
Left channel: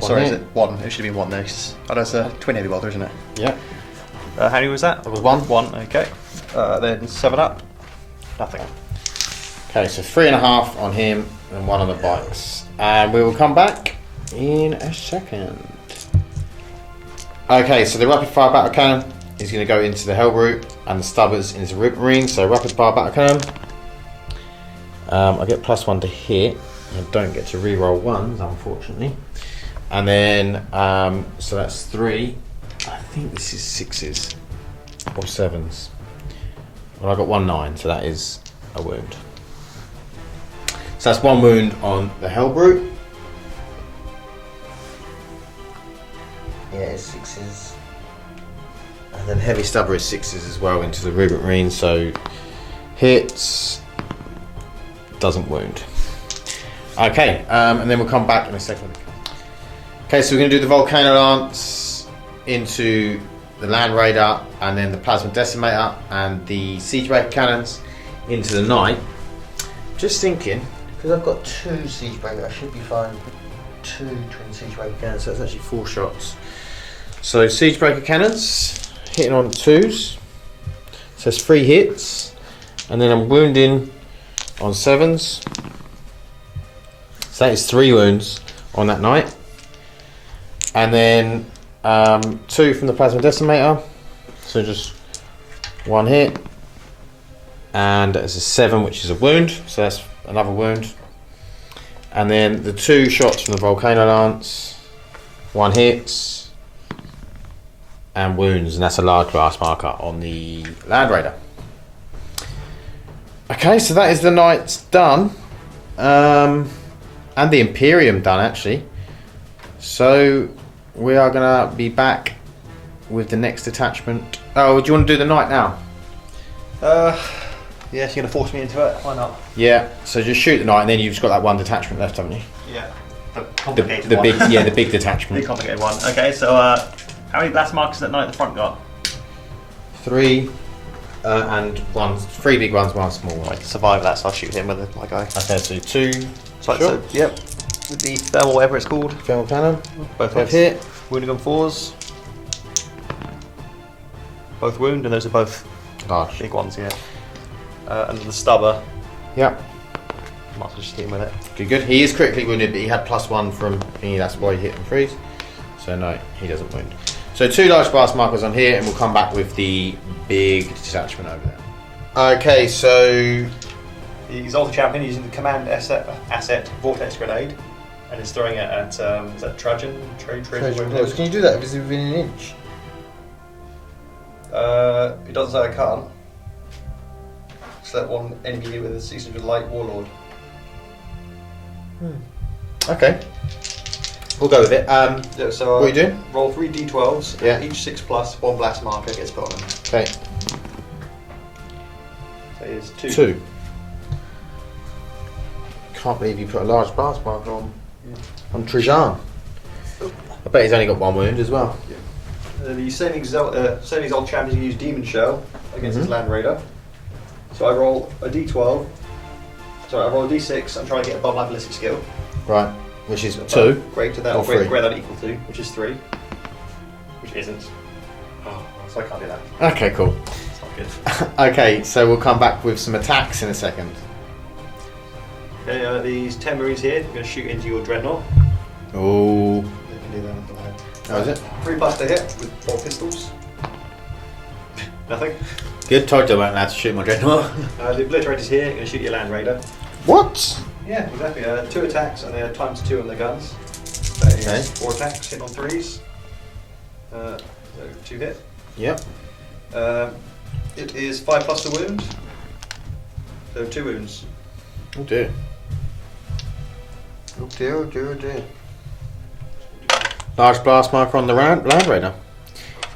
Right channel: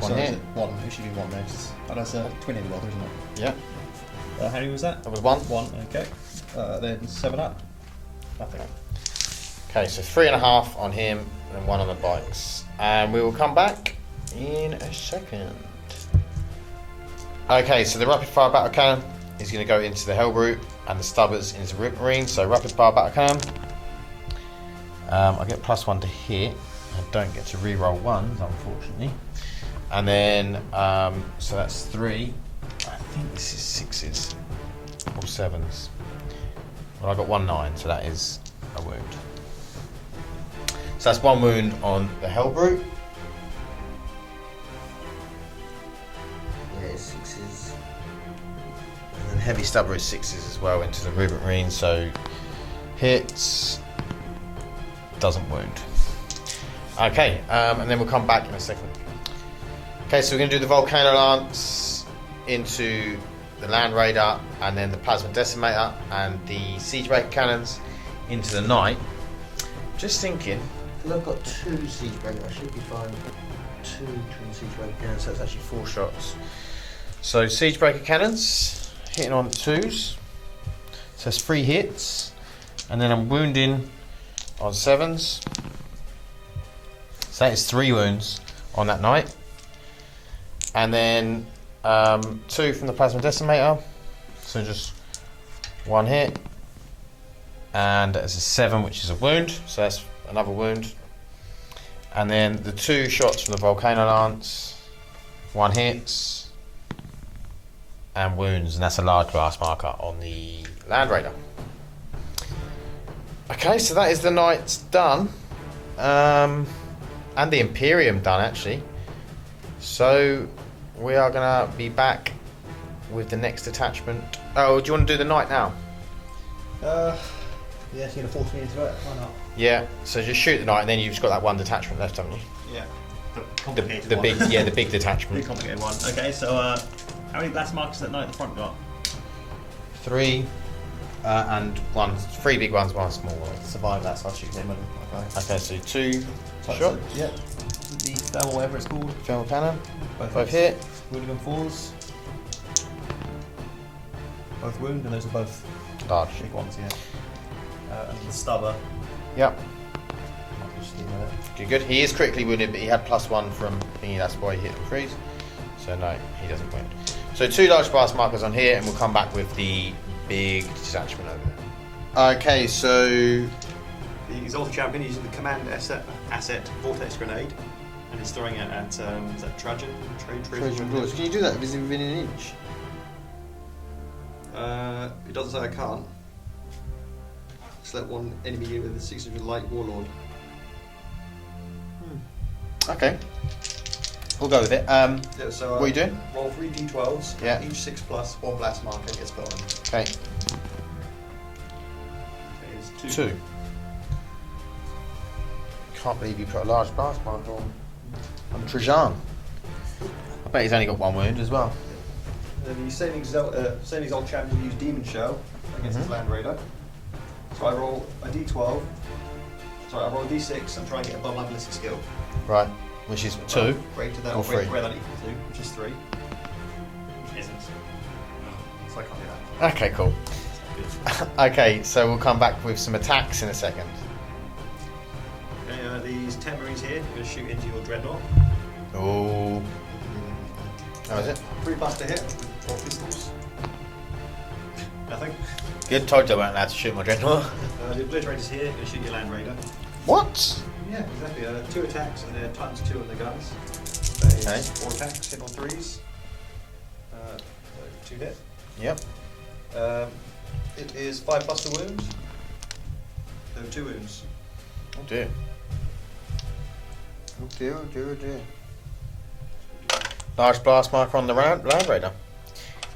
Sorry, is it 1? It should have been 1 there. Oh, that's a twin heavy bolter, isn't it? Yeah. How many was that? That was 1. 1, okay. Then 7 up. Nothing. Okay, so 3.5 on him and 1 on the bikes. And we will come back in a second. Okay, so the rapid fire battle cannon is going to go into the hell route, and the stubbers is a rip ring. So rapid fire battle cannon. I get +1 to hit. I don't get to reroll 1s, unfortunately. And then, so that's 3. I think this is 6s or 7s. Well, I got 1 9, so that is a wound. So that's 1 wound on the hell brute. Yeah, it's 6s. And then heavy stubber is 6s as well into the Rubik Marine, so hits, doesn't wound. Okay, and then we'll come back in a second. Okay, so we're going to do the Volcano Lance into the Land Raider, and then the Plasma Decimator and the Siege Breaker Cannons into the Knight. Just thinking, because I've got 2 Siege Breaker, I should be fine. 2 twin Siege Breaker Cannons, so that's actually 4 shots. So Siege Breaker Cannons, hitting on 2s. So that's 3 hits, and then I'm wounding on 7s. So that is 3 wounds on that Knight. And then 2 from the Plasma Decimator, so just 1 hit, and it's a 7, which is a wound, so that's another wound. And then the 2 shots from the Volcano Lance, 1 hit, and wounds, and that's a large blast marker on the Land Raider. Okay, so that is the Knights done, and the Imperium done actually. So we are going to be back with the next attachment. Oh, do you want to do the Knight now? Yes, you're going to force me into it. Why not? Yeah, so just shoot the Knight and then you've just got that 1 detachment left, haven't you? Yeah. complicated the one. big, yeah, the big detachment. Big complicated one. Okay, so how many blast markers that knight at the front got? 3 and 1. 3 big ones, 1 small one. Right, survive that, so I'll shoot him with my guy. Okay, so 2. So, yep. With the thermal, whatever it's called. Thermal cannon. Both Both hits. hit. Wounding on 4s. Both wound, and those are both Harsh. big ones, yeah. And the stubber. Yeah. Might as well just hit him with it. Good, good. He is critically wounded, but he had +1 from me, that's why he hit and freeze. So no, he doesn't wound. So 2 large blast markers on here, and we'll come back with the big detachment over there. Okay, so The Exalted Champion using the command asset Vortex Grenade, and is throwing it at, is that Trajan? Trajan? can you do that? Is it within an inch? It doesn't say I can't. Select one enemy unit with a 600 light warlord. Okay. We'll go with it. Yeah, so what are you doing? roll 3 d12s, Yeah. and each 6+, 1 blast marker gets put on them. Okay. So here's 2. 2. Can't believe you put a large blast marker on Trajan. I bet he's only got 1 wound as well. The same Exalted Champion use Demon Shell against his Land Raider. So I roll a d12. Sorry, I roll a d6. I'm trying to get above my ballistic skill. Right. Which is 2. Greater than Or or greater 3. than equal to, which is 3. Which isn't. So I can't do that. Okay, cool. It's not good. Okay, so we'll come back with some attacks in a second. Okay, these 10 Marines here, I'm going to shoot into your Dreadnought. Ooh. That was it. 3+ to hit with 4 pistols. Nothing. Good, told you I weren't allowed to shoot my dreadnought. The Obliterator's here, I'm going to shoot your Land Raider. What? Yeah, exactly. 2 attacks and they're ×2 on the guns. That is 4 attacks, hit on 3s. So 2 hit. Yep. It is 5+ to wound. So 2 wounds. Oh dear. Oh dear, oh dear, oh dear. Large blast marker on the Land Raider.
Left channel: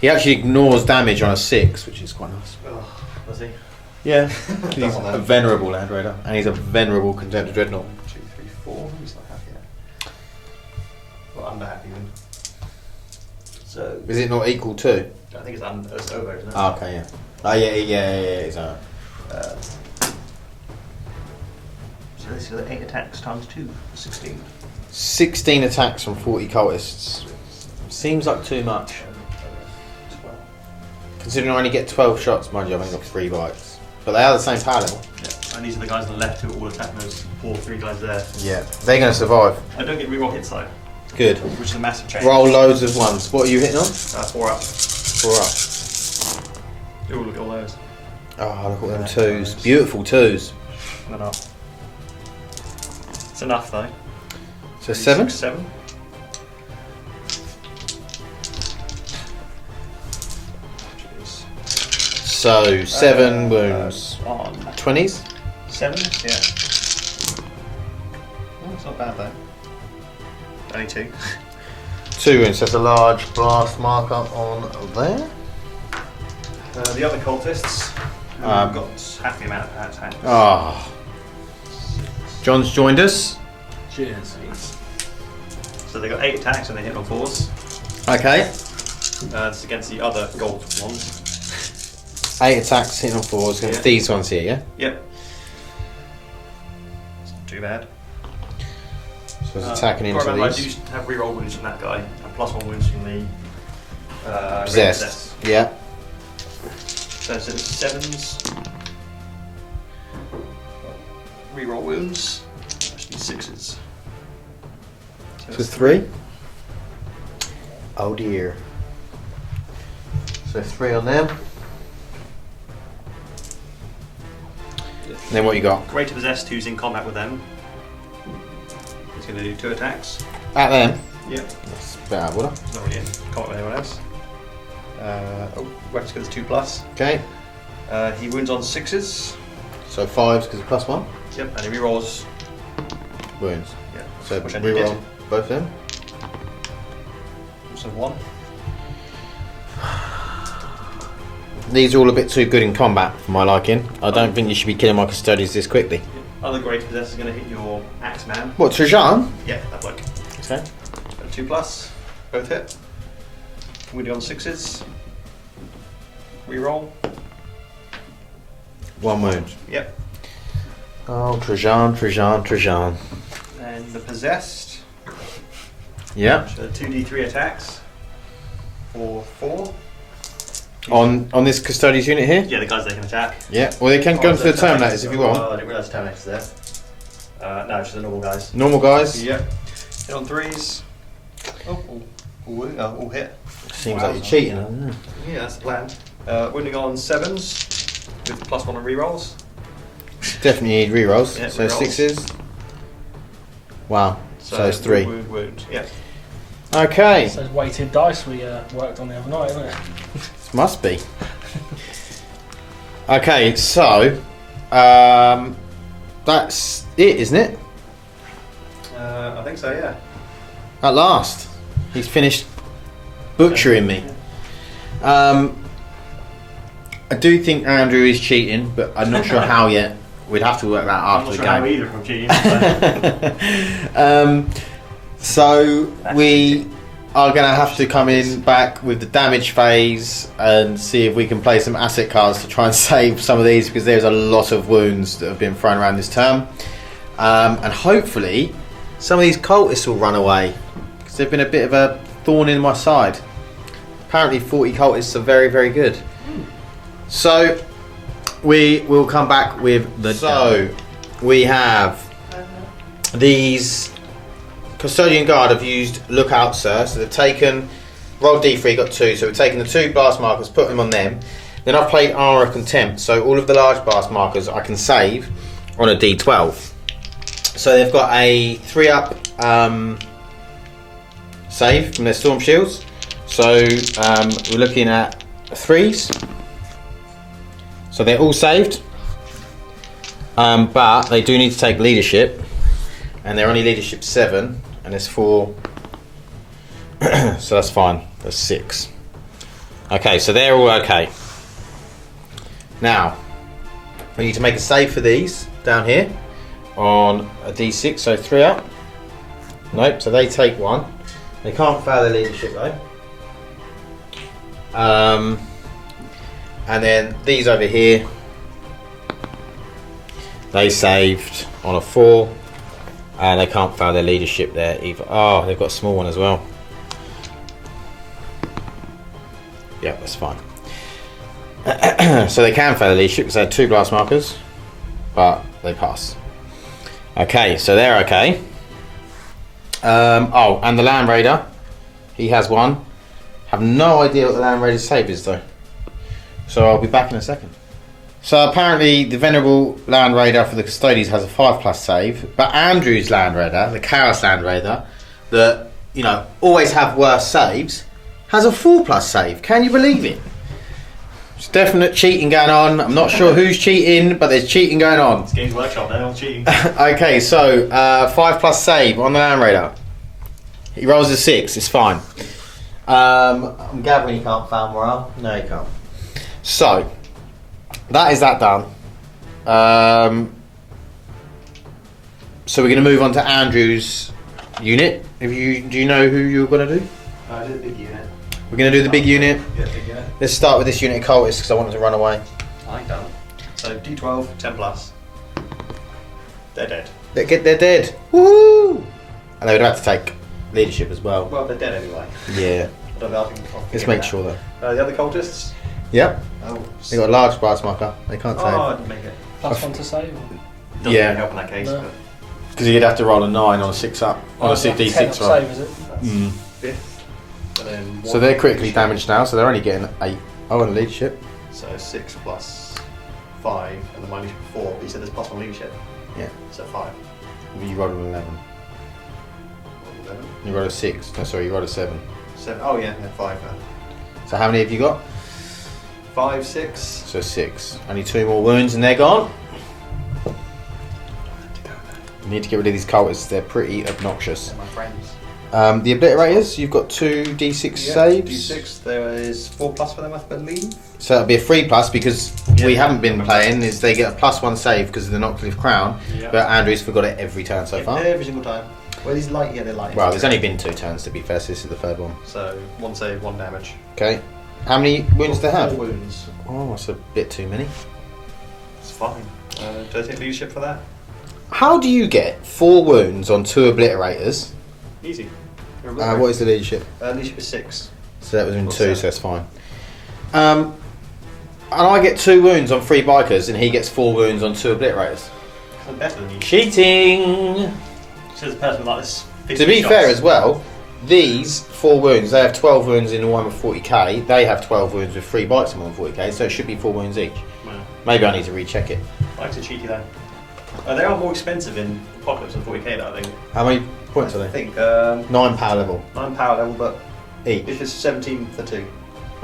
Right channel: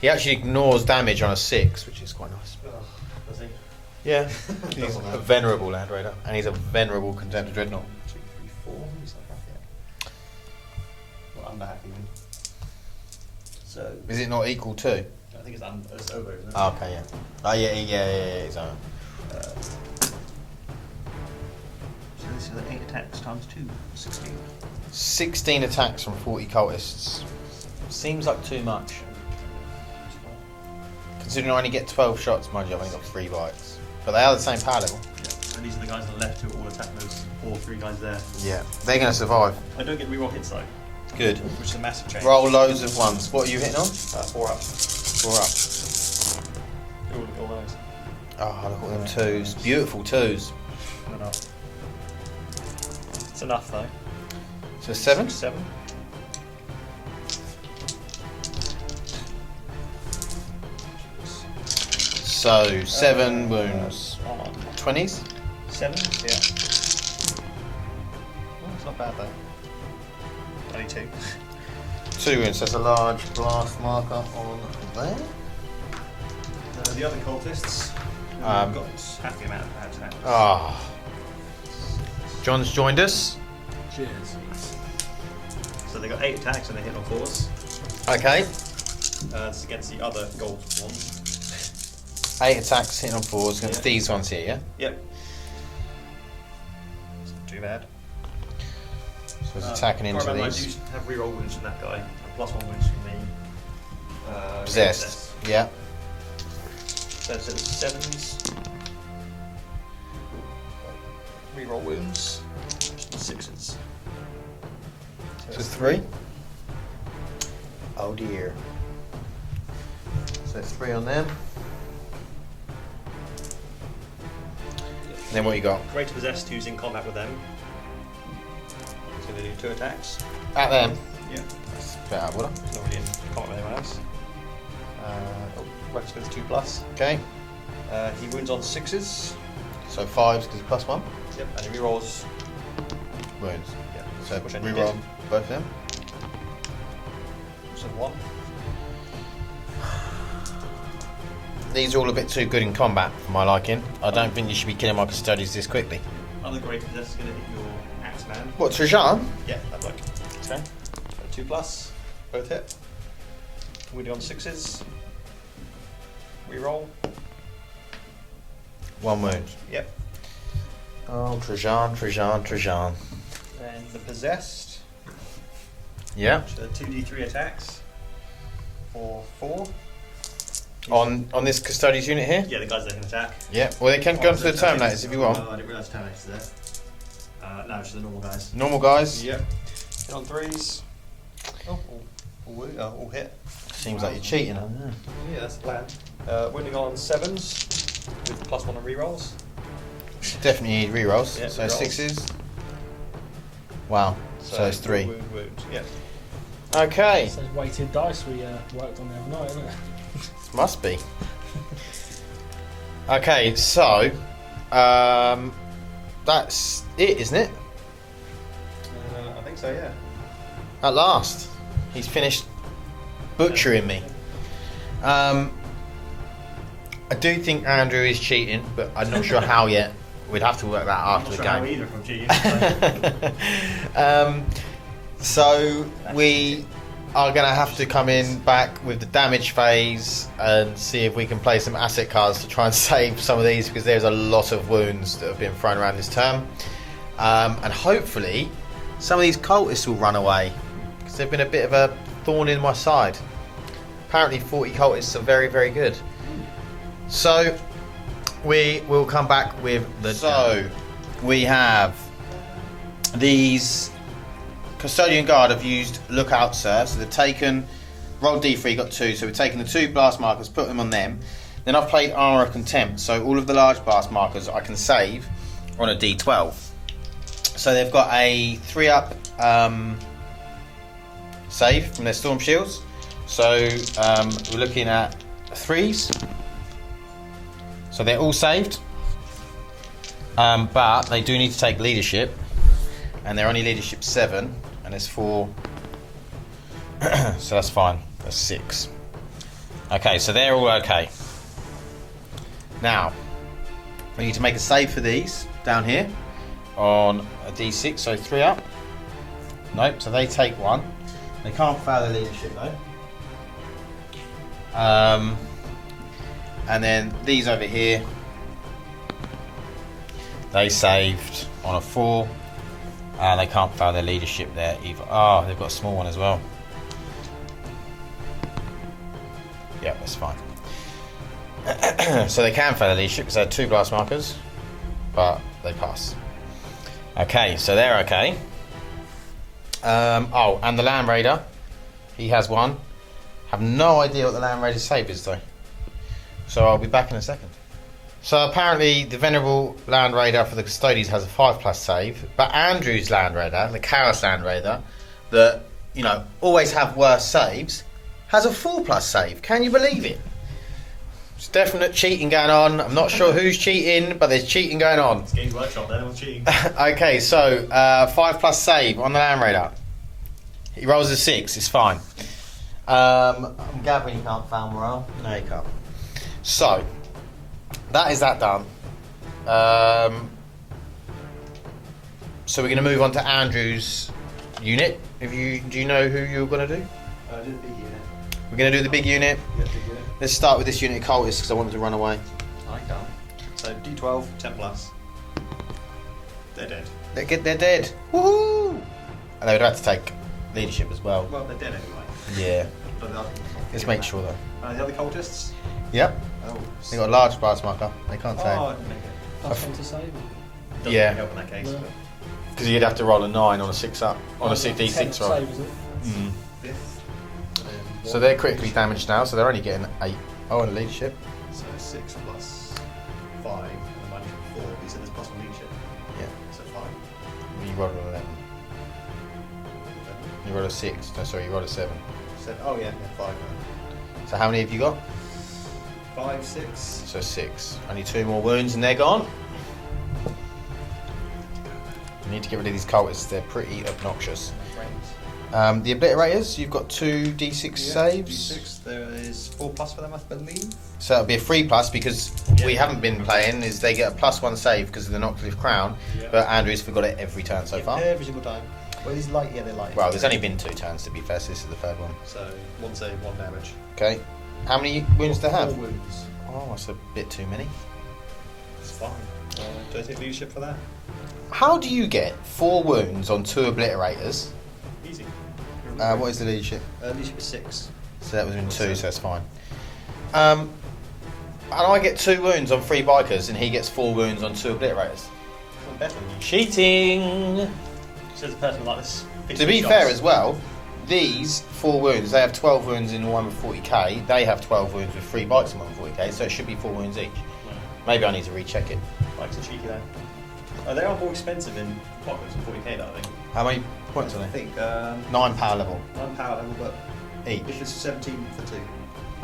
He actually ignores damage on a 6, which is quite nice. Oh, does he? Yeah. Don't He's want that. a venerable Land Raider, and he's a venerable contender dreadnought. 2, 3, 4. He's not happy yet. Well, under happy even. So Is it not equal to? I think it's over, isn't it? Oh, okay, yeah. Oh, yeah. It's So this is 8 attacks ×2, 16. 16 attacks from 40 cultists. Seems like too much. 12. Considering I only get 12 shots, mind you, I've only got 3 bites. But they are the same power level. Yeah, and these are the guys on the left who are all attacking those 3 guys there. Yeah. They're going to survive. I don't get reroll hits though, Good. which is a massive change. Roll loads of ones. What are you hitting on? 4 up. 4 up. Ooh, look at all those. Oh, look at them Right, 2s. nice. Beautiful 2s. Not enough. It's enough though. So 7? 7. So 7 wounds. On 20s? 7, yeah. Oh, it's not bad though. Only 2. 2 wounds. So that's a large blast marker on there. The other cultists who Um, got half the amount of attacks. Ah. John's joined us. Cheers. So they got 8 attacks and they hit on 4s. Okay. This is against the other gold ones. 8 attacks hitting on 4s. Yeah. These ones here, yeah? Yep. It's not too bad. So it's attacking I remember I into do these. have reroll wounds from that guy and +1 wounds from the Possessed. Yeah. So it's 7s. Reroll wounds. Actually 6s. So So 3. Oh dear. So 3 on them. Then what you got? Greater Possessed, who's in combat with them. He's going to do 2 attacks. At them. Yep. Get out of order. He's not really in combat with anyone else. Weapons goes 2+. Okay. He wounds on 6s. So 5s because of +1. Yep, and he rerolls. Wounds. Yeah, So which I needed. reroll both of them. So 1. These are all a bit too good in combat for my liking. I don't think you should be killing my custodians this quickly. Other Great Possessor is going to hit your Axeman. What, Trajan? Yeah, that bloke. 10. 2 plus, both hit. Wounding on 6s. Reroll. 1 wound. Yep. Oh, Trajan. And the possessed. Yeah. So 2d3 attacks. For 4. On this custodian's unit here? Yeah, the guys they can attack. Yeah. Well, they can go for the turn notice if you want. Oh, I didn't realise turn next there. No, just the normal guys. Normal guys? Yep. Hit on 3s. Oh, all hit. Seems like you're cheating, doesn't it? Yeah, that's the plan. Wounding on 7s with +1 on rerolls. Definitely need rerolls. Yeah, so rerolls. 6s. Wow. So it's 3. Wound. Yeah. Okay. It's those weighted dice we worked on the other night, isn't it? Must be. Okay, so that's it, isn't it? I think so, yeah. At last, he's finished butchering me. I do think Andrew is cheating, but I'm not sure how yet. We'd have to work that out. I'm not sure how either from cheating. So That's we cheating. are going to have to come in back with the damage phase and see if we can play some asset cards to try and save some of these, because there's a lot of wounds that have been thrown around this term. And hopefully some of these cultists will run away, because they've been a bit of a thorn in my side. Apparently 40 cultists are very, very good. So we will come back with the... So we have these Custodian Guard have used Lookout Sir, so they've taken, rolled D3, got 2, so we've taken the 2 blast markers, put them on them. Then I've played Armour of Contempt, so all of the large blast markers I can save on a D12. So they've got a 3-up save from their Storm Shields. So we're looking at 3s. So they're all saved. But they do need to take leadership. And they're only leadership 7. And it's 4. So that's fine. That's 6. Okay, so they're all okay. Now, we need to make a save for these down here on a D6, so 3 up. Nope, so they take 1. They can't fail their leadership though. And then these over here, they saved on a 4, and they can't fail their leadership there either. Oh, they've got a small one as well. Yeah, that's fine. So they can fail the leadership because they had 2 glass markers, but they pass. Okay, so they're okay. Oh, and the Land Raider, he has 1. Have no idea what the Land Raider's save is though. So I'll be back in a second. So apparently the Venerable Land Raider for the Custodians has a 5+ save, but Andrew's Land Raider, the Chaos Land Raider, that, you know, always have worse saves, has a 4+ save. Can you believe it? There's definite cheating going on. I'm not sure who's cheating, but there's cheating going on. It's Games Workshop, they're all cheating. Okay, so 5+ save on the Land Raider. He rolls a 6, it's fine. I'm gathering you can't foul morale. No, you can't. So that is that done. So we're going to move on to Andrew's unit. Do you know who you're going to do? I did the big unit. We're going to do the big unit. Yeah, big unit. Let's start with this unit of cultists because I want them to run away. I like that. So D12, 10+. They're dead. They're dead. Woo! And they would have to take leadership as well. Well, they're dead anyway. Yeah. I don't know, I'll Let's make sure though. The other cultists? Yep. Oh, They got a large brass marker. They can't oh, I save. didn't make it. +1 to save. Doesn't Yeah. really help in that case. No. But Because you'd have to roll a 9 on a 6 up. On a 6 10 D6 up roll. save, is it? that's Mm. 5th. And then So 1 they're critically leadership. damaged now, so they're only getting 8. Oh, and a leadership. So 6 plus 5, and then my leadership 4. But you said there's +1 leadership. Yeah. So 5. You rolled an 11. 11. You rolled a 6. No, sorry, you rolled a 7. 7. Oh yeah, 5 then. So how many have you got? 5, 6. So 6. Only 2 more wounds and they're gone. You need to get rid of these cultists, they're pretty obnoxious. They're my friends. The obliterators, you've got 2 D6 saves. D6. There is 4+ for them, I believe. So that'll be a 3+ because Yeah. we haven't been playing, is they get a +1 save because of the Knockcliff Crown. Yeah. But Andrew's forgot it every turn so far. Every single time. Well, these light, yeah, they're light. Well, there's only been 2 turns to be fair, so this is the third one. So 1 save, 1 damage. Okay. How many wounds do they 4 have? wounds. Oh, that's a bit too many. It's fine. Do I take leadership for that? How do you get 4 wounds on 2 obliterators? Easy. What is the leadership? Leadership is 6. So that was in Or 2, seven. so that's fine. And I get 2 wounds on 3 bikers, and he gets 4 wounds on 2 obliterators. I'm better than you. Cheating! Says the person like this. To be fair as well, these 4 wounds, they have 12 wounds in the one with 40k, they have 12 wounds with 3 bikes in one with 40k, so it should be 4 wounds each. No. Maybe I need to recheck it. Bikes are cheeky though. They are more expensive in Apocalypse than 40k though, I think. How many points are I they? think 9 power level. 9 power level, but Each. if it's 17 for 2.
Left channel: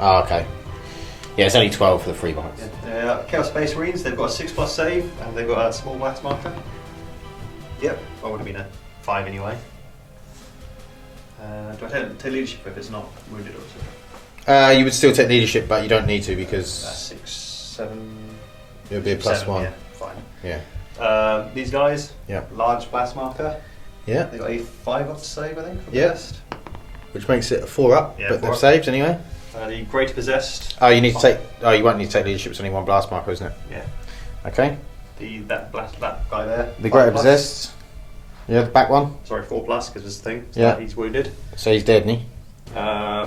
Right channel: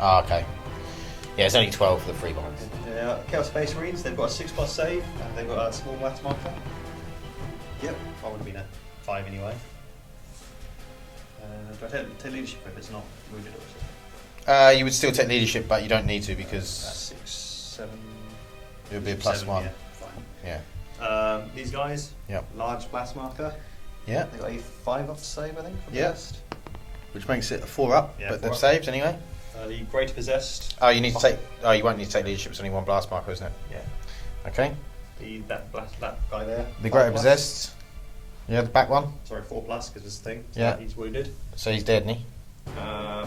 Oh, okay. Yeah, it's only 12 for the 3 bikes. Chaos Space Marines, they've got a 6+ save, and they've got a small blast marker. Yep, I would have been a 5 anyway. Do I take leadership if it's not wounded or something? You would still take leadership, but you don't need to That's because 6, 7. it'll be a leadership +1. Yeah, fine. Yeah. These guys, Yeah. large blast marker. Yeah. They got a 5 up save, I think, for Yeah. possessed. Which makes it a 4 up, Yeah, but 4 they've up. saved anyway. The Great Possessed. Oh, you need to take. Oh, you won't need to take leadership. It's only 1 blast marker, isn't it? Yeah. Okay. That guy there. The 5+. great possessed. Yeah, the back one. Sorry, 4+ because it's the thing. So Yeah. he's wounded. So he's dead, isn't he?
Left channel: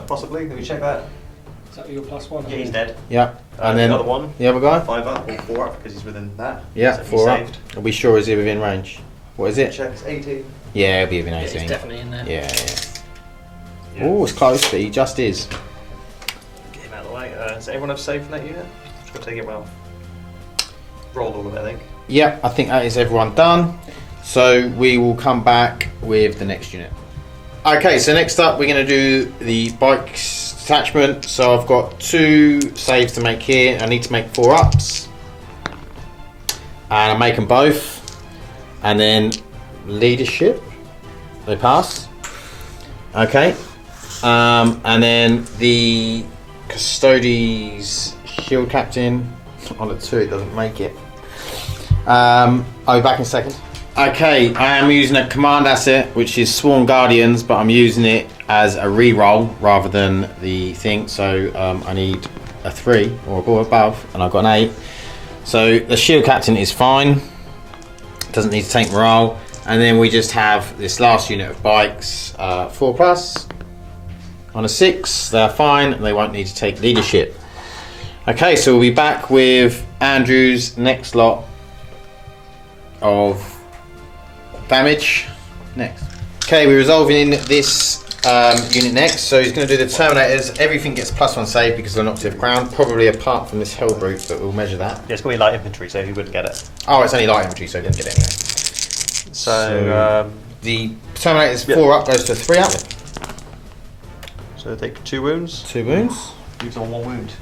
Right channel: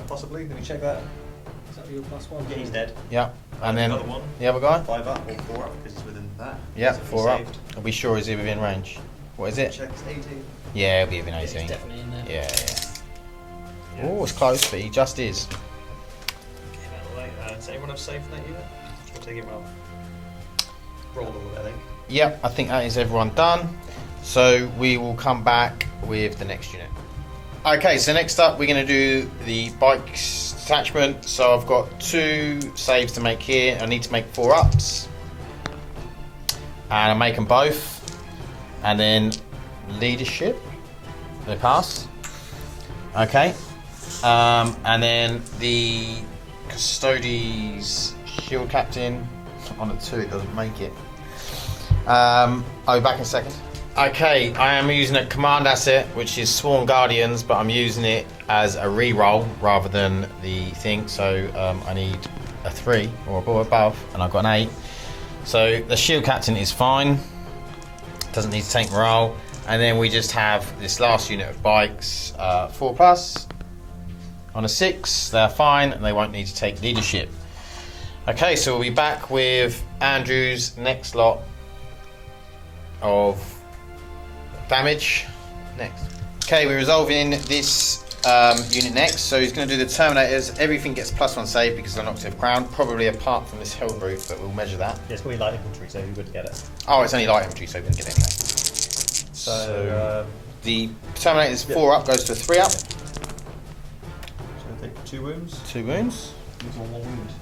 Possibly. Let me check that. Is that your +1? Yeah, he's dead. Yeah. And then the other one, The other guy. 5 up or 4 up because he's within that. Yeah, So 4 he's up. saved. Are we sure is he within range? What is it? Check, it's 18. Yeah, it'll be within Yeah, 18. he's definitely in there. Yeah. Yeah. Oh, it's close. He just is. Get him out of the way. Does everyone have safe in that unit? Just gotta take it well. Rolled all of it, I think. Yeah, I think that is everyone done. So we will come back with the next unit. Okay, so next up we're going to do the bikes attachment. So I've got 2 saves to make here. I need to make 4 ups. And make them both. And then leadership. They passed. Okay. And then the Custodes shield captain. On a 2 it doesn't make it. I'll be back in a second. Okay, I am using a command asset which is Sworn Guardians, but I'm using it as a reroll rather than the thing, so I need a 3 or go above, and I've got an 8. So the shield captain is fine, doesn't need to take morale, and then we just have this last unit of bikes, 4+, on a 6, they're fine, and they won't need to take leadership. Okay, so we'll be back with Andrew's next lot of damage next. Okay, we're resolving this unit next, so he's going to do the Terminators. Everything gets +1 save because they're not to the ground, probably apart from this Hellbrute, but we'll measure that. Yeah, it's going to be light infantry, so he wouldn't get it. Oh, it's only light infantry, so he didn't get it. So, The Terminators Yep. 4 up goes to 3 up. so take 2 wounds. 2 wounds. Use on 1 wound.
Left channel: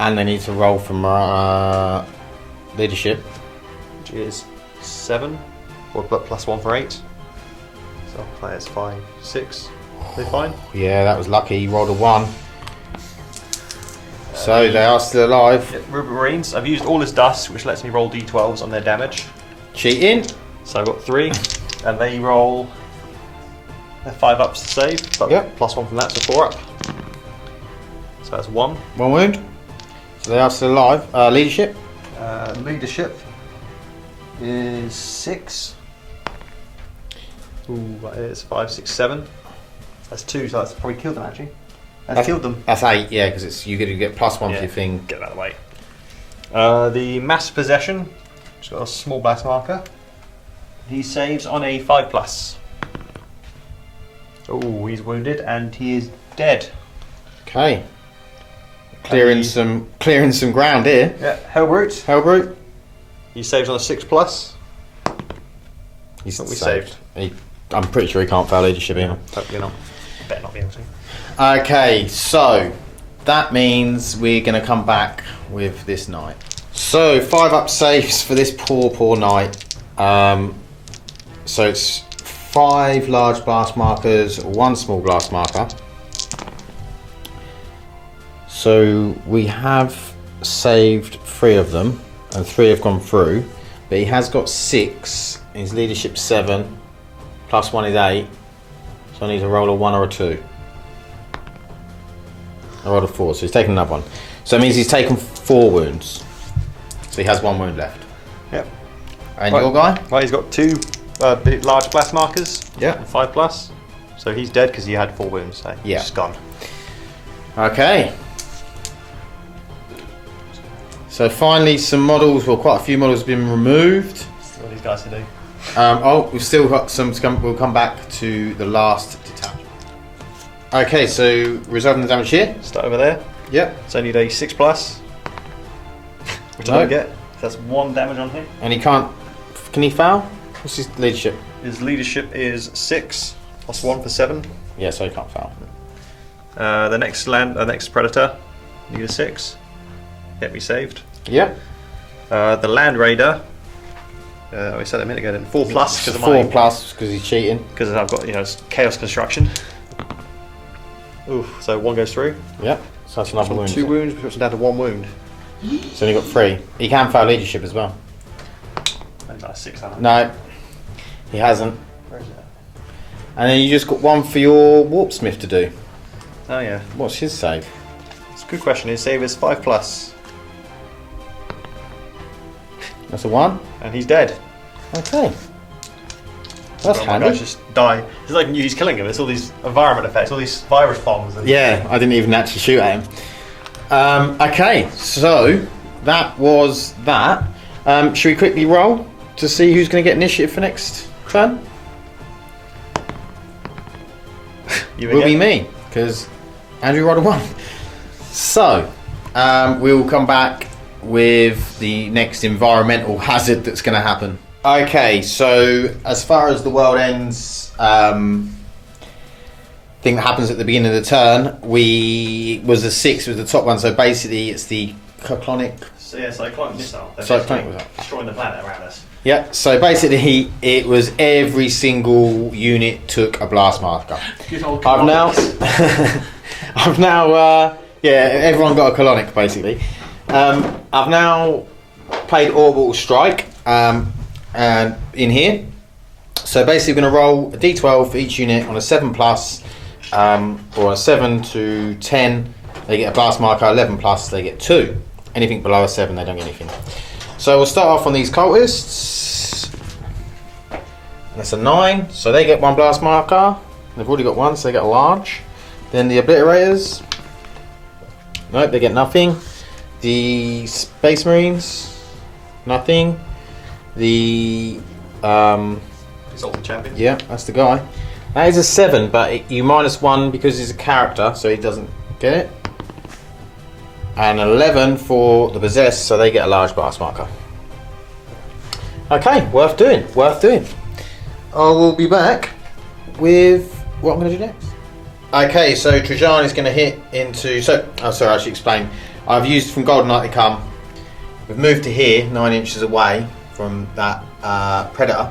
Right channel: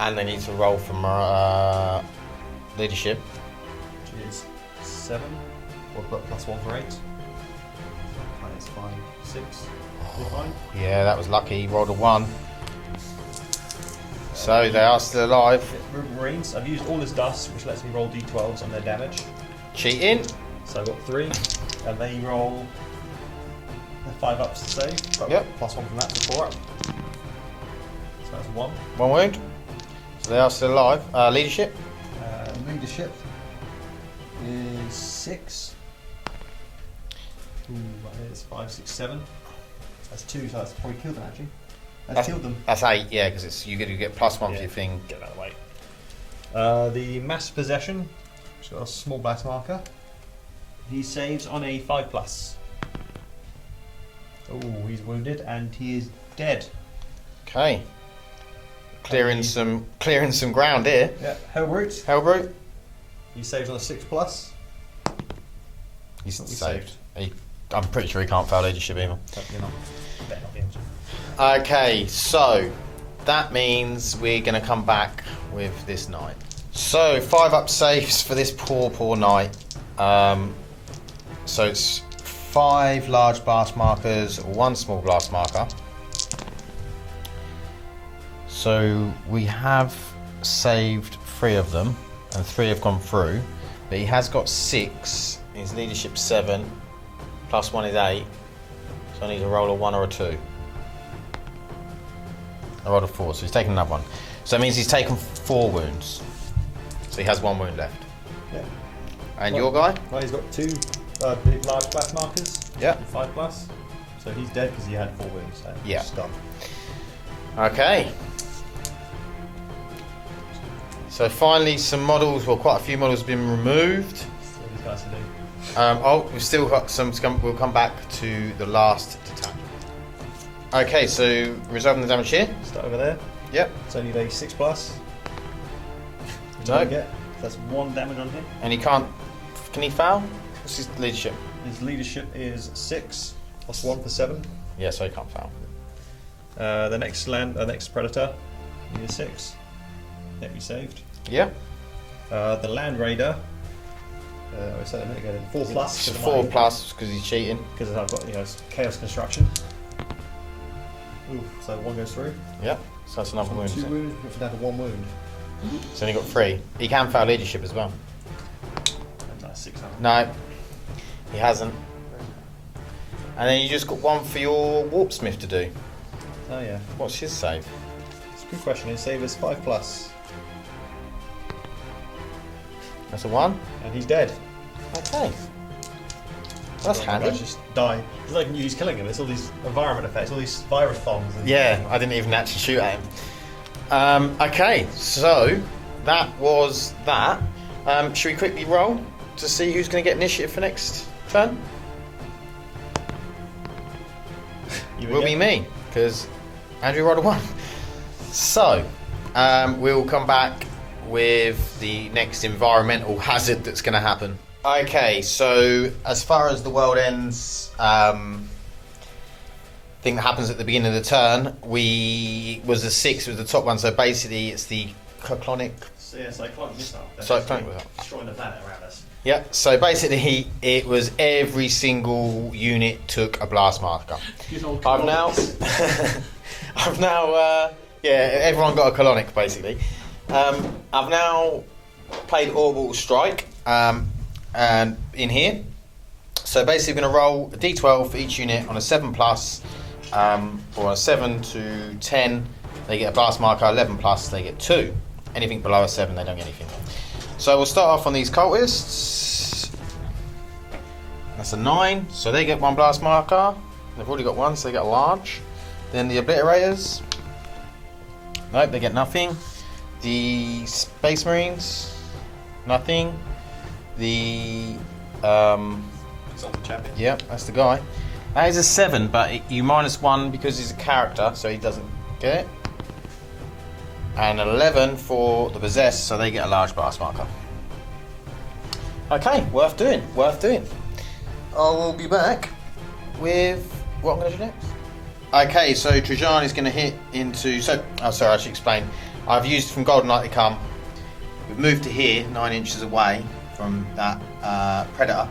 And they need to roll from leadership. Which is 7, or +1 for 8. So players 5, 6. They fine? Yeah, that was lucky, he rolled a 1. So they are still alive. Yep, Ruby Marines. I've used all his dust, which lets me roll d12s on their damage. Cheating. So I've got 3, and they roll 5 ups to save, but Yep. +1 from that, so 4 up. So that's 1. 1 wound. So they are still alive. Leadership. Leadership is 6. Ooh, that is 5, 6, 7. That's 2, so that's probably killed them actually. That's killed them. That's 8, yeah, because it's you get +1 for Yeah. your thing. Get that away. The mass possession, it's got a small blast marker. He saves on a 5+. Oh, he's wounded and he is dead. Okay. Clearing some ground here. Yeah, Hellbrute. Hellbrute. He saves on a 6+. He's What we saved. I'm pretty sure he can't fail leadership here. Hopefully not. Better not be able to. Okay, so that means we're going to come back with this knight. So 5 up saves for this poor knight. So it's 5 large blast markers, 1 small blast marker. So we have saved 3 of them, and 3 have gone through. But he has got 6. His leadership 7, plus 1 is 8. So I need to roll a 1 or a 2. I rolled a 4, so he's taken another one. So it means he's taken 4 wounds. So he has 1 wound left. Yep. And your guy? Right, he's got 2 big, large blast markers. Yeah. 5 plus. So he's dead because he had 4 wounds. So Yeah. he's gone. Okay. So finally some models, or quite a few models have been removed. Still these guys to do. We've still got some to come, we'll come back to the last attack. Okay, so resolving the damage here. Start over there. Yep. It's only a 6 plus. Which I No. don't get. That's 1 damage on him. And he can't, can he foul? What's his leadership? His leadership is 6 plus 1 for 7. Yeah, so he can't foul. The next next predator, need a 6. Get me saved. Yep. The land raider. We said that a minute ago. Then 4 plus because of 4 plus because he's cheating. because I've got chaos construction. Oof. So 1 goes through. Yep. So that's another wound. 2 wounds, puts him down to 1 wound. So he got 3. He can foul leadership as well. That's like 6. No, he hasn't. Where is it? And then you just got 1 for your warpsmith to do. Oh yeah. What's his save? It's a good question. His save is 5 plus, That's a 1. and he's dead. Okay. That's Oh my handy. gosh, just die. It's like he's killing him. It's all these environment effects, all these virus bombs. And Yeah, I didn't even actually shoot at him. Okay, so that was that. Should we quickly roll to see who's going to get initiative for next turn? You Will be again? me, because Andrew rolled a 1. So, we'll come back with the next environmental hazard that's going to happen. Okay, so as far as the world ends thing that happens at the beginning of the turn, was a 6 with the top one, so basically it's the cyclonic. So yeah, cyclonic missile. They're Cyclonic basically missile. destroying the planet around us. Yeah, so basically it was every single unit took a blast marker. Good old I've now, I've now, yeah, everyone got a colonic basically. I've now played Orbital Strike and in here. So basically we're going to roll a d12 for each unit on a 7 plus or a 7 to 10 they get a blast marker, 11 plus they get 2. Anything below a 7 they don't get anything. So we'll start off on these cultists. That's a 9, so they get 1 blast marker. They've already got 1, so they get a large. Then the obliterators, nope, they get nothing. The Space Marines, nothing. The Exalted champion. yeah, that's the guy. That is a 7, but you minus 1 because he's a character, so he doesn't get it. And 11 for the possessed, so they get a large blast marker. Okay, worth doing, worth doing. I will be back with what I'm going to do next. Okay, so Trajan is going to hit into. Sorry, I should explain. I've used from Golden Light to come. We've moved to here, 9 inches away from that predator.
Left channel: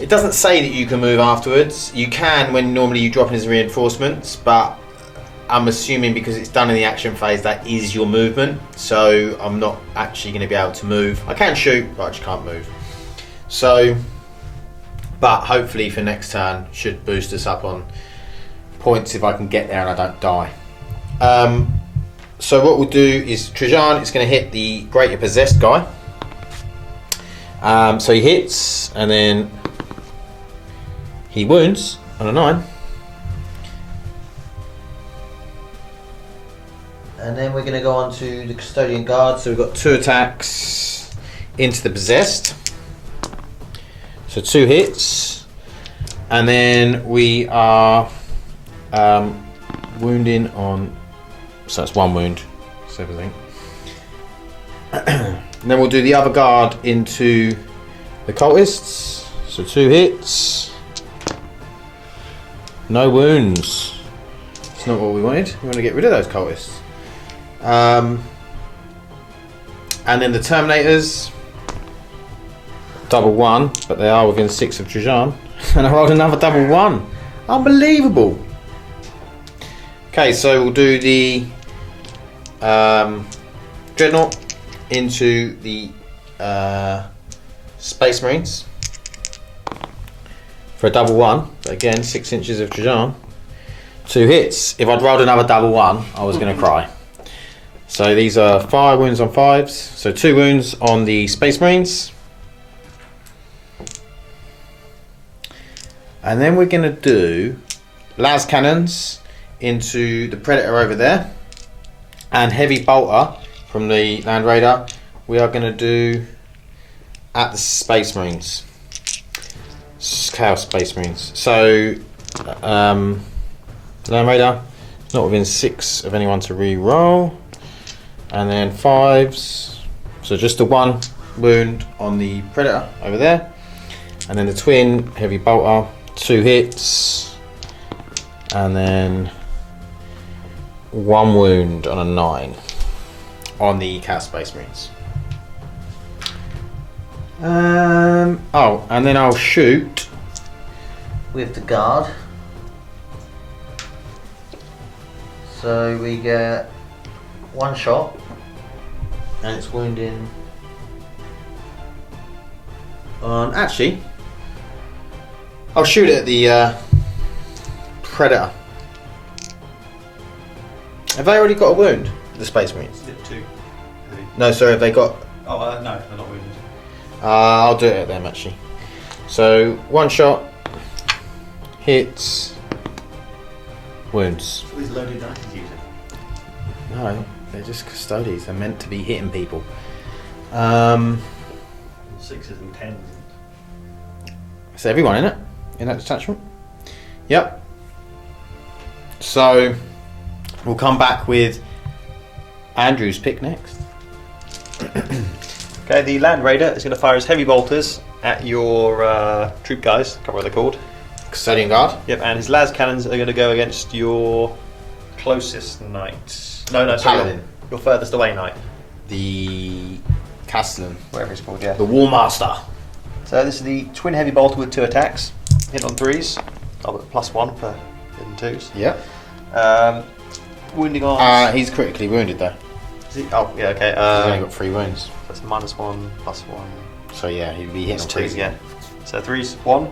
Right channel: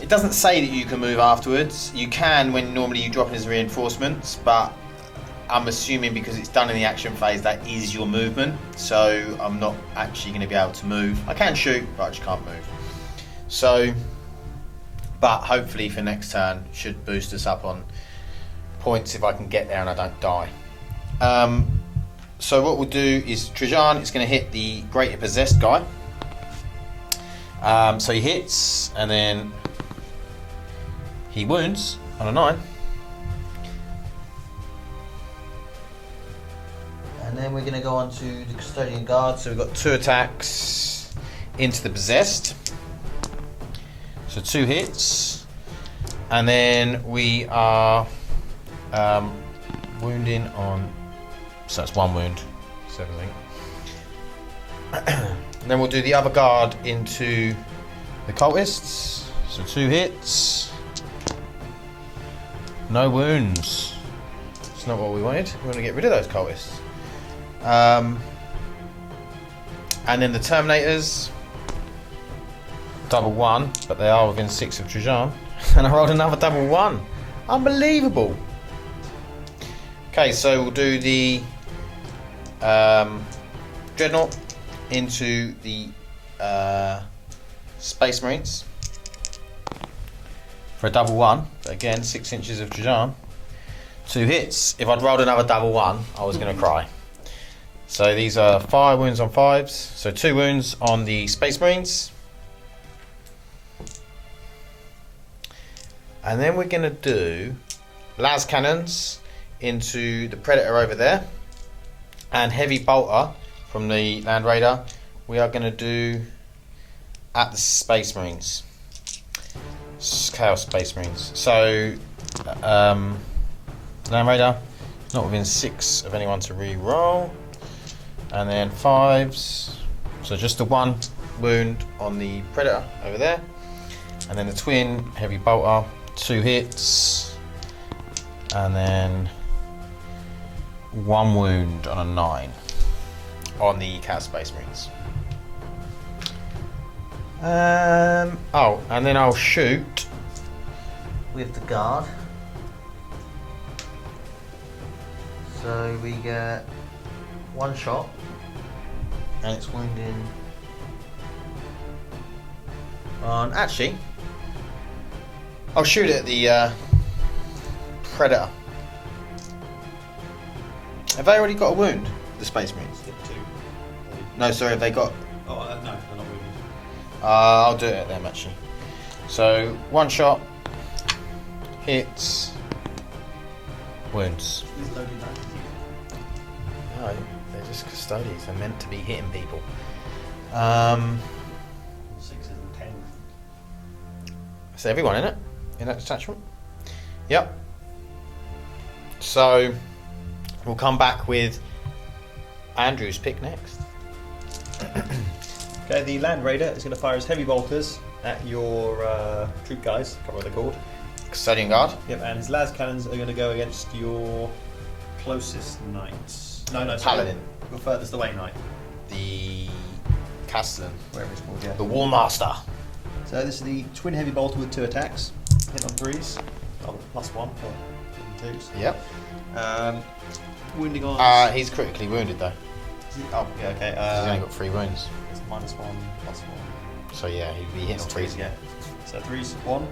It doesn't say that you can move afterwards. You can when normally you drop in as reinforcements, but I'm assuming because it's done in the action phase that is your movement, so I'm not actually going to be able to move. I can shoot, but I just can't move. So, but hopefully for next turn should boost us up on points if I can get there and I don't die. So what we'll do is Trajan is going to hit the greater possessed guy. So he hits and then he wounds on a 9. And then we're going to go on to the Custodian Guard. So we've got 2 attacks into the possessed. So 2 hits. And then we are wounding on. So it's 1 wound. So everything. And then we'll do the other guard into the cultists. So 2 hits. No wounds. It's not what we wanted. We want to get rid of those cultists. And then the Terminators, double 1, but they are within 6 of Trajan. And I rolled another double 1. Unbelievable. Okay, so we'll do the Dreadnought into the Space Marines. for a double 1. Again, 6 inches of Trajan. 2 hits. If I'd rolled another double 1, I was going to cry. So these are 5 wounds on 5s. So 2 wounds on the Space Marines. And then we're going to do las cannons into the Predator over there. And heavy bolter from the Land Raider we are going to do at the Space Marines. Chaos Space Marines. So, Land Raider, not within 6 of anyone to re-roll. And then 5s. So just the 1 wound on the Predator over there. And then the twin heavy bolter, 2 hits. And then 1 wound on a 9 on the Chaos Space Marines. And then I'll shoot with the guard. So we get 1 shot, and it's wounding. Actually, I'll shoot it at the Predator. Have they already got a wound? The Space Marines? Did 2. No, sorry, have they got? Oh, no, they're not wounded. I'll do it at them actually. So 1 shot, hits, wounds. These loaded dice using. No, they're just custodians. They're meant to be hitting people. 6s and 10s. Is everyone in it? In that detachment? Yep. So we'll come back with Andrew's pick next. Okay, the Land Raider is going to fire his heavy bolters at your troop guys. I can't remember what they're called. Custodian guard. Yep, and his las cannons are going to go against your closest knight. No, sorry, Paladin. your furthest away knight. The Castellan. Whatever it's called, yeah. The War Master. So this is the twin heavy bolter with 2 attacks. Hit on 3s. I've got +1 for hitting 2s. Yep. Wounding on. He's critically wounded though. Is he? Oh, yeah, okay. He's only got 3 wounds. That's -1, +1. So yeah, he'd be hitting It's 2, 3. yeah. So 3s, 1.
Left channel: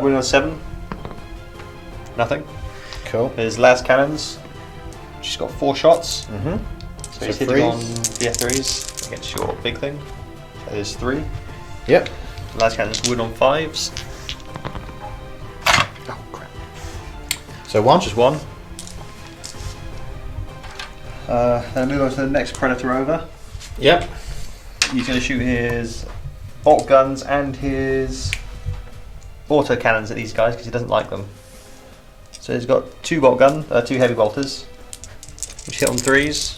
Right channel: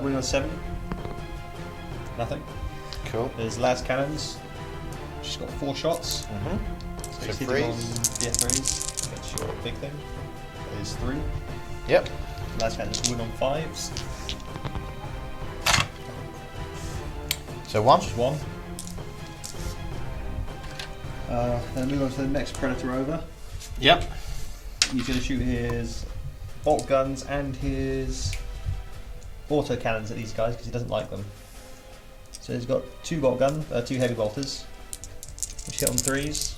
Wounding on 7. Nothing. Cool. His las cannons. She's got 4 shots. Mm-hmm. So he's So hitting on threes. the F3s against your big thing. So there's 3. Yep. Las cannons wound on 5s. Oh crap. So 1. Just 1. Then move on to the next Predator over. Yep. He's going to shoot his bolt guns and his auto cannons at these guys because he doesn't like them. So he's got 2 bolt gun, 2 heavy bolters, which hit on 3s.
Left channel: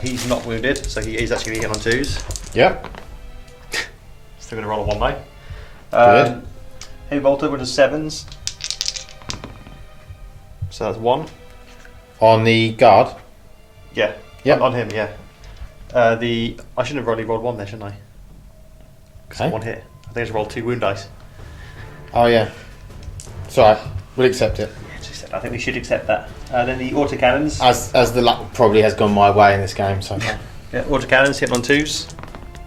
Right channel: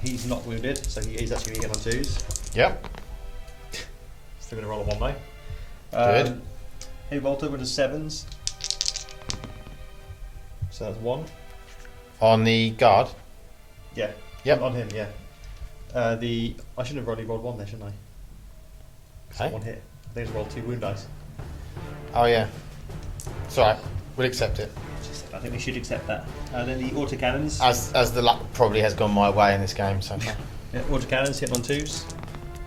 He's not wounded, so he's actually going to hit on 2s. Yep. Still going to roll a 1 die. Good. Heavy bolter with 7s. So that's 1. On the guard. Yeah. Yeah. On him, yeah. I shouldn't have really rolled 1 there, shouldn't I? Because Okay. 1 hit. I think I just rolled 2 wound dice. Oh yeah. Sorry, we'll accept it. I think we should accept that. Then the autocannons. As the luck probably has gone my way in this game, so. Yeah, autocannons hitting on 2s.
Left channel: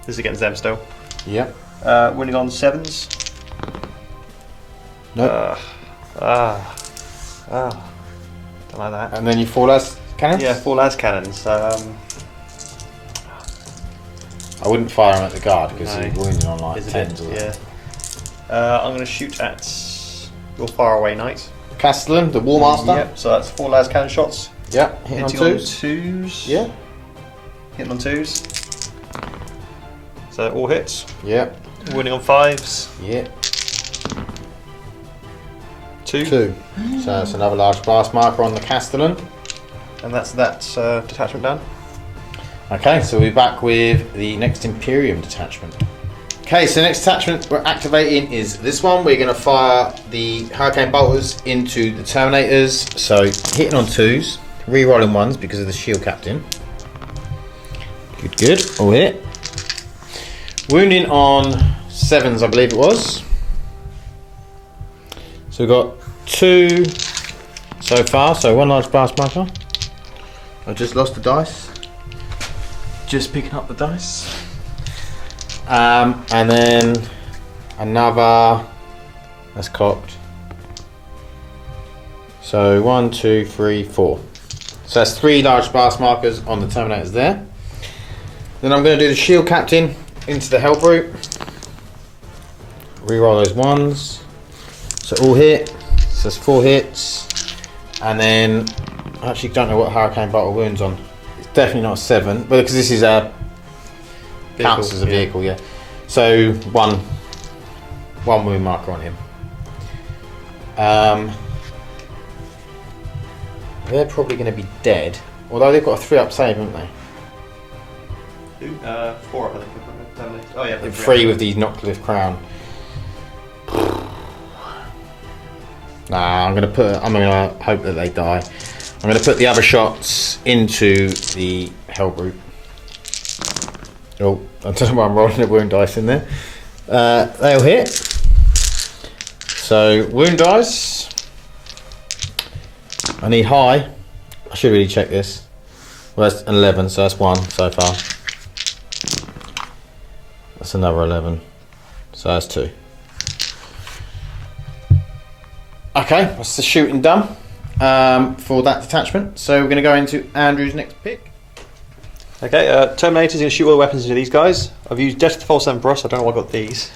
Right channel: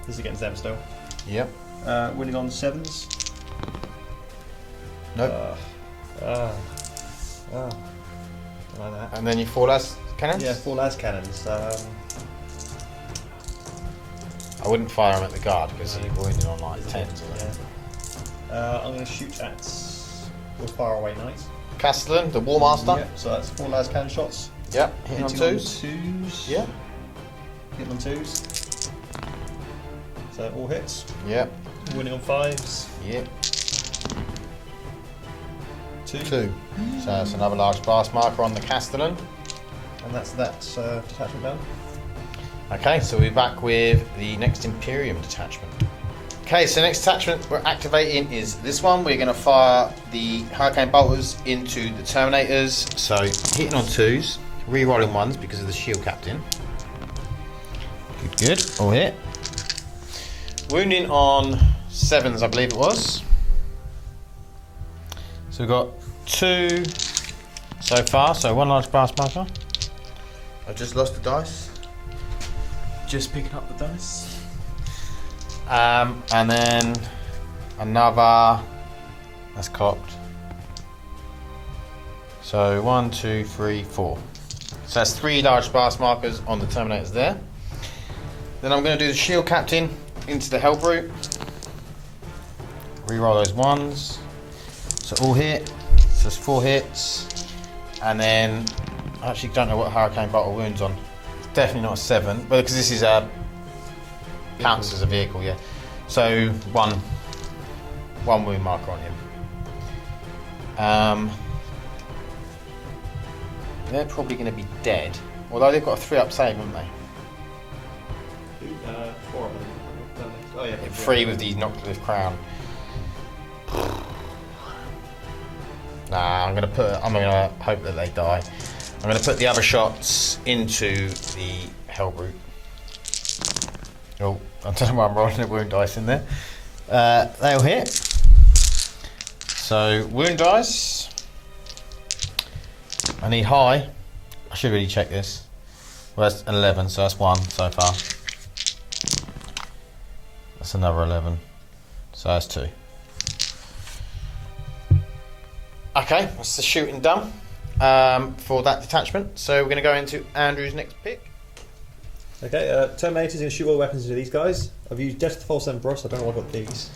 This is against them still. Yep. Winning on 7s. Nope. Don't like that. And then you 4 las cannons? Yeah, 4 las cannons. I wouldn't fire them at the guard because No. he's wounded on like Is a bit, 10s or- yeah. I'm going to shoot at your faraway knight. Castellan, the War Master. Yep, so that's 4 las cannon shots. Yep. Hitting on 2s. Yeah. Hitting on 2s. So all hits. Yep. Winning on 5s. Yep. 2. 2. So that's another large blast marker on the Castellan. And that's that detachment done. Okay, so we're back with the next Imperium detachment. Okay, so the next detachment we're activating is this one. We're going to fire the Hurricane Bolters into the Terminators. So hitting on 2s, re-rolling 1s because of the Shield Captain. Good, all hit. Wounding on 7s, I believe it was. So we've got 2 so far, so 1 large blast marker. I just lost the dice. Just picking up the dice. And then another That's cocked. So 1, 2, 3, 4. So that's 3 large blast markers on the Terminators there. Then I'm going to do the shield captain into the help route. Reroll those ones. So all hit. So that's 4 hits. And then I actually don't know what Hurricane Vital Wounds on. It's definitely not 7, but because this is a counts as a vehicle, yeah. So one wound marker on him. They're probably going to be dead. Although they've got a 3-up save, haven't they? 4 up, I think. Oh yeah, but 3 with the Knocklift Crown. Nah, I'm gonna hope that they die. I'm gonna put the other shots into the hell group. Oh, I don't know why I'm rolling the wound dice in there. They'll hit. So wound dice. I need high. I should really check this. Well, that's an 11, so that's 1 so far. That's another 11, so that's 2. Okay, that's the shooting done for that detachment. So we're going to go into Andrew's next pick. Okay, Terminator's going to shoot all the weapons into these guys. I've used Death to the False Emperor, so I don't know why I got these.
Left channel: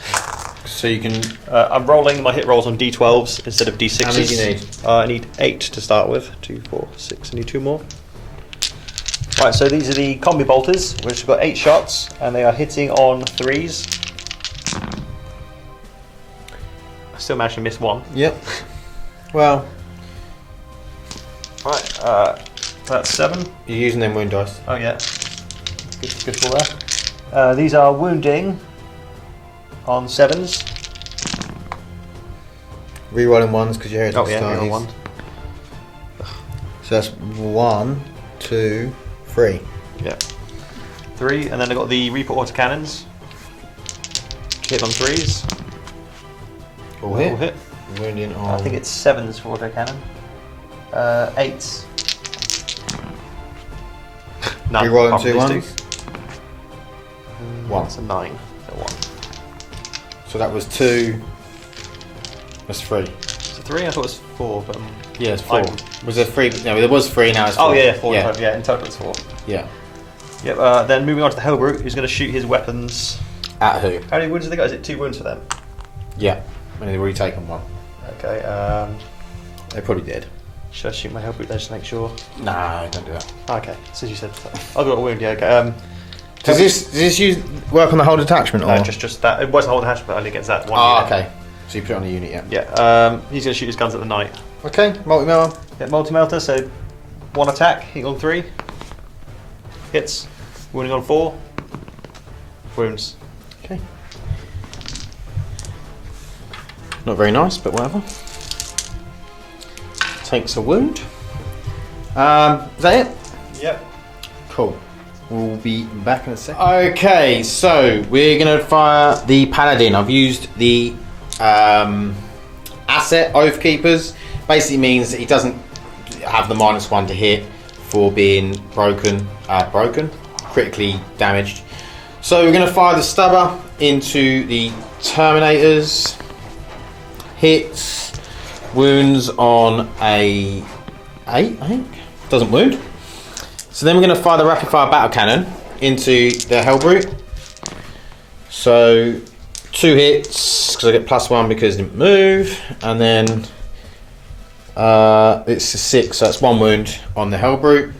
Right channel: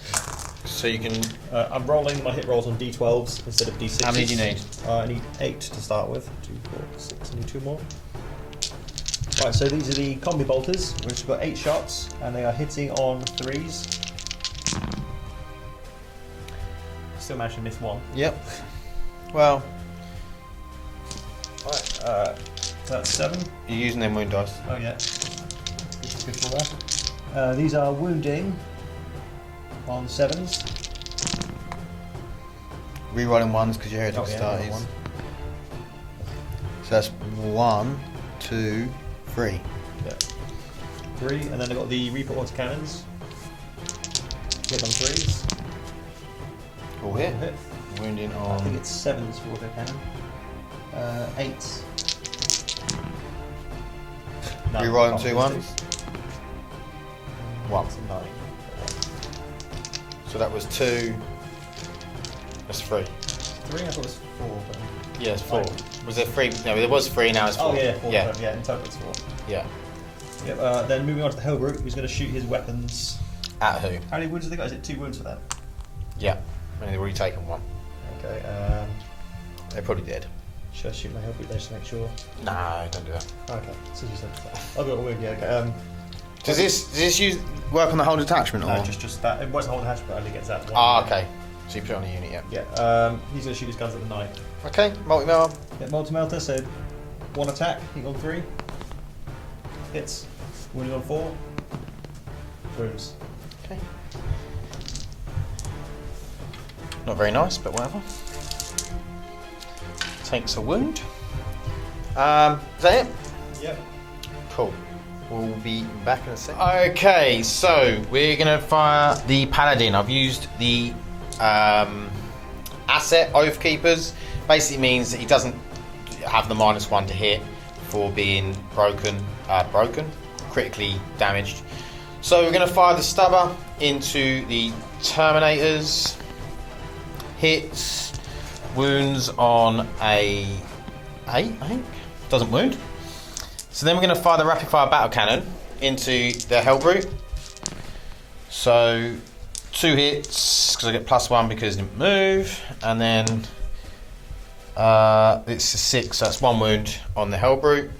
So you can... I'm rolling my hit rolls on D12s instead of D6s. How many do you need? I need 8 to start with. 2, 4, 6, I need 2 more. Right, so these are the combi bolters, which have got 8 shots, and they are hitting on 3s. I still managed to miss 1. Yep. Well... Right, so that's 7. You're using them wound dice. Oh yeah, good for there. These are wounding on 7s. Rerolling 1s because you're hitting Oh yeah, reroll 1. So that's 1, 2, 3. Yeah. 3, and then I've got the Reaper autocannons. Hit on 3s. All hit. All hit. Wounding on... I think it's 7s for autocannon. 8s. None. Rerolling apart from 2 these ones. That's a 9. So 1. So that was 2. That's 3. So 3? I thought it was 4, but Yeah, it's 4. Was there 3? No, there was 3 now. It's oh 4. yeah, 4 Yeah. total. Yeah, in total it's 4. Yeah. Yep. Then moving on to the Hellbrute, who's going to shoot his weapons. At who? How many wounds have they got? Is it 2 wounds for them? Yeah. They've already taken one. Okay. They probably did. Should I shoot my Hellbrute there just to make sure? Nah, don't do that. Okay, since you said that. I've got a wound, yeah, okay. Does this work on the whole detachment? Or? Just that. It wasn't a whole detachment, but only against that one unit. okay. So you put it on the unit, yeah. Yeah, he's going to shoot his guns at the knight. Okay, multi-mill. Yeah, multi-melter, so 1 attack, hitting on 3. Hits. Wounding on 4. Wounds. Okay. Not very nice, but whatever. Takes a wound. Is that it? Yep. Cool. We'll be back in a second. Okay, so we're going to fire the Paladin. I've used the asset Oath Keepers. Basically means he doesn't have the -1 to hit for being critically damaged. So we're going to fire the Stubber into the Terminators. Hits, wounds on a 8, I think. Doesn't wound. So then we're going to fire the rapid fire battle cannon into the Hellbrute. So 2 hits because I get +1 because it didn't move, and then it's a 6, so that's 1 wound on the Hellbrute.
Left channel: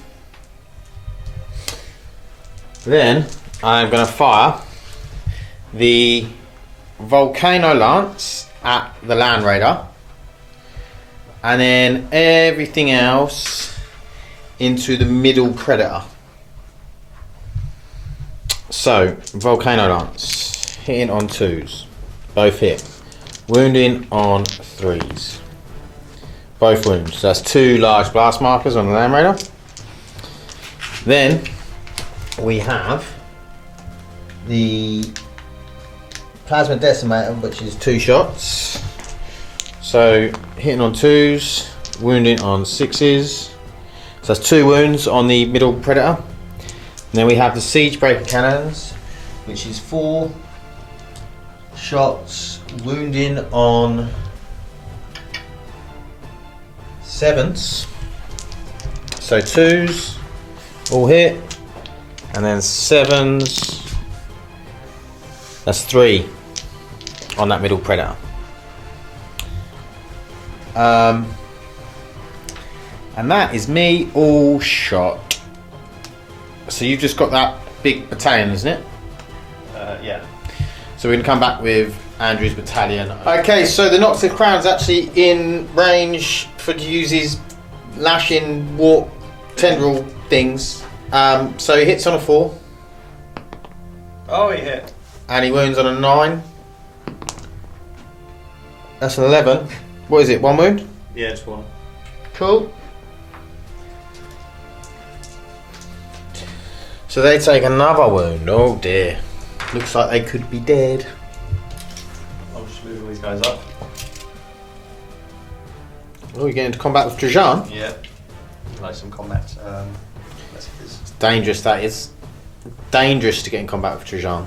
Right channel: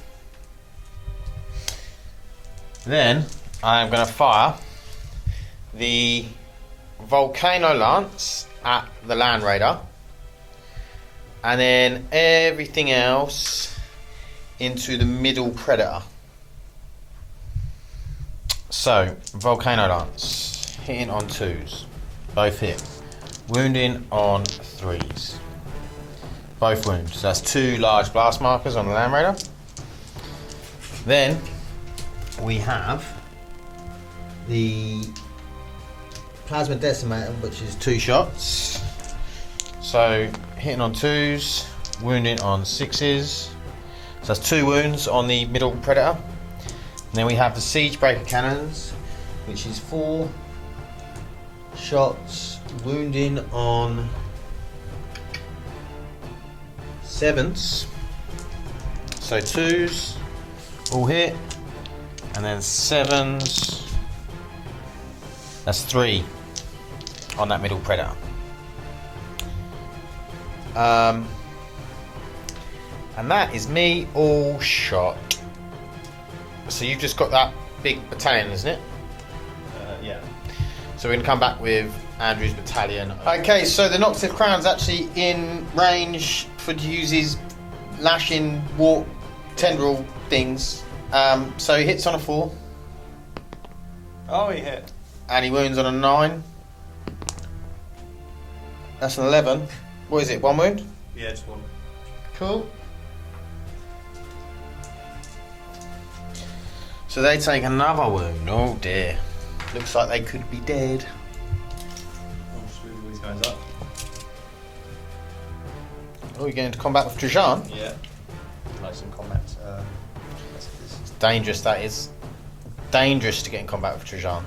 Then I'm going to fire the Volcano Lance at the Land Raider, and then everything else into the middle Predator. So Volcano Lance hitting on 2s, both hit. Wounding on 3s, both wounds. So that's 2 large blast markers on the Land Raider. Then we have the Plasma Decimator, which is 2 shots. So hitting on 2s, wounding on 6s. So that's 2 wounds on the middle Predator. And then we have the Siege Breaker Cannons, which is 4 shots, wounding on 7s. So 2s, all hit, and then 7s. That's 3 on that middle predator. And that is me all shot. So you've just got that big battalion, isn't it? Yeah. So we can come back with Andrew's battalion. Okay, so the Knox of Crown's actually in range for to use his lashing warp tendril things. So he hits on a 4 Oh, he hit. and he wounds on a 9. That's an 11. What is it? 1 wound? Yeah, just one. Cool. So they take another wound. Oh dear. Looks like they could be dead. I'll just move all these guys up. Oh, you're getting into combat with Trajan? Yeah. Like some combat messages. Dangerous, that is. Dangerous to get in combat with Trajan.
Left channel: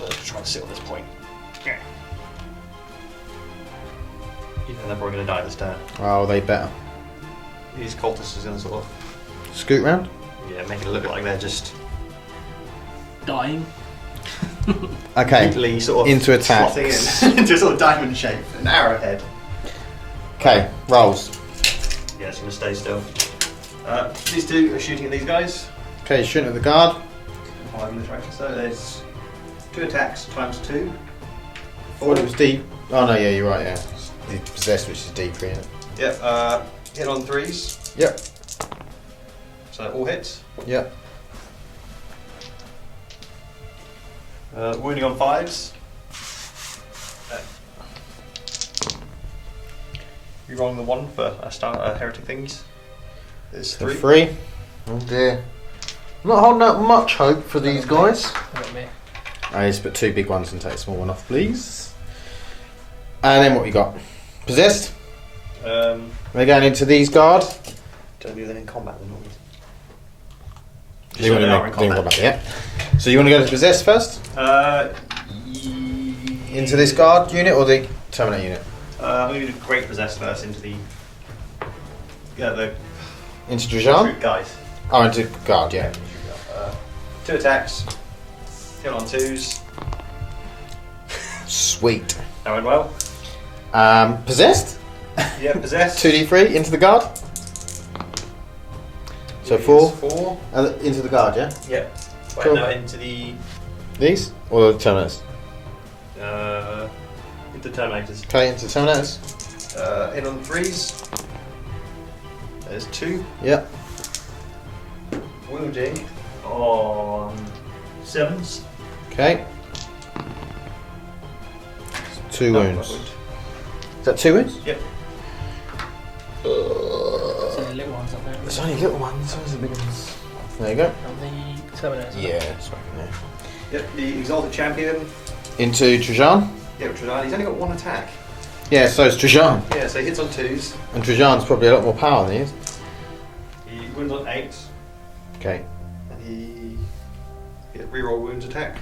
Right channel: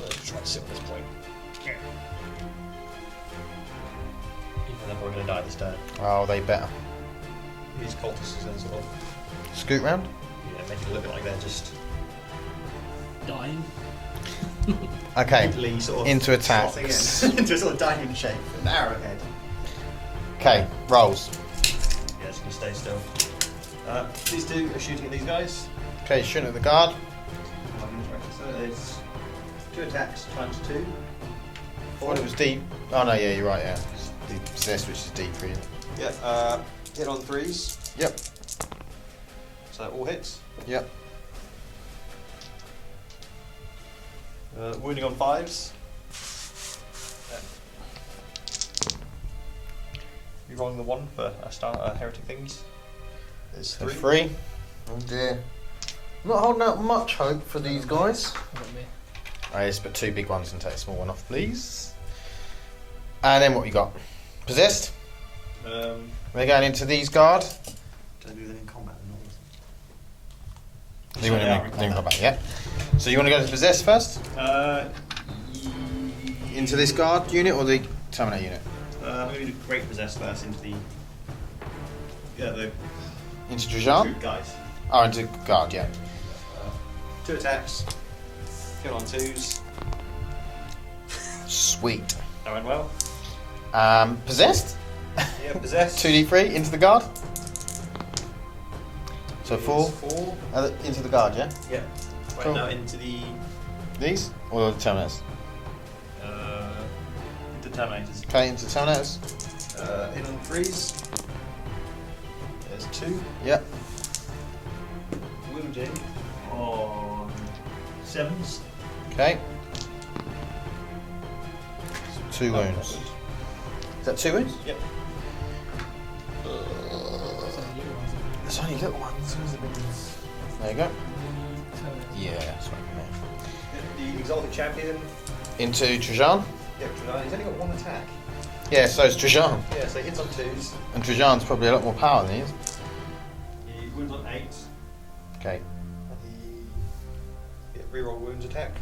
Let's try to sit on this point. Even though they're probably going to die this turn. Oh, they better. These cultists are going to sort of, Scoot round? make it look like they're just Dying. Okay. neatly sort of Into attack. slotting in into a sort of diamond shape, an arrowhead. Okay, rolls. Yeah, it's going to stay still. These two are shooting at these guys. Okay, shooting at the guard. So there's 2 attacks times 2. Oh, it was deep. Oh no, yeah, you're right, yeah. The possessed, which is deep, yeah. Yep, hit on 3s. Yep. So all hits. Yep. Wounding on 5s. You're rolling the 1 for heretic things. It's 3. 3. Oh dear. I'm not holding out much hope for these guys. What about me? I just put 2 big ones and take a small one off, please. And then what we got? Possessed. They're going into these guard. Don't do them in combat then, not You they are in combat. Yeah. So you want to go to possessed first? Into this guard unit or the terminate unit? I'm going to do Great Possess first into the Into Trajan? recruit guys. Oh, into guard, yeah. 2 attacks. Hit on 2s. Sweet. That went well. Possessed? Yeah, possessed. 2d3 into the guard. So 4. 4. Into the guard, yeah? Yep. Wait, Cool. now into the These? Or the terminators? into Terminators. Okay, into terminators. Hit on 3s. There's 2. Yeah. Wounding on 7s. Okay. 2 Oh, wounds. wound. Is that 2 wounds? Yep. It's only little ones up there. There's only little ones. Where's the big ones? There you go. And the Terminators. Yeah, that's right. Yep, the Exalted Champion. Into Trajan. Yep, Trajan. He's only got 1 attack. Yeah, so it's Trajan. Yeah, so he hits on 2s. And Trajan's probably a lot more power than you. He wounds on 8s. Okay. And he reroll wounds attack.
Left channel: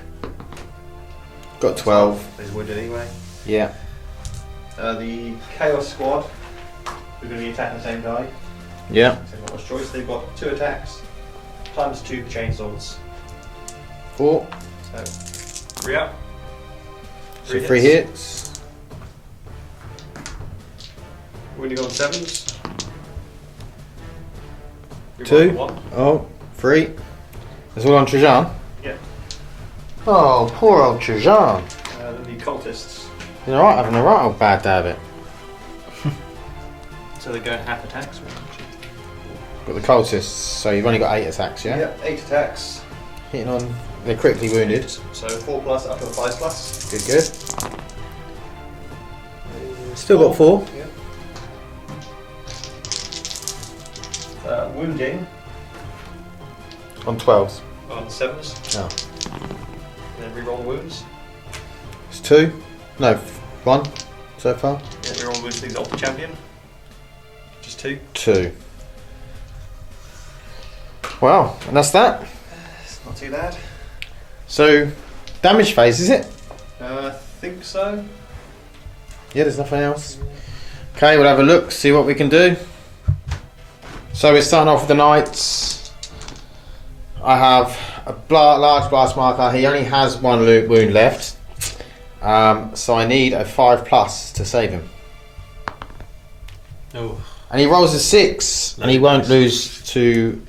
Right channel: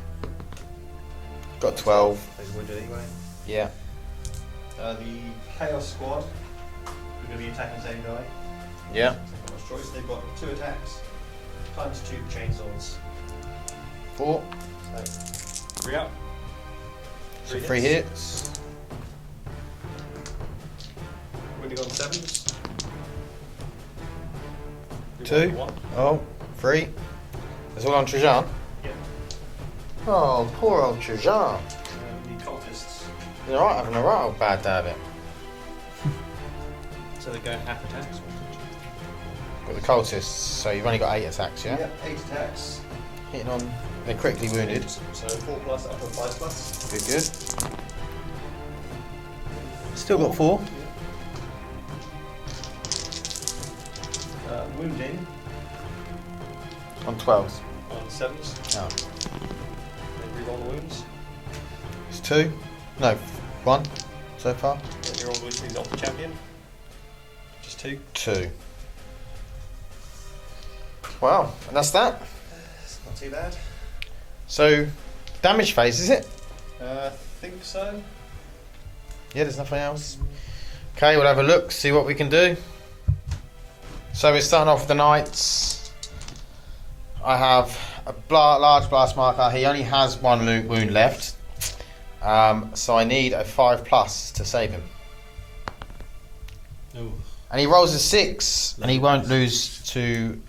Got 12. He's wounded anyway. Yeah. The Chaos Squad are going to be attacking the same guy. Yeah. So they've got much choice. They've got 2 attacks times 2 chainsaws. 4. So 3 up. 3 3 hits. Wounding on 7s. Two. 1. Oh, 3. There's one on Trajan. Yeah. Oh, poor old Trajan. The cultists. You're right, having a right old bad day of it. So they go half attacks. Got the cultists, so you've only got 8 attacks, yeah? Yep, 8 attacks. Hitting on. They're critically wounded. So 4 plus up to a 5 plus. Good, good. Still got 4. Yeah. Wounding On 12s. on 7s. No. And then reroll the wounds. It's 2. No, 1 so far. Yeah, reroll the wounds to the Exalted Champion. Just 2. 2. Wow, and that's that. It's not too bad. So, damage phase, is it? I think so. Yeah, there's nothing else. Okay, we'll have a look, see what we can do. So we're starting off with the knights. I have a large blast marker. He only has one wound left. So I need a 5+ to save him. Oh. And he rolls a 6, and he won't lose to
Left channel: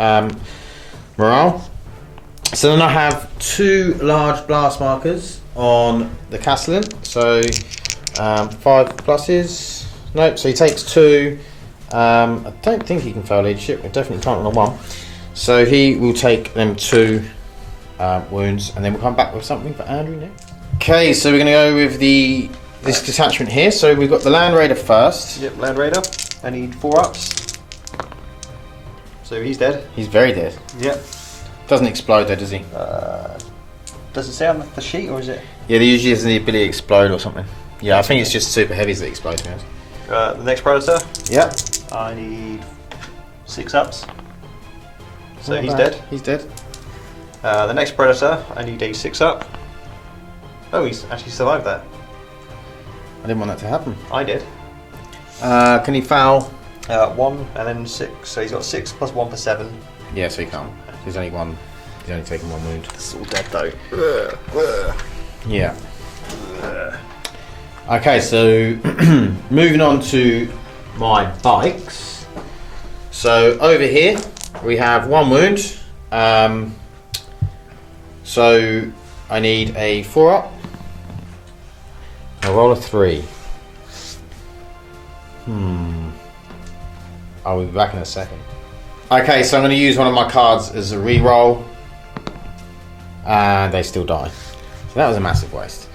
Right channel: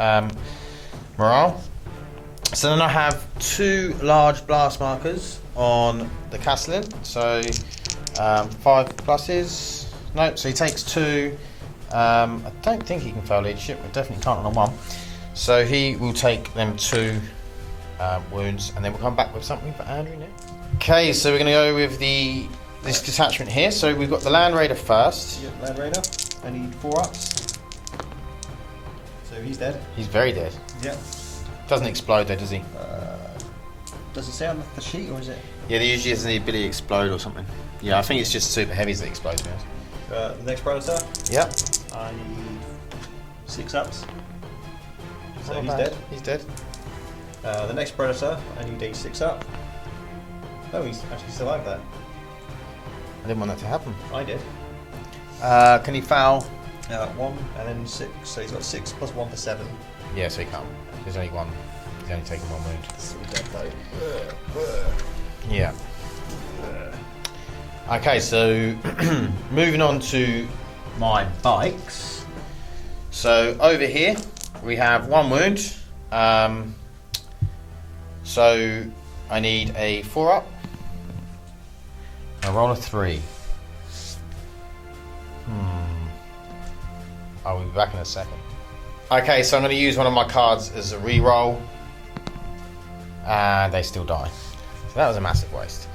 morale. So then I have 2 large blast markers on the Castellan. So 5 pluses. Nope, so he takes 2. I don't think he can fail leadership, but definitely can't on the 1. So he will take them 2 wounds, and then we'll come back with something for Andrew. Okay, so we're going to go with this detachment here. So we've got the Land Raider first. Yep, Land Raider. I need 4 ups. So he's dead. He's very dead. Yep. Doesn't explode though, does he? Does it say on the sheet, or is it? Yeah, there usually is the ability to explode or something. Yeah, I think it's just super heavies that explode. The next Predator. Yep. I need 6 ups. So Not he's bad. dead. He's dead. The next Predator, I need a 6 up. Oh, he's actually survived that. I didn't want that to happen. I did. Can he foul? 1 and then 6. So he's got 6 plus 1 for 7. Yeah, so he can't. He's only one. He's only taken 1 wound. It's all dead though. Yeah. Okay, so moving on to my bikes. So over here we have 1 wound. So I need a 4 up. I'll roll a 3. I'll be back in a second. Okay, so I'm going to use one of my cards as a re-roll. And they still die. So that was a massive waste.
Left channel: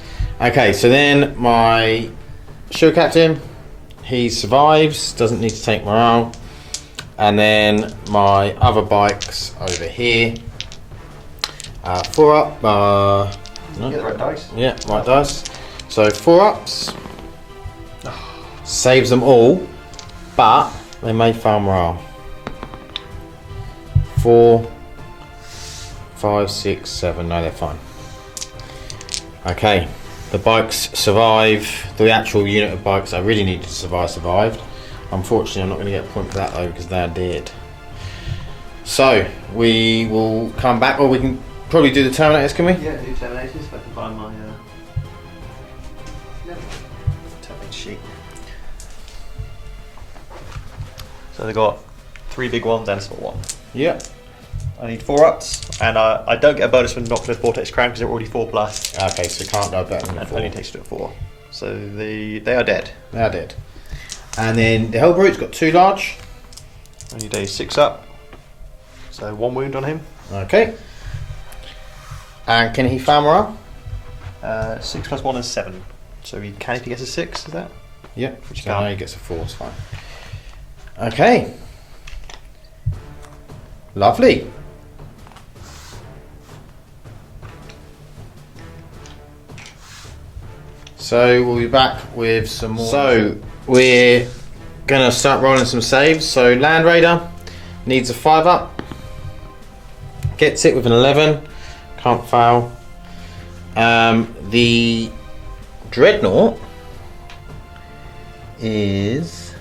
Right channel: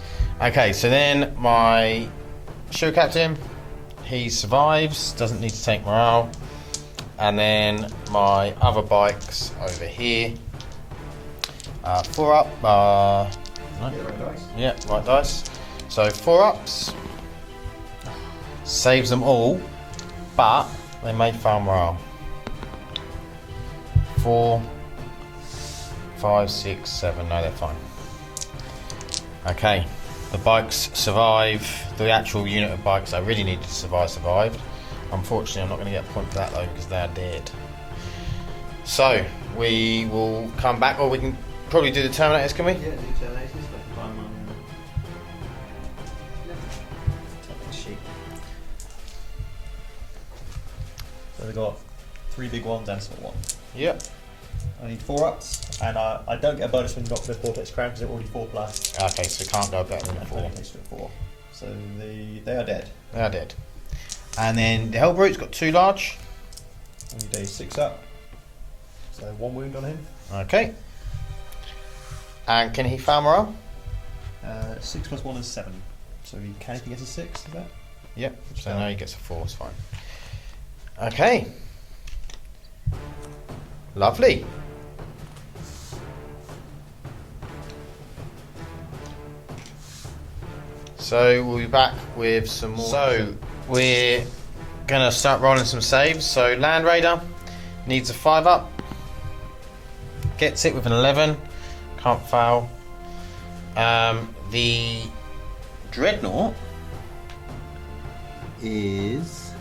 Okay, so then my show captain, he survives, doesn't need to take morale. And then my other bikes over here. 4 up. Get the right dice. Yeah, right dice. So 4 ups. Saves them all, but they may fail morale. 4, 5, 6, 7. No, they're fine. Okay, the bikes survive. The actual unit of bikes I really need to survive. Unfortunately, I'm not going to get a point for that though because they're dead. So we will come back, or we can probably do the Terminators, can we? Yeah, do Terminators if I can find my Terminator sheet. So they've got 3 big ones and a small one. Yeah. I need 4 ups, and I don't get a bonus from Nocturne Vortex Crown because they're already 4+. Okay, so can't go better than And 4. only takes to 4. So they are dead. They're dead. And then the Hellbrute's got 2 large. I need a 6 up. So 1 wound on him. Okay. And can he fail morale? 6 plus 1 is 7. So he can if he gets a 6, is that? Yeah, Which you so I can't. know he gets a 4, it's fine. Okay. Lovely. So we'll be back with some more. So we're gonna start rolling some saves. So Land Raider needs a 5 up. Gets it with an 11. Can't fail. The Dreadnought is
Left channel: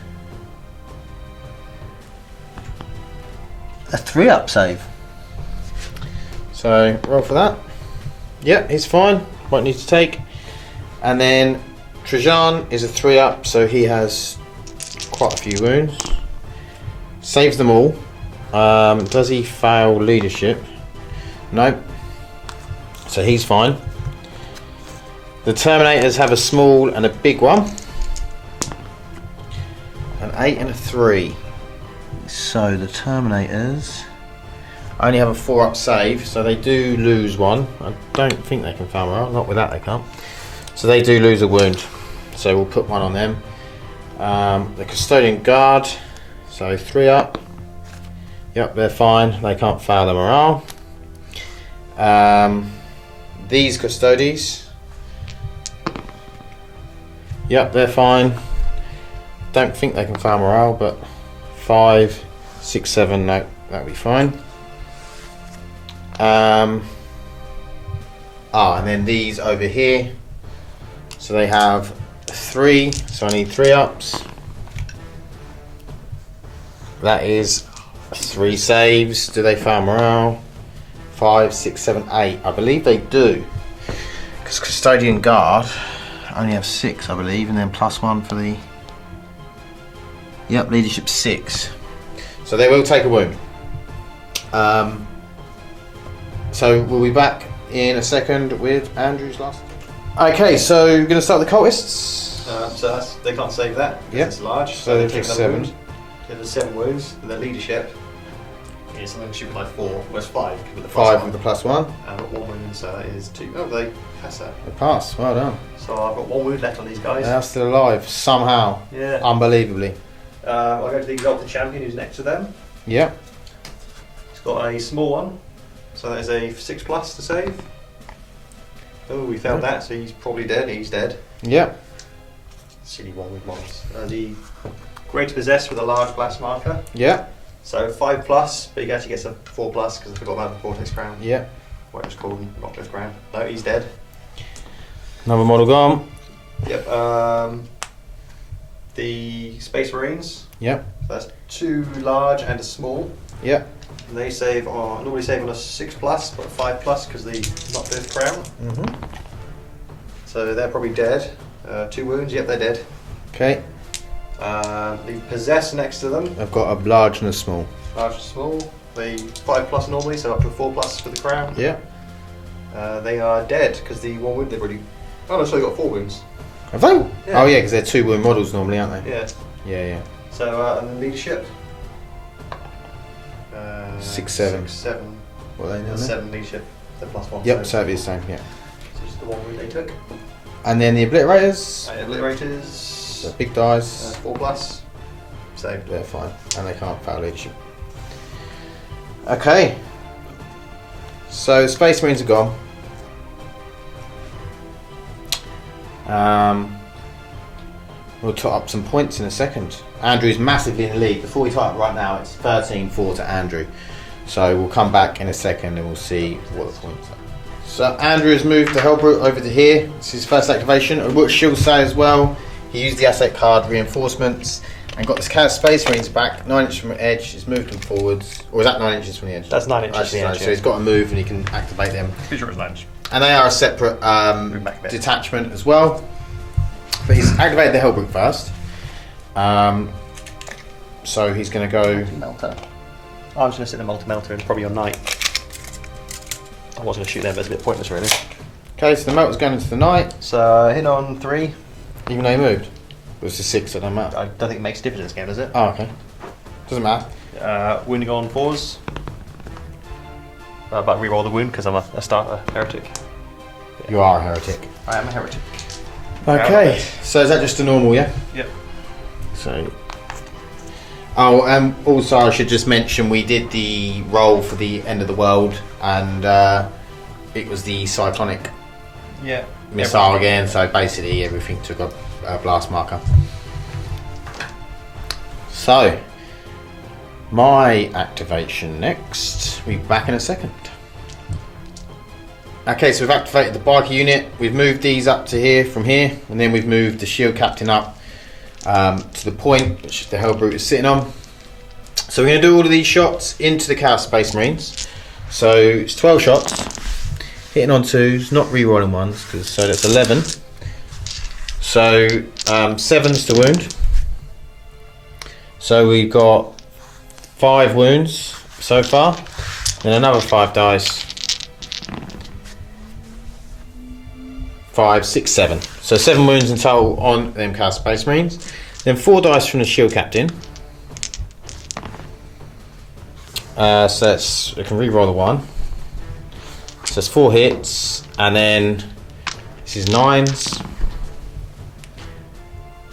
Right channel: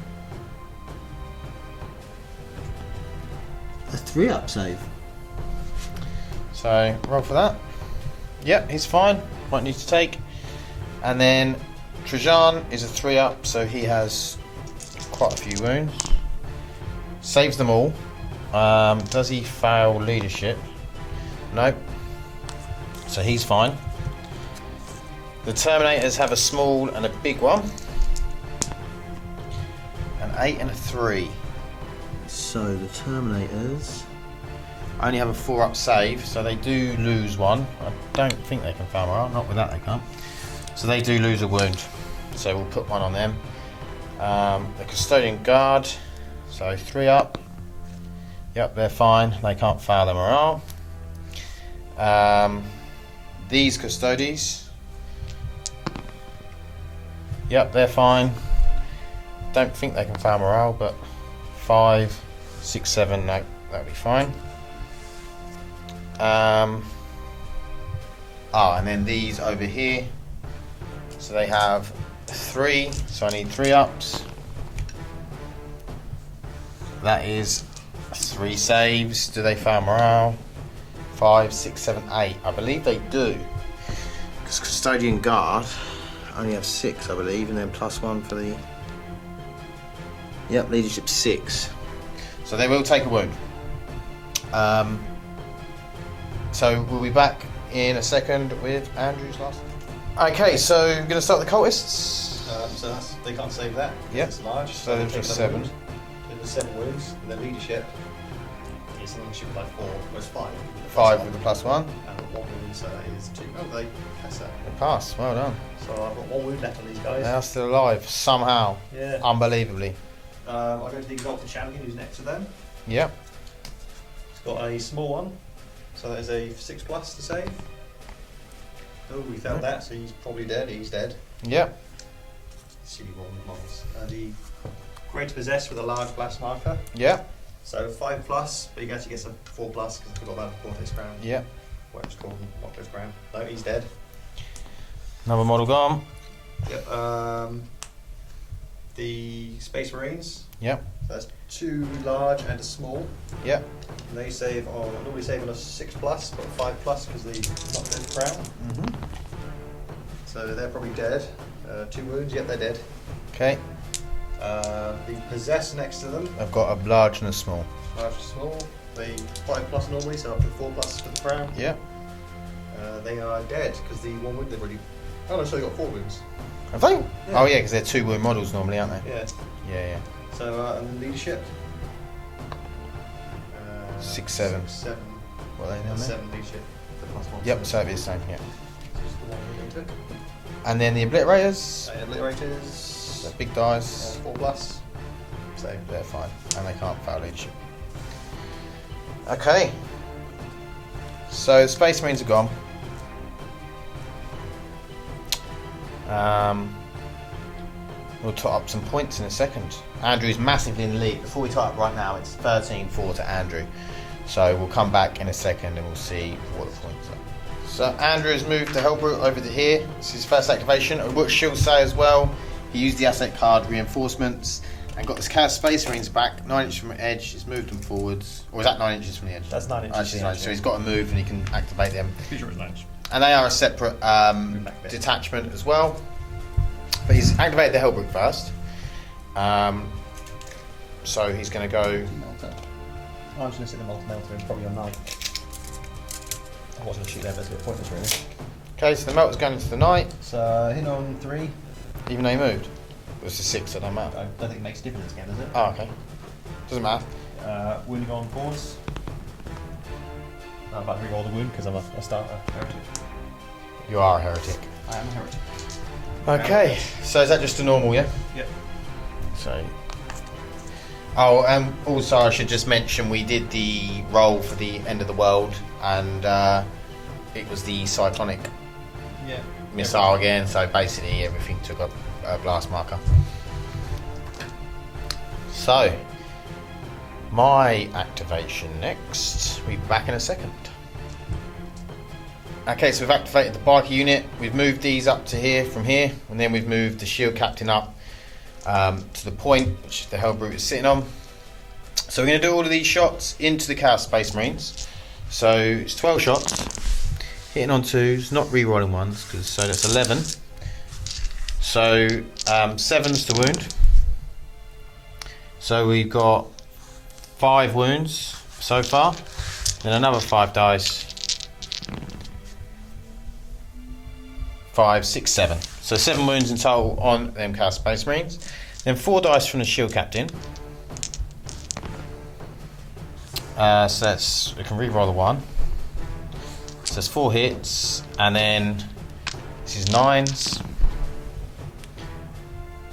A 3 up save. so roll for that. Yep, he's fine. Won't need to take. And then Trajan is a 3 up, so he has quite a few wounds. Saves them all. Does he fail leadership? Nope. So he's fine. The Terminators have a small and a big one. An 8 and a 3. So the Terminators. Only have a 4 up save, so they do lose 1. I don't think they can fail morale. Not with that they can't. So they do lose a wound. So we'll put 1 on them. The Custodian Guard, so 3 up. Yep, they're fine. They can't fail the morale. These Custodies. Yep, they're fine. Don't think they can fail morale, but 5, 6, 7, no, that'll be fine. And then these over here. So they have 3, so I need 3 ups. That is 3 saves. Do they fail morale? 5, 6, 7, 8. I believe they do. Because Custodian Guard only have 6, I believe, and then +1 for the. Yep, leadership 6. So they will take a wound. So we'll be back in a second with Andrew's last. Okay, so we're going to start the cultists. So they can't save that because Yep. it's large, so they take another wound. So there's 7 wounds. Their leadership is something shoot with like 4, whereas 5 with the +1. 5 with the +1. And I've got 1 wound, so that is 2. Oh, they pass that. The pass, well done. So I've got 1 wound left on these guys. They're still alive, somehow. Yeah. Unbelievably. I'll go to the Exalted Champion who's next to them. Yep. He's got a small one, so that is a 6+ to save. Oh, we failed that, so he's probably dead. He's dead. Yep. Silly one with models. The Great Possessed with a large blast marker. Yep. So 5+, but he actually gets a 4+ because I forgot about the Vortex Crown. Yep. What it was called, Noctis Crown. No, he's dead. Another model gone. Yep. The Space Marines. Yep. So that's 2 large and a small. Yep. And they save on normally save on a 6+, but a 5+ because the Noctis Crown. Mm-hmm. So they're probably dead. 2 wounds. Yep, they're dead. Okay. The Possessed next to them. I've got a large and a small. Large and small. The 5+ normally, so up to a 4+ for the crown. Yeah. They are dead because the 1 wound they've already. Oh no, so they got 4 wounds. Have they? Yeah. Oh yeah, because they're 2 wound models normally, aren't they? Yeah. Yeah, yeah. So and then leadership. 6, 7. 6, 7. What are they doing? That's 7 leadership. The +1. Yep, so it is the same, yeah. So just the 1 wound they took. And then the Obliterators. Obliterators. The big dice. 4+. Saved. They're fine. And they can't fail leadership. Okay. So Space Marines are gone. We'll tot up some points in a second. Andrew's massively in the lead. Before we tot up right now, it's 13-4 to Andrew. So we'll come back in a second and we'll see what's done. So Andrew's moved the Hellbrute over to here. It's his first activation. And what she'll say as well, he used the asset card reinforcements and got this Chaos Space Marines back 9 inches from the edge. He's moved them forwards. Or is that 9 inches from the edge? That's 9 inches from the edge. So he's got to move and he can activate them. Pretty sure it's 9 inches. And they are a separate back a bit. detachment as well. But he's activated the Hellbrute first. So he's going to go. Multi-melter. I was going to sit the multi-melter and probably on night. I was going to shoot there, but it's a bit pointless really. Okay, so the melter's going into the night. So hit on 3. Even though he moved. It was a 6, so it doesn't matter. I don't think it makes a difference in this game, does it? Oh, okay. Doesn't matter. Wounding on 4s. But reroll the wound because I'm a starter heretic. You are a heretic. I am a heretic. Okay, so is that just a normal, yeah? Yep. So. Oh, also I should just mention we did the roll for the end of the world, and it was the cyclonic missile again. So basically everything took a blast marker. So my activation next. We'll be back in a second. Okay, so we've activated the biker unit. We've moved these up to here from here, and then we've moved the shield captain up to the point which the Hellbrute is sitting on. So we're going to do all of these shots into the Chaos Space Marines. So it's 12 shots, hitting on 2s, not re-rolling ones, so that's 11. So 7's to wound. So we've got 5 wounds so far, and another 5 dice. 5, 6, 7. So 7 wounds in total on them Chaos Space Marines. Then 4 dice from the shield captain. So that's, we can re-roll the 1. So it's 4 hits, and then this is 9s.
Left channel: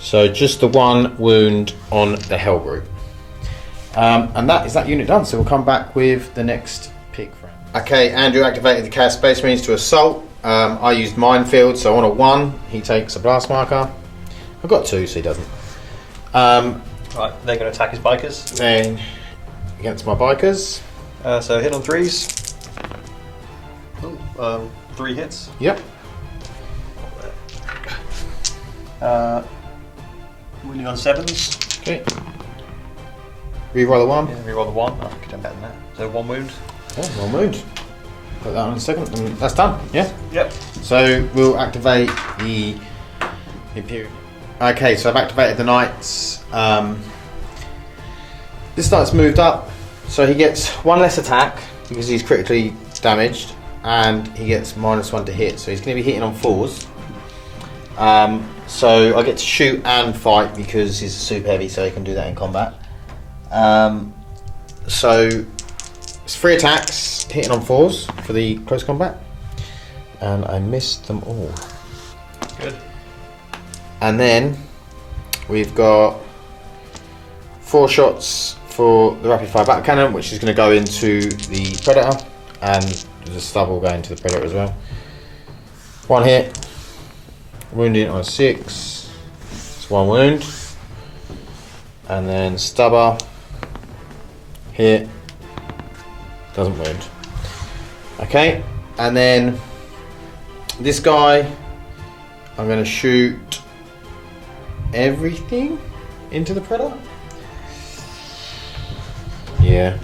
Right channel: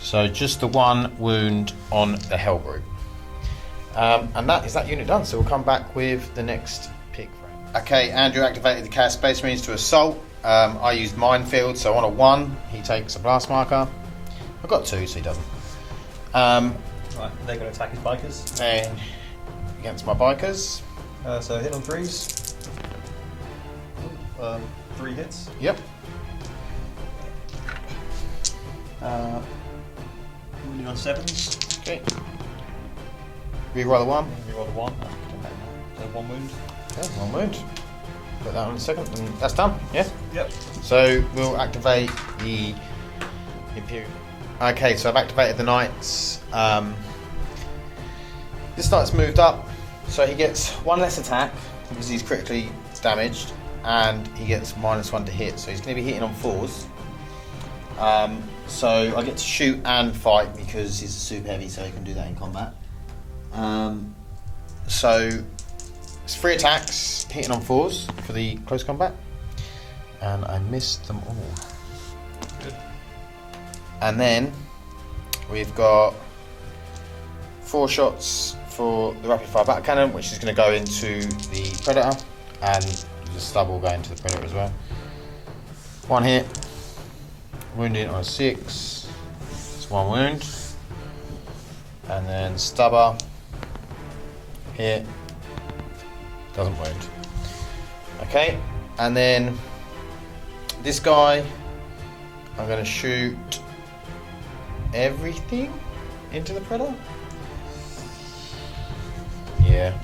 So just the 1 wound on the Hellbrute. And that is that unit done. So we'll come back with the next pick. Okay, Andrew activated the Chaos Space Marines to assault. I used Minefield, so on a 1 he takes a blast marker. I've got 2, so he doesn't. Right, they're going to attack his bikers. Then against my bikers. So hit on 3s. 3 hits. Yep. Wounding on 7s. Okay. Reroll the 1. Yeah, reroll the 1. I could have done better than that. So 1 wound. Oh, 1 wound. Put that on a second, and that's done. Yeah. Yep. So we'll activate the Imperium. Okay, so I've activated the Knights. This Knight's moved up, so he gets 1 less attack because he's critically damaged, and he gets -1 to hit. So he's going to be hitting on 4s. So I get to shoot and fight because he's super heavy, so he can do that in combat. So it's 3 attacks, hitting on 4s for the close combat, and I missed them all. Good. And then we've got 4 shots for the rapid fire battle cannon, which is going to go into the predator, and there's a stubble going to the predator as well. 1 hit, wounding on 6, it's 1 wound, and then stubber, hit, doesn't wound. Okay, and then this guy, I'm going to shoot everything into the predator. Yeah.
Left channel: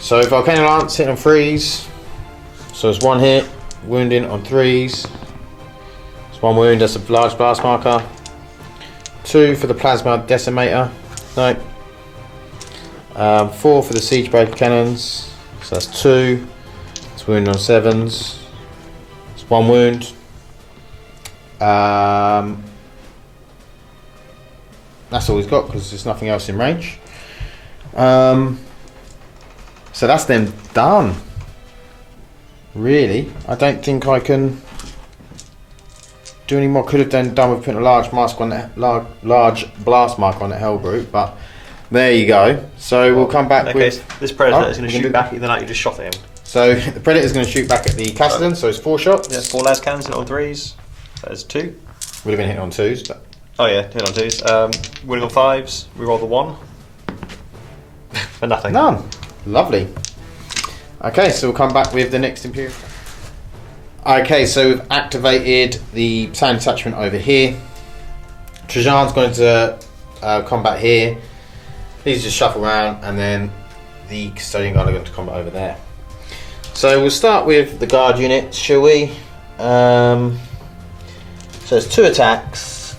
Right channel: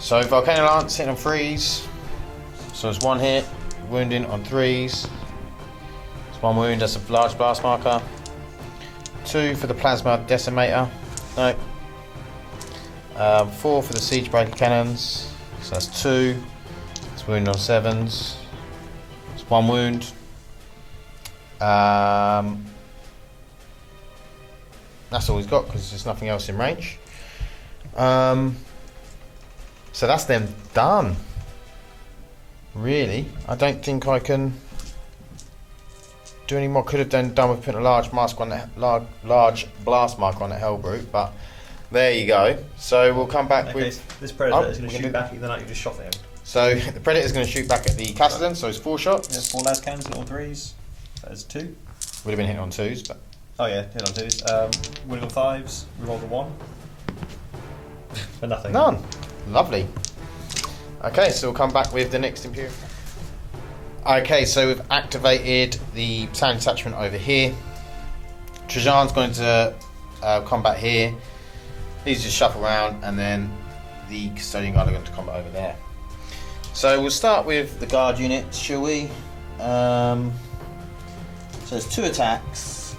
So if I can lance, hit and freeze. So it's 1 hit, wounding on 3s. It's 1 wound, that's a large blast marker. 2 for the plasma decimator. No. 4 for the siege breaker cannons. So that's 2. It's wound on 7s. It's 1 wound. That's all he's got because there's nothing else in range. So that's then done. Really, I don't think I can do any more. Could have done with putting a large mask on that, large blast mark on the hell brute, but there you go. So we'll come back. Okay, with, so this predator is going to we can shoot do- back at the knight you just shot at him. So the predator is going to shoot back at the Castellan. So it's 4 shots. Yeah, 4 las cannons hit on 3s. There's 2. Would have been hit on 2s. But Oh yeah, hit on 2s. Winning on 5s. We roll the 1. For nothing. none. Lovely. Okay, so we'll come back with the next Imperium. Okay, so we've activated the town detachment over here. Trajan's going to combat here. These just shuffle around, and then the custodian guard are going to combat over there. So we'll start with the guard unit, shall we? So it's 2 attacks,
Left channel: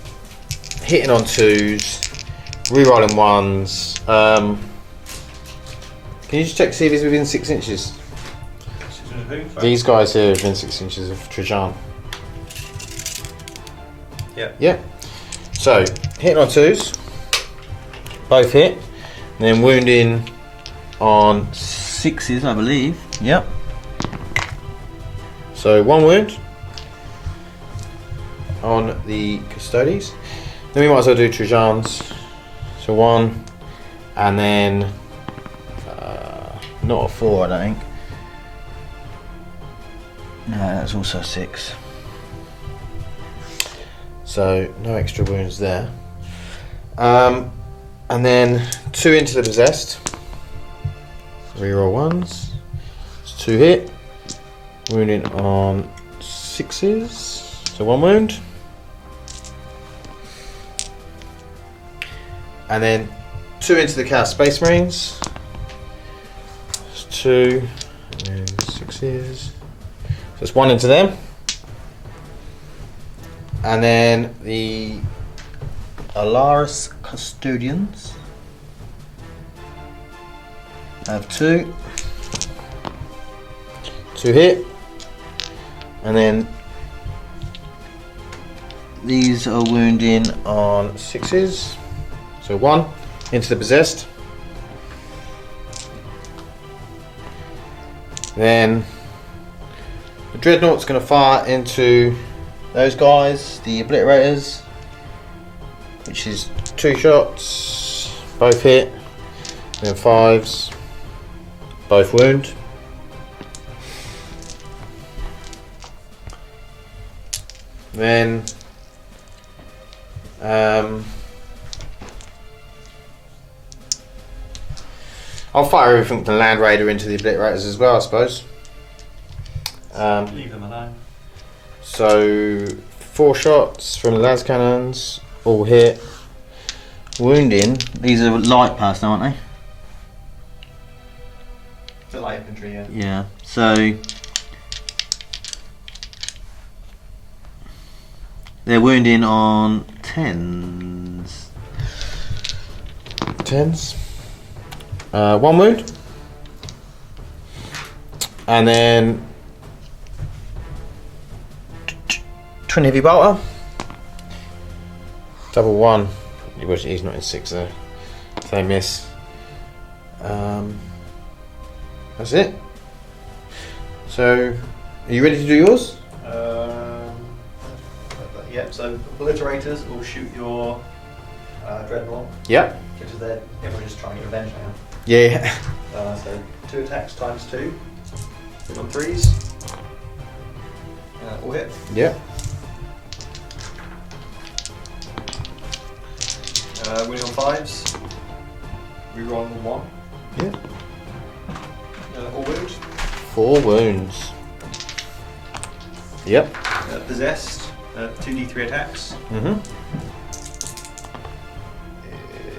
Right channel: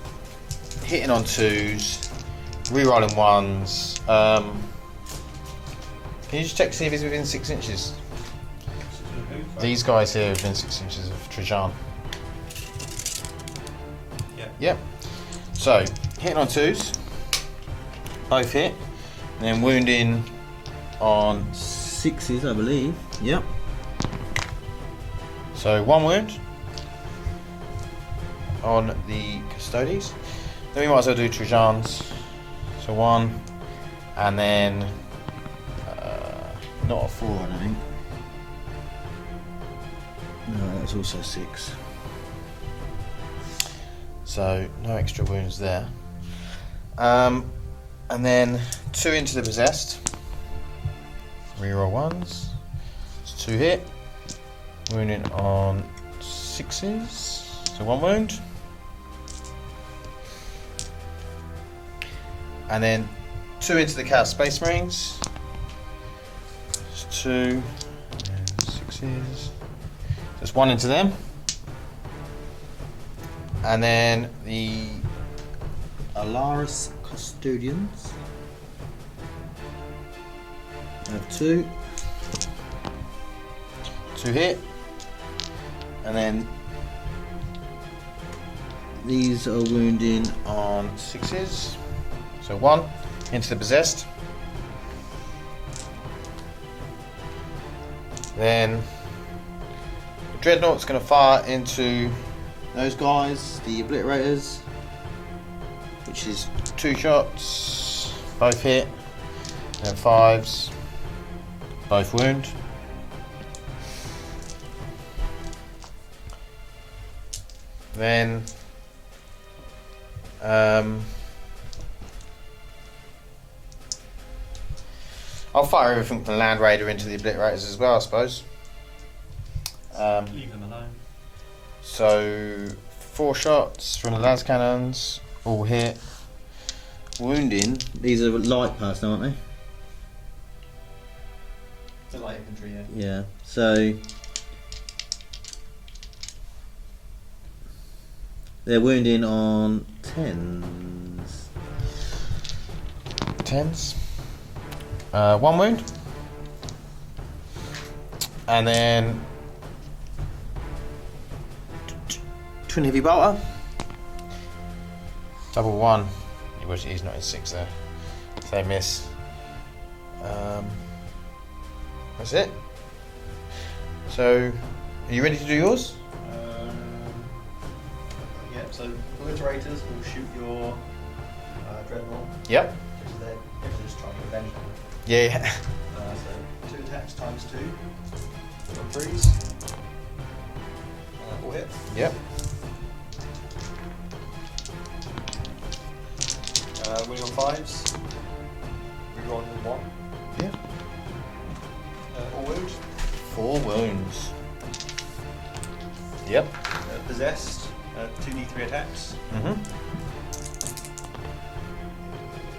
hitting on 2s, rerolling 1s. Can you just check to see if he's within 6 inches? These guys here are within 6 inches of Trajan. Yeah. Yeah. So, hitting on 2s. Both hit. And then wounding on 6s, I believe. Yep. So, 1 wound on the custodies. Then we might as well do Trajan's. So, 1. And then not a 4, I don't think. No, that's also 6. So no extra wounds there. And then 2 into the possessed. Reroll 1s. It's 2 hit. Wounding on 6s. So 1 wound. And then 2 into the Chaos Space Marines. 2 and 6s. Just 1 into them. And then the Alaris Custodians. I have 2. 2 hit. And then these are wounding on 6s. So 1 into the possessed. Then the Dreadnought's going to fire into those guys, the Obliterators, which is 2 shots, both hit, then 5s, both wound. Then I'll fire everything from the Land Raider into the Obliterators as well, I suppose. Leave them alone. So 4 shots from the las cannons, all hit. wounding. These are light person, aren't they? It's light infantry, yeah. Yeah. So they're wounding on 10s. 10s. 1 wound. And then Twin heavy bolter. double 1. He's not in 6 there. So they miss. That's it. So, are you ready to do yours? Yeah, so obliterators will shoot your dreadnought, Yep. which is their everyone just trying to get revenge now. Yeah. So 2 attacks times 2. Hit on 3s. All hit. Yeah. Winning on 5s. Reroll on 1. All wound. 4 wounds. Yep. Possessed. 2d3 attacks. Mm-hmm.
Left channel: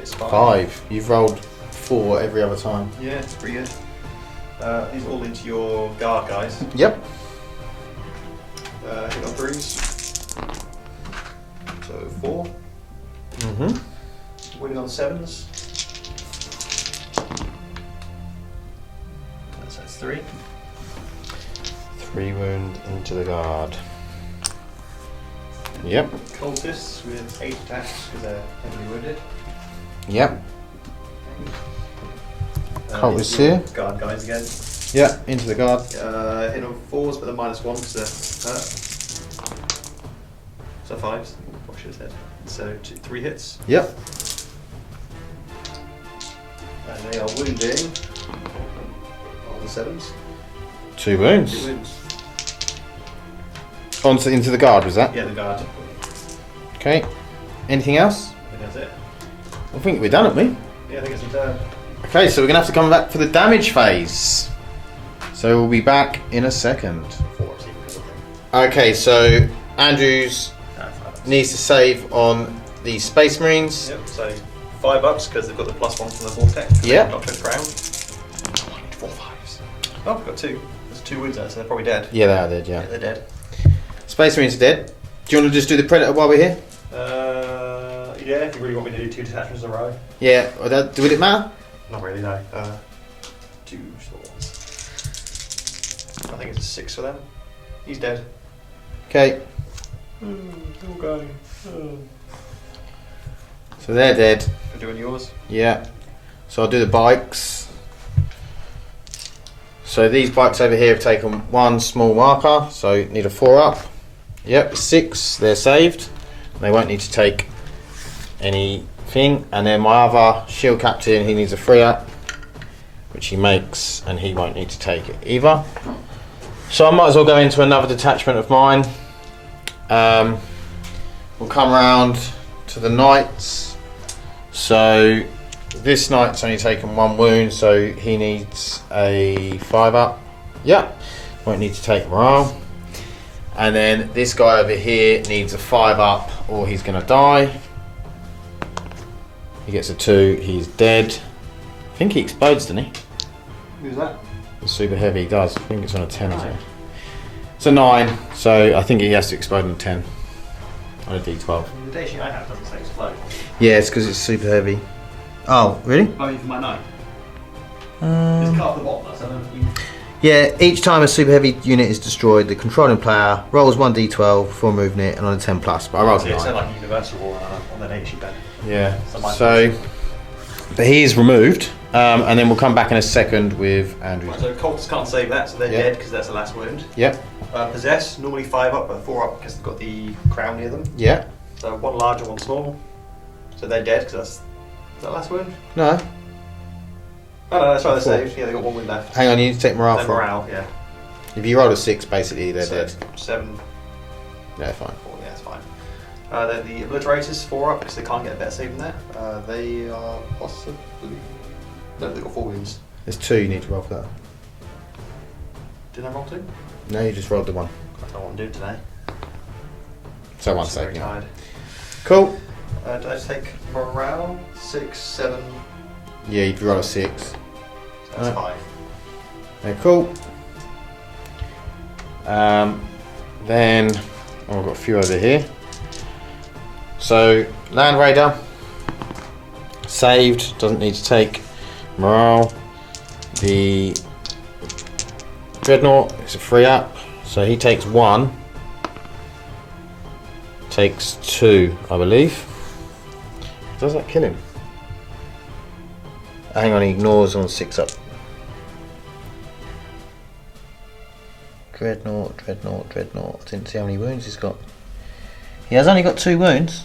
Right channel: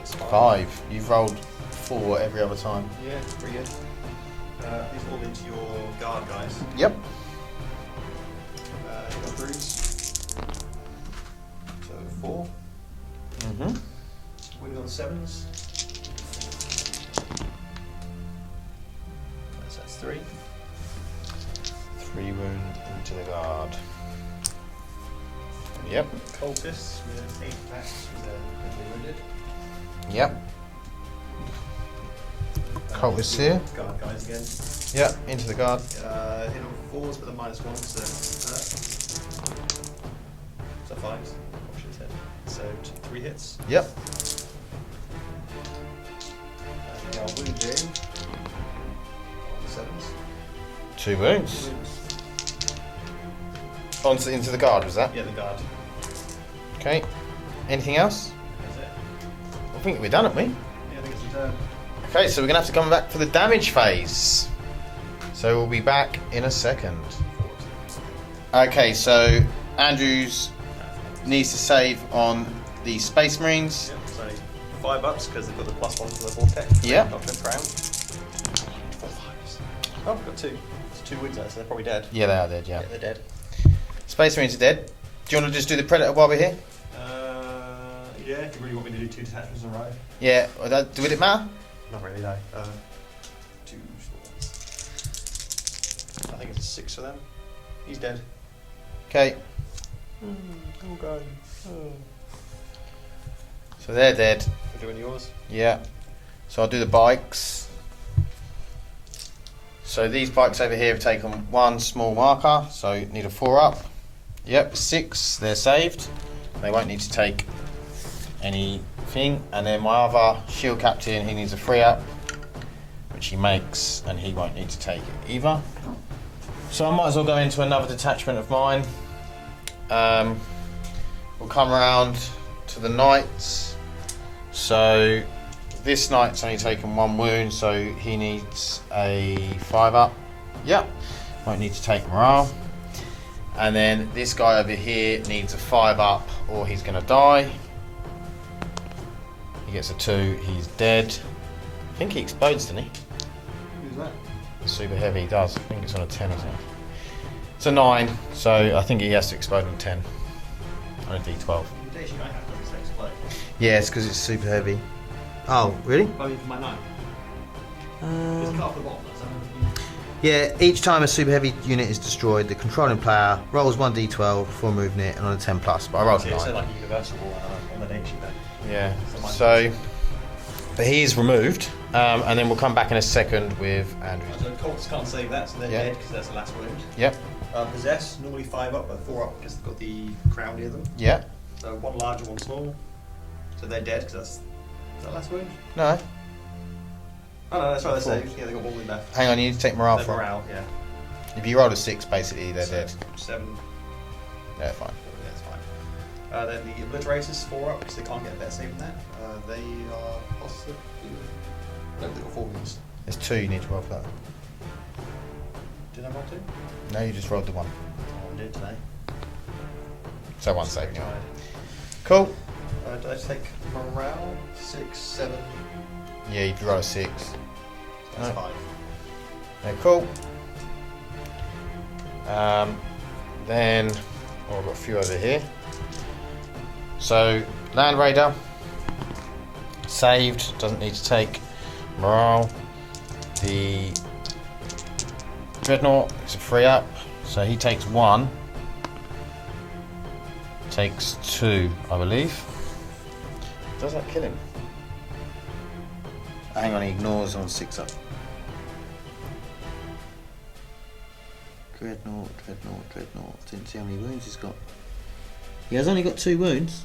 It's 5. 5. You've rolled 4 every other time. Yeah, it's pretty good. These all into your guard guys. Yep. Hit on 3s. So 4. Mm-hmm. Winning on 7s. That's 3. 3 wound into the guard. Yep. Cultists with 8 attacks because they're heavily wounded. Yep. Cultists your here. Guard guys again. Yep. Into the guard. Hit on 4s but they're -1 because they're hurt. So 5s. What should have said. So 3 hits. Yep. And they are wounding on the 7s. 2 wounds. 2 wounds. Into the guard, was that? Yeah, the guard. Okay. Anything else? I think that's it. I think we're done, aren't we? Yeah, I think it's the turn. Okay, so we're going to have to come back for the damage phase. So we'll be back in a second. 4 sequels, Okay, so Andrews I think. needs to save on the Space Marines. Yep, so $5 because they've got the +1 from the vortex. Yep. Not turned around. 4 5s. Oh, we've got 2. There's 2 wounds there, so they're probably dead. Yeah, they are dead, Yeah, yeah. they're dead. Space Marines are dead. Do you want to just do the Predator while we're here? Yeah, if you really want me to do 2 detachments in a row. Yeah, would it matter? Not really, no. 2 swords. I think it's a 6 for them. He's dead. Okay, Okay. so they're dead. We're doing yours. Yeah. So I'll do the bikes. So these bikes over here have taken 1 small marker, so need a 4 up. Yep, 6, they're saved. They won't need to take anything. And then my other shield captain, he needs a 3 up, which he makes, and he won't need to take it either. So I might as well go into another detachment of mine. We'll come round to the knights. So this knight's only taken 1 wound, so he needs a 5 up. Yep, won't need to take morale. And then this guy over here needs a 5 up or he's going to die. He gets a 2, he's dead. I think he explodes, doesn't he? Who's that? It's super heavy, he does. I think it's on a 10. Isn't it? It's a 9, so I think he has to explode on 10. On a d12. The day sheet I have doesn't say explode. Yeah, it's because it's super heavy. Oh, really? I mean, for my 9. It's cut off the bottom, though, so then Yeah, each time a super heavy unit is destroyed, the controlling player rolls 1d12 for movement and on a 10 plus. I rolled So it a said 9. like a universal rule on the data sheet then. Yeah. So mine's So, but he is removed, and then we'll come back in a second with Andrew. Right, so cultists can't save that, so they're Yeah. dead because that's the last wound. Yep. Possess, normally 5 up, but 4 up because they've got the crown near them. Yeah. So 1 large and 1 small. So they're dead because that's. Is that last wound? No. Oh no, that's right, they're saved. Yeah, they've got 1 wound left. Hang on, you need to take morale. Their for- morale, yeah. If you roll a 6, basically they're So dead. 7, Yeah, fine. 4, yeah, that's fine. Then the obliterators, 4 up because they can't get a better save than that. They are possibly. No, they've got 4 wounds. There's 2 you need to roll for that. Did I roll 2? No, you just rolled the 1. I don't know what I'm doing today. So 1 I'm very second. tired. Cool. Did I just take morale? 6, 7. Yeah, you draw a 6. That's 5. Yeah, cool. Then I've got a few over here. So Land Raider saved, doesn't need to take morale. The Dreadnought is a free up, so he takes 1. Takes 2, I believe. Does that kill him? Hang on, he ignores on 6 up. Dreadnought. Didn't see how many wounds he's got. He has only got 2 wounds.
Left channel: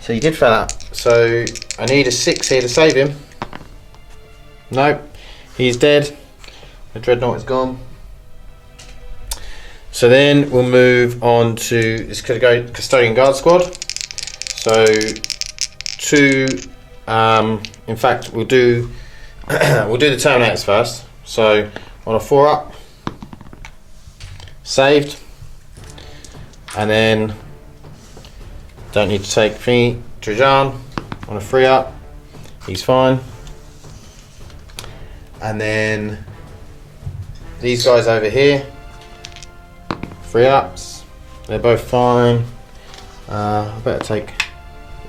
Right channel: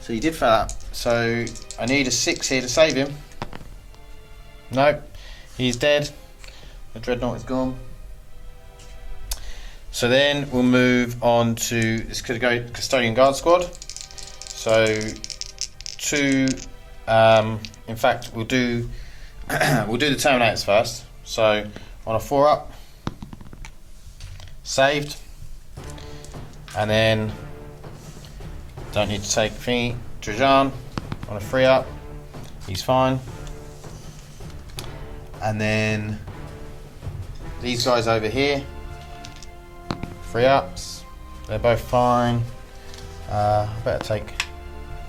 So you did fail that. So I need a 6 here to save him. Nope, he's dead. The Dreadnought is gone. So then we'll move on to this Custodian Guard Squad. So 2. In fact, we'll do the Terminators first. So on a 4 up, saved, and then don't need to take Trajan on a 3 up. He's fine. And then these guys over here, 3 ups. They're both fine. I better take.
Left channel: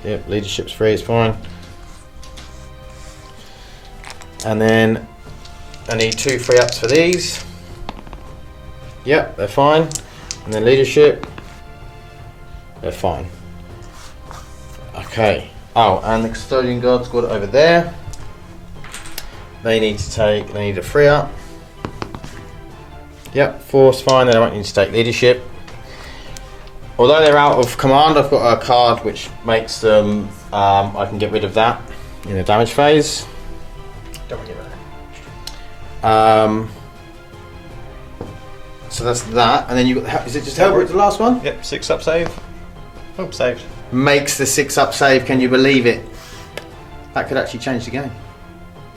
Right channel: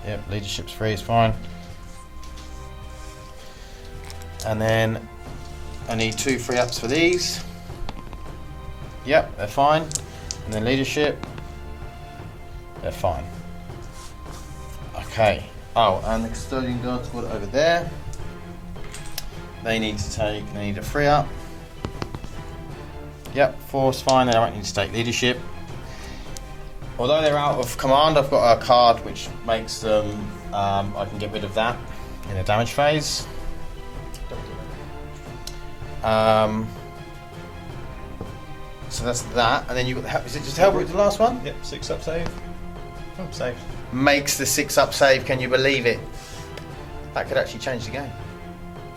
Yeah, leadership's free. It's fine. And then I need 2 free ups for these. Yep, they're fine. And then leadership, they're fine. Okay. Oh, and the Custodian Guard Squad over there. They need a 3 up. Yep, 4's fine. They don't need to take leadership. Although they're out of command, I've got a card which makes them. I can get rid of that in the damage phase. Don't worry about that. So that's that, and then you got. Is it just Hellbrute the last one? Yep, 6 up save. Oh, saved. Makes the 6 up save. Can you believe it? That could actually change the game.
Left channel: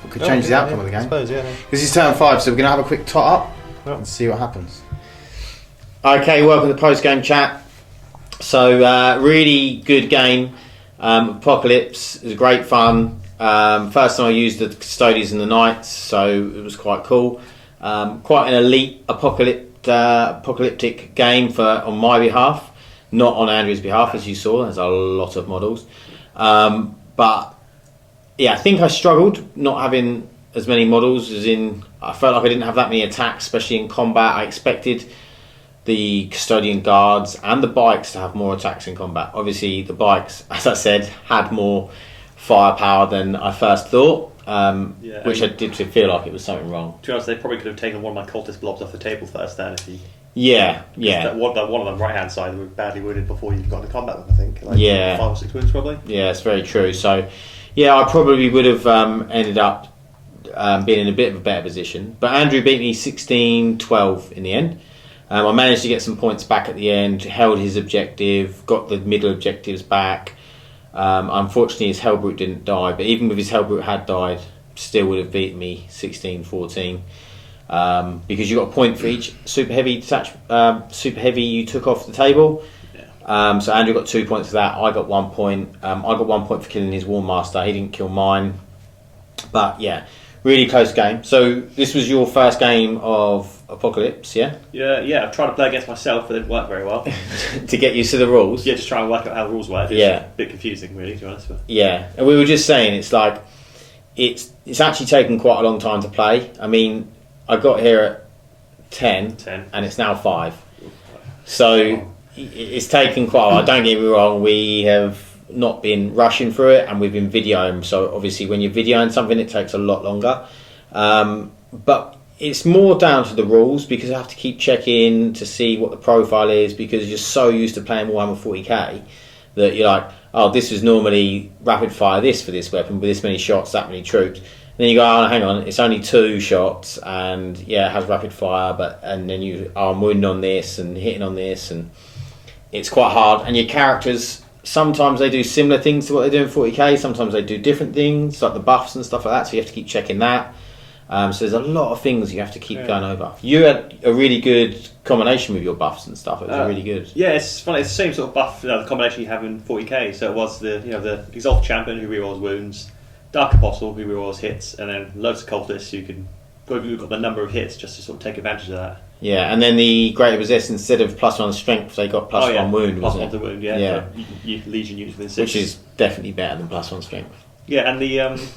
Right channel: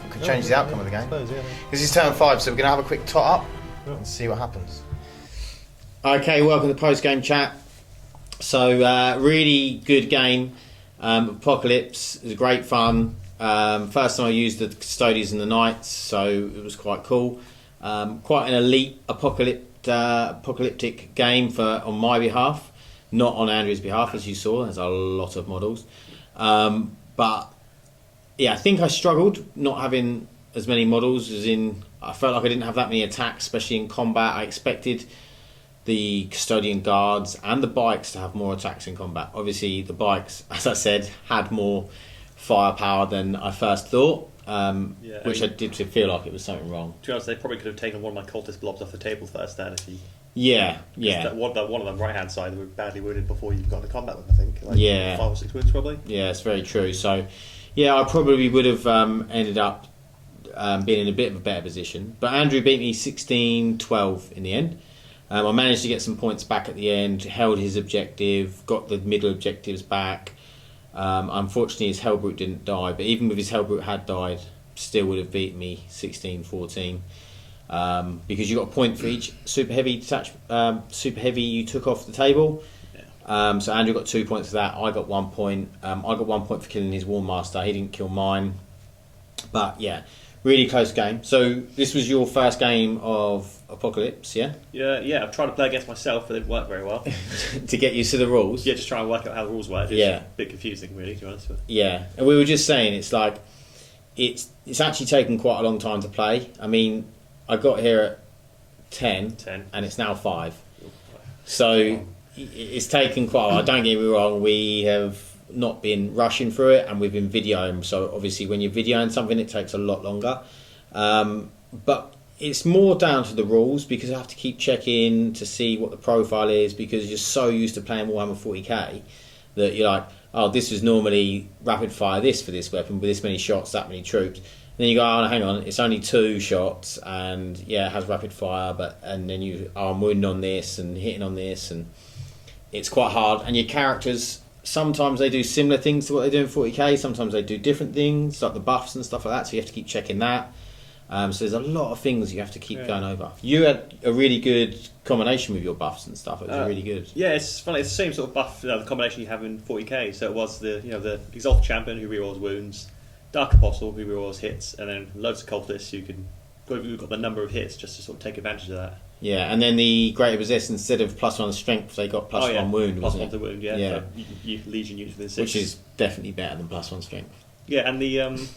It could change the outcome of the game. I suppose, yeah. This is turn 5, so we're gonna have a quick tot up Yep. and see what happens. Okay, welcome to the post game chat. So really good game. Apocalypse is great fun. First time I used the Custodians and the Knights, so it was quite cool. Quite an elite apocalyptic game on my behalf, not on Andrew's behalf, as you saw. There's a lot of models, but yeah, I think I struggled not having as many models. I felt like I didn't have that many attacks, especially in combat. I expected the Custodian Guards and the bikes to have more attacks in combat. Obviously, the bikes, as I said, had more firepower than I first thought, which I did feel like it was something wrong. To be honest, they probably could have taken one of my cultist blobs off the table first then if you... Yeah. That one of them right hand side, they were badly wounded before you got into combat with them, I think. Like 5 or 6 wounds probably. Yeah, it's very true. So, yeah, I probably would have ended up being in a bit of a better position. But Andrew beat me 16-12 in the end. I managed to get some points back at the end, held his objective, got the middle objectives back. Unfortunately, his Hellbrute didn't die, but even if his Hellbrute had died, still would have beaten me 16-14. Because you got a point for each super heavy you took off the table. Yeah. So Andrew got 2 points for that. I got 1 point. I got 1 point for killing his War Master. He didn't kill mine. But yeah, really close game. So this was your first game of Apocalypse, yeah? Yeah. I've tried to play against myself, but it didn't work very well. To get used to the rules. Yeah, just trying to work out how the rules work. It's a bit confusing, really, to be honest. But. Yeah, and we were just saying it's like it's actually taken quite a long time to play. I mean, I got here at 10. And it's now 5. So it's taken quite a while. Don't get me wrong, we have not been rushing through it, and we've been videoing. So obviously when you're videoing something, it takes a lot longer. But it's more down to the rules, because I have to keep checking to see what the profile is, because you're so used to playing Warhammer 40k that you're like, oh, this is normally rapid fire this for this weapon with this many shots, that many troops. And then you go, oh, hang on, it's only 2 shots, and yeah, it has rapid fire, and then I'm wounding on this and hitting on this, and it's quite hard. And your characters, sometimes they do similar things to what they do in 40k, sometimes they do different things, like the buffs and stuff like that, so you have to keep checking that. So there's a lot of things you have to keep going over. You had a really good combination with your buffs and stuff. It was really good. Yeah, it's funny. It's the same sort of buff, the combination you have in 40k. So it was the Exalted Champion who rerolls wounds, Dark Apostle who rerolls hits, and then loads of cultists who've got the number of hits just to sort of take advantage of that. Yeah, and then the Greater Possessed, instead of +1 strength, they got +1 wound, plus wasn't one it? to wound, yeah. So Legion units within 6. Which is definitely better than +1 strength. Yeah, and the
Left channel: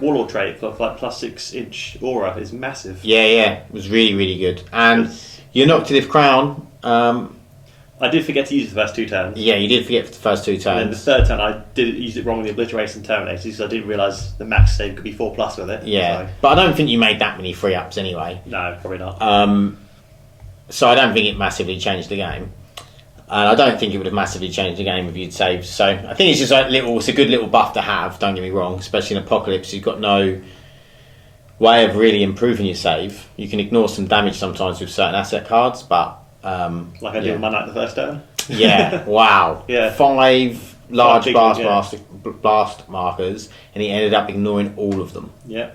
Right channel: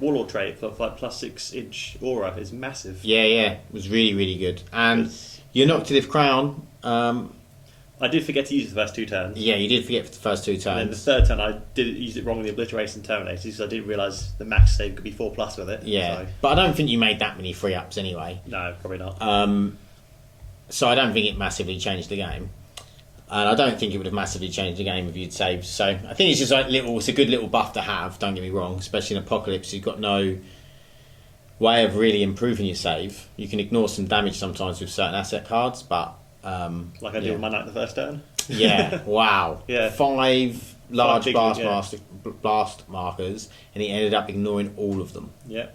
Warlord trait for like +6-inch aura is massive. Yeah, it was really, really good. And your Noctilith Crown... I did forget to use it the first 2 turns. Yeah, you did forget for the first 2 turns. And then the third turn I did use it wrong with the Obliterators and Terminators because I didn't realise the max save could be 4+ with it. Yeah, so. but I don't think you made that many free ups anyway. No, probably not. So I don't think it massively changed the game. And I don't think it would have massively changed the game if you'd saved. So I think it's just like it's a good little buff to have, don't get me wrong, especially in Apocalypse. You've got no way of really improving your save. You can ignore some damage sometimes with certain asset cards, but... like I did with my Knight the first turn. Yeah, wow. Yeah. 5 large big blast, ones, blast markers, and he ended up ignoring all of them. Yeah.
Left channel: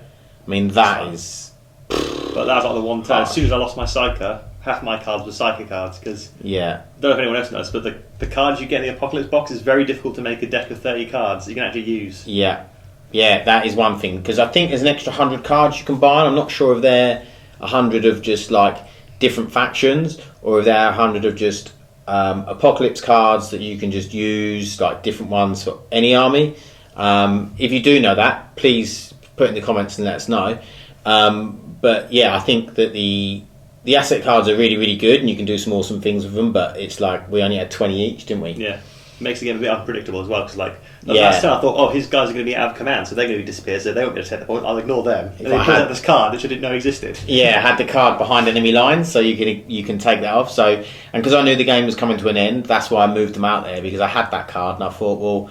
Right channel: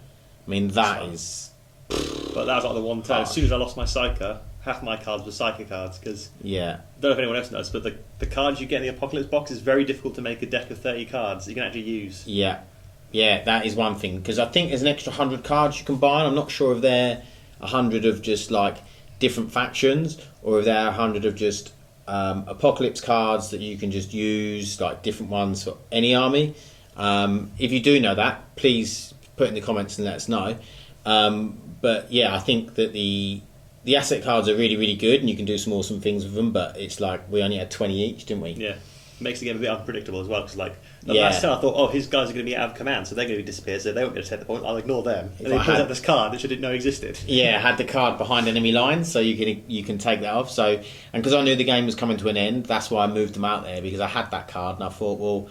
I mean, that is... But that was like the one turn. As soon as I lost my Psyker, half my cards were Psyker cards, because... Yeah. I don't know if anyone else knows, but the cards you get in the Apocalypse box is very difficult to make a deck of 30 cards that you can actually use. Yeah. Yeah, that is one thing, because I think there's an extra 100 cards you can buy, and I'm not sure if they're 100 of just, like, different factions, or if they're 100 of just Apocalypse cards that you can just use, like different ones for any army. If you do know that, please put it in the comments and let us know. But yeah, I think that the asset cards are really, really good, and you can do some awesome things with them, but it's like we only had 20 each, didn't we? Yeah. Makes the game a bit unpredictable as well, because like the last turn I thought, his guys are going to be out of command, so they're going to disappear, so they won't be able to take the point. I'll ignore them. And then put out this card which I didn't know existed. Yeah, had the card behind enemy lines, so you can take that off. So, and because I knew the game was coming to an end, that's why I moved them out there, because I had that card, and I thought, well,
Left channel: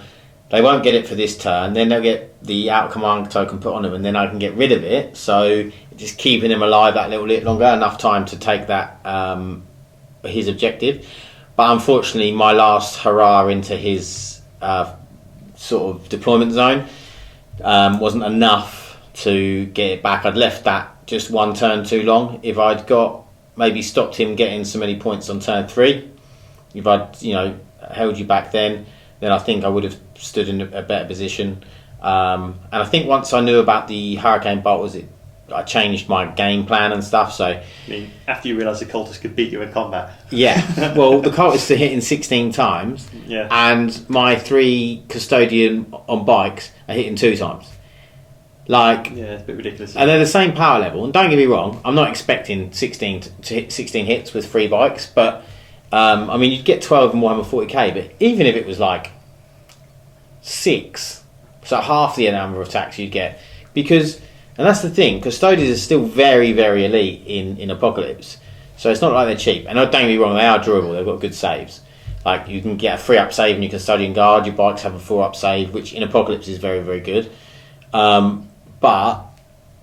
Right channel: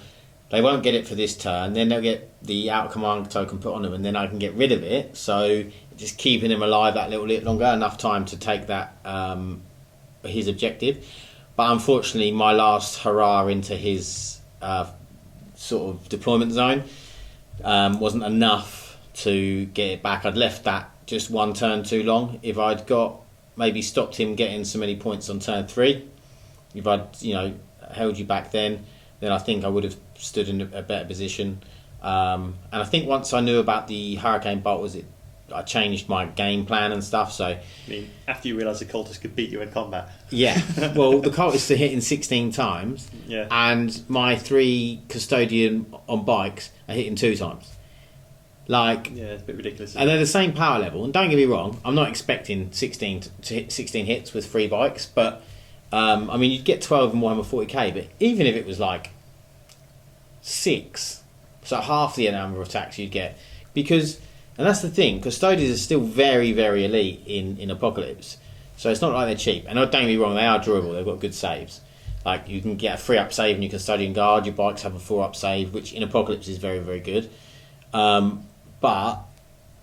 they won't get it for this turn. Then they'll get the out of command token put on them, and then I can get rid of it. So just keeping him alive that little bit longer, enough time to take that his objective. But unfortunately, my last hurrah into his sort of deployment zone wasn't enough to get it back. I'd left that just one turn too long. If I'd maybe stopped him getting so many points on turn 3, if I'd held you back then I think I would have stood in a better position. And I think once I knew about the Hurricane Bolt, I changed my game plan and stuff. So, I mean, after you realised the cultists could beat you in combat. Yeah, well, the cultists are hitting 16 times, and my 3 custodian on bikes are hitting 2 times. Like, yeah, it's a bit ridiculous. And they're the same power level. And don't get me wrong, I'm not expecting 16 to hit 16 hits with 3 bikes, but I mean, you'd get 12 in Warhammer 40k, but even if it was like 6, so half the number of attacks you'd get, because. And that's the thing, custodians are still very, very elite in Apocalypse. So it's not like they're cheap. And don't get me wrong, they are durable, they've got good saves. Like, you can get a 3-up save in your custodian guard, your bikes have a 4-up save, which in Apocalypse is very, very good. But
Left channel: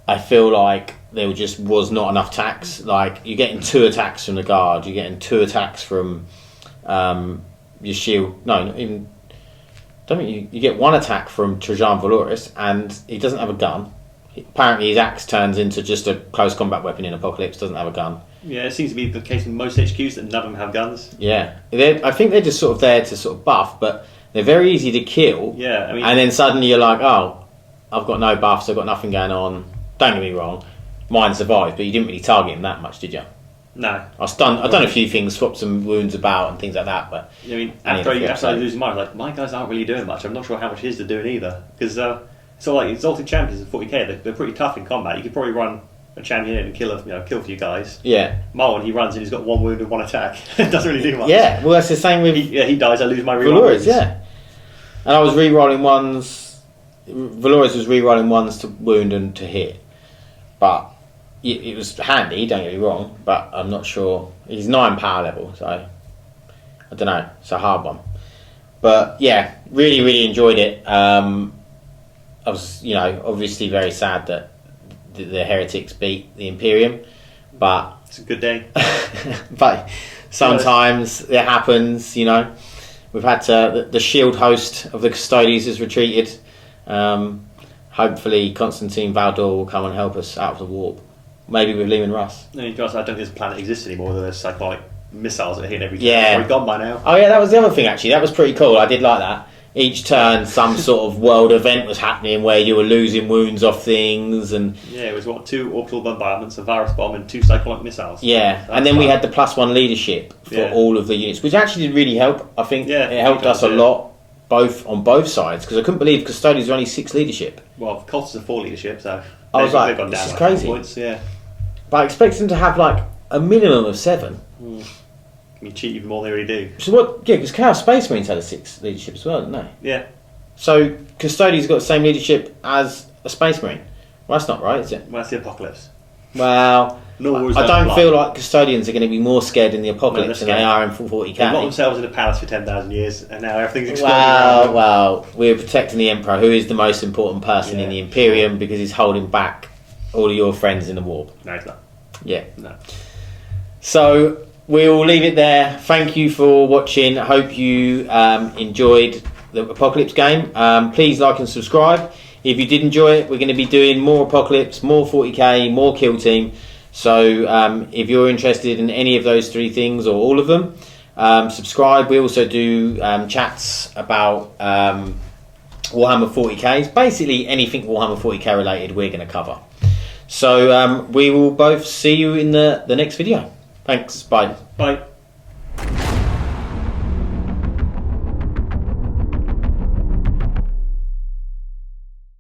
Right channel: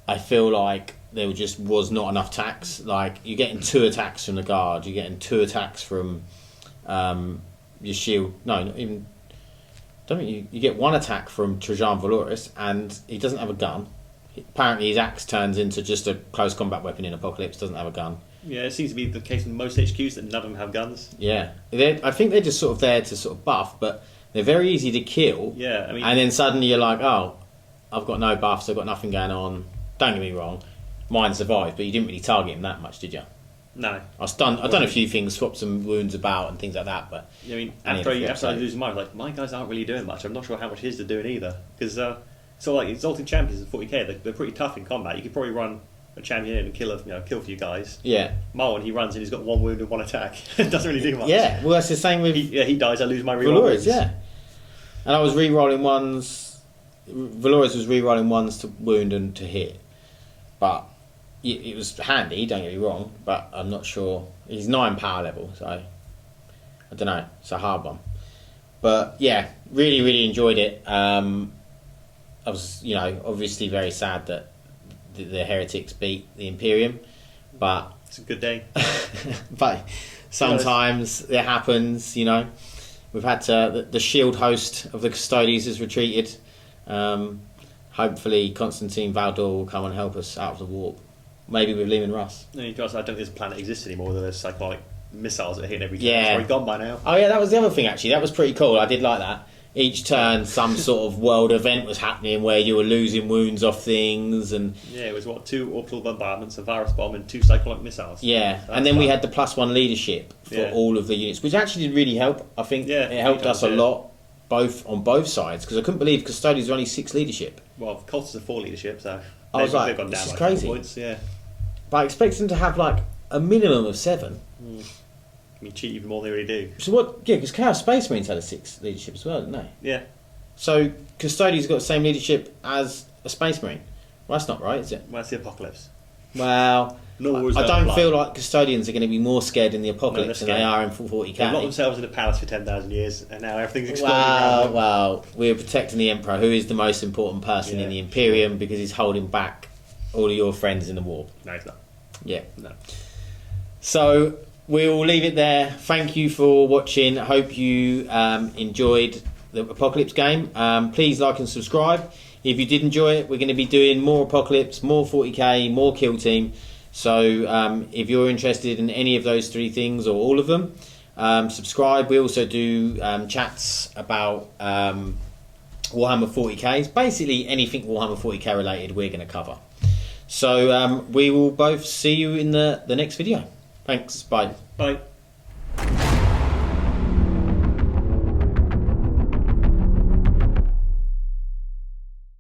I feel like there just was not enough attacks. Like, you're getting 2 attacks from the guard, you're getting 2 attacks from your shield. No, not even... You get 1 attack from Trajan Valoris, and he doesn't have a gun. Apparently his axe turns into just a close combat weapon in Apocalypse, doesn't have a gun. Yeah, it seems to be the case in most HQs that none of them have guns. Yeah. I think they're just sort of there to sort of buff, but they're very easy to kill. Yeah, I mean... And then suddenly you're like, oh, I've got no buffs, I've got nothing going on. Don't get me wrong, mine survived, but you didn't really target him that much, did you? No. I've done a few things, swapped some wounds about and things like that, but... I mean, after I lose mine, like, my guys aren't really doing much. I'm not sure how much his are doing either, because... So like Exalted Champions in 40k, they're pretty tough in combat. You could probably run a champion in and kill a few guys. Yeah. Marwan, he runs and he's got 1 wound and 1 attack. It doesn't really do much. Yeah, well that's the same with... He dies, I lose my reroll wounds. Yeah. And I was re-rolling ones... Valores was re-rolling ones to wound and to hit. But it was handy, don't get me wrong, but I'm not sure. He's 9 power level, so... I don't know, it's a hard one. But yeah, really, really enjoyed it. I was, obviously very sad that the Heretics beat the Imperium, but... It's a good day. But sometimes it happens, We've had to... The shield host of the Custodians has retreated. Hopefully hopefully Constantine Valdor will come and help us out of the warp. Maybe with Lehman Russ. I mean, guys, I don't think this planet exists anymore. There's cyclonic missiles that are hitting every turn. Yeah. It's probably gone by now. Oh yeah, that was the other thing actually. That was pretty cool. I did like that. Each turn, some sort of world event was happening where you were losing wounds off things, and Yeah, it was 2 orbital bombardments, a virus bomb, and 2 cyclonic missiles. yeah. That's And then we fun. had the +1 leadership for Yeah. all of the units, which actually did really help. I think Yeah, it helped it us a does, yeah. lot, on both sides, because I couldn't believe Custodians were only 6 leadership. Well, cultists are 4 leadership, so I was they've like, gone this down is by 4 crazy. points. Yeah, But I expect them to have like a minimum of 7. I mean, cheat even more than they already do. So what? Yeah, because Chaos Space Marines had a 6 leadership as well, didn't they? Yeah, So Custodians got the same leadership as a Space Marine. Well, that's not right, is it? well, that's the apocalypse. Well, Nor was I that don't blind. feel like Custodians are going to be more scared in the No, apocalypse they're than they scared. are in They locked 40k. themselves in a palace for 10,000 years, and now everything's exploding around Well, them. well, we're protecting the Emperor, who is the most important person Yeah, in the Imperium, because he's holding back all of your friends in the warp. No, it's not. Yeah. No. So we'll leave it there. Thank you for watching. I hope you enjoyed the Apocalypse game. Please like and subscribe. If you did enjoy it, we're going to be doing more Apocalypse, more 40k, more Kill Team. So if you're interested in any of those 3 things or all of them, subscribe. We also do chats about Warhammer 40k. Basically anything Warhammer 40k related we're going to cover. So we will both see you in the next video. Thanks. Bye. Bye.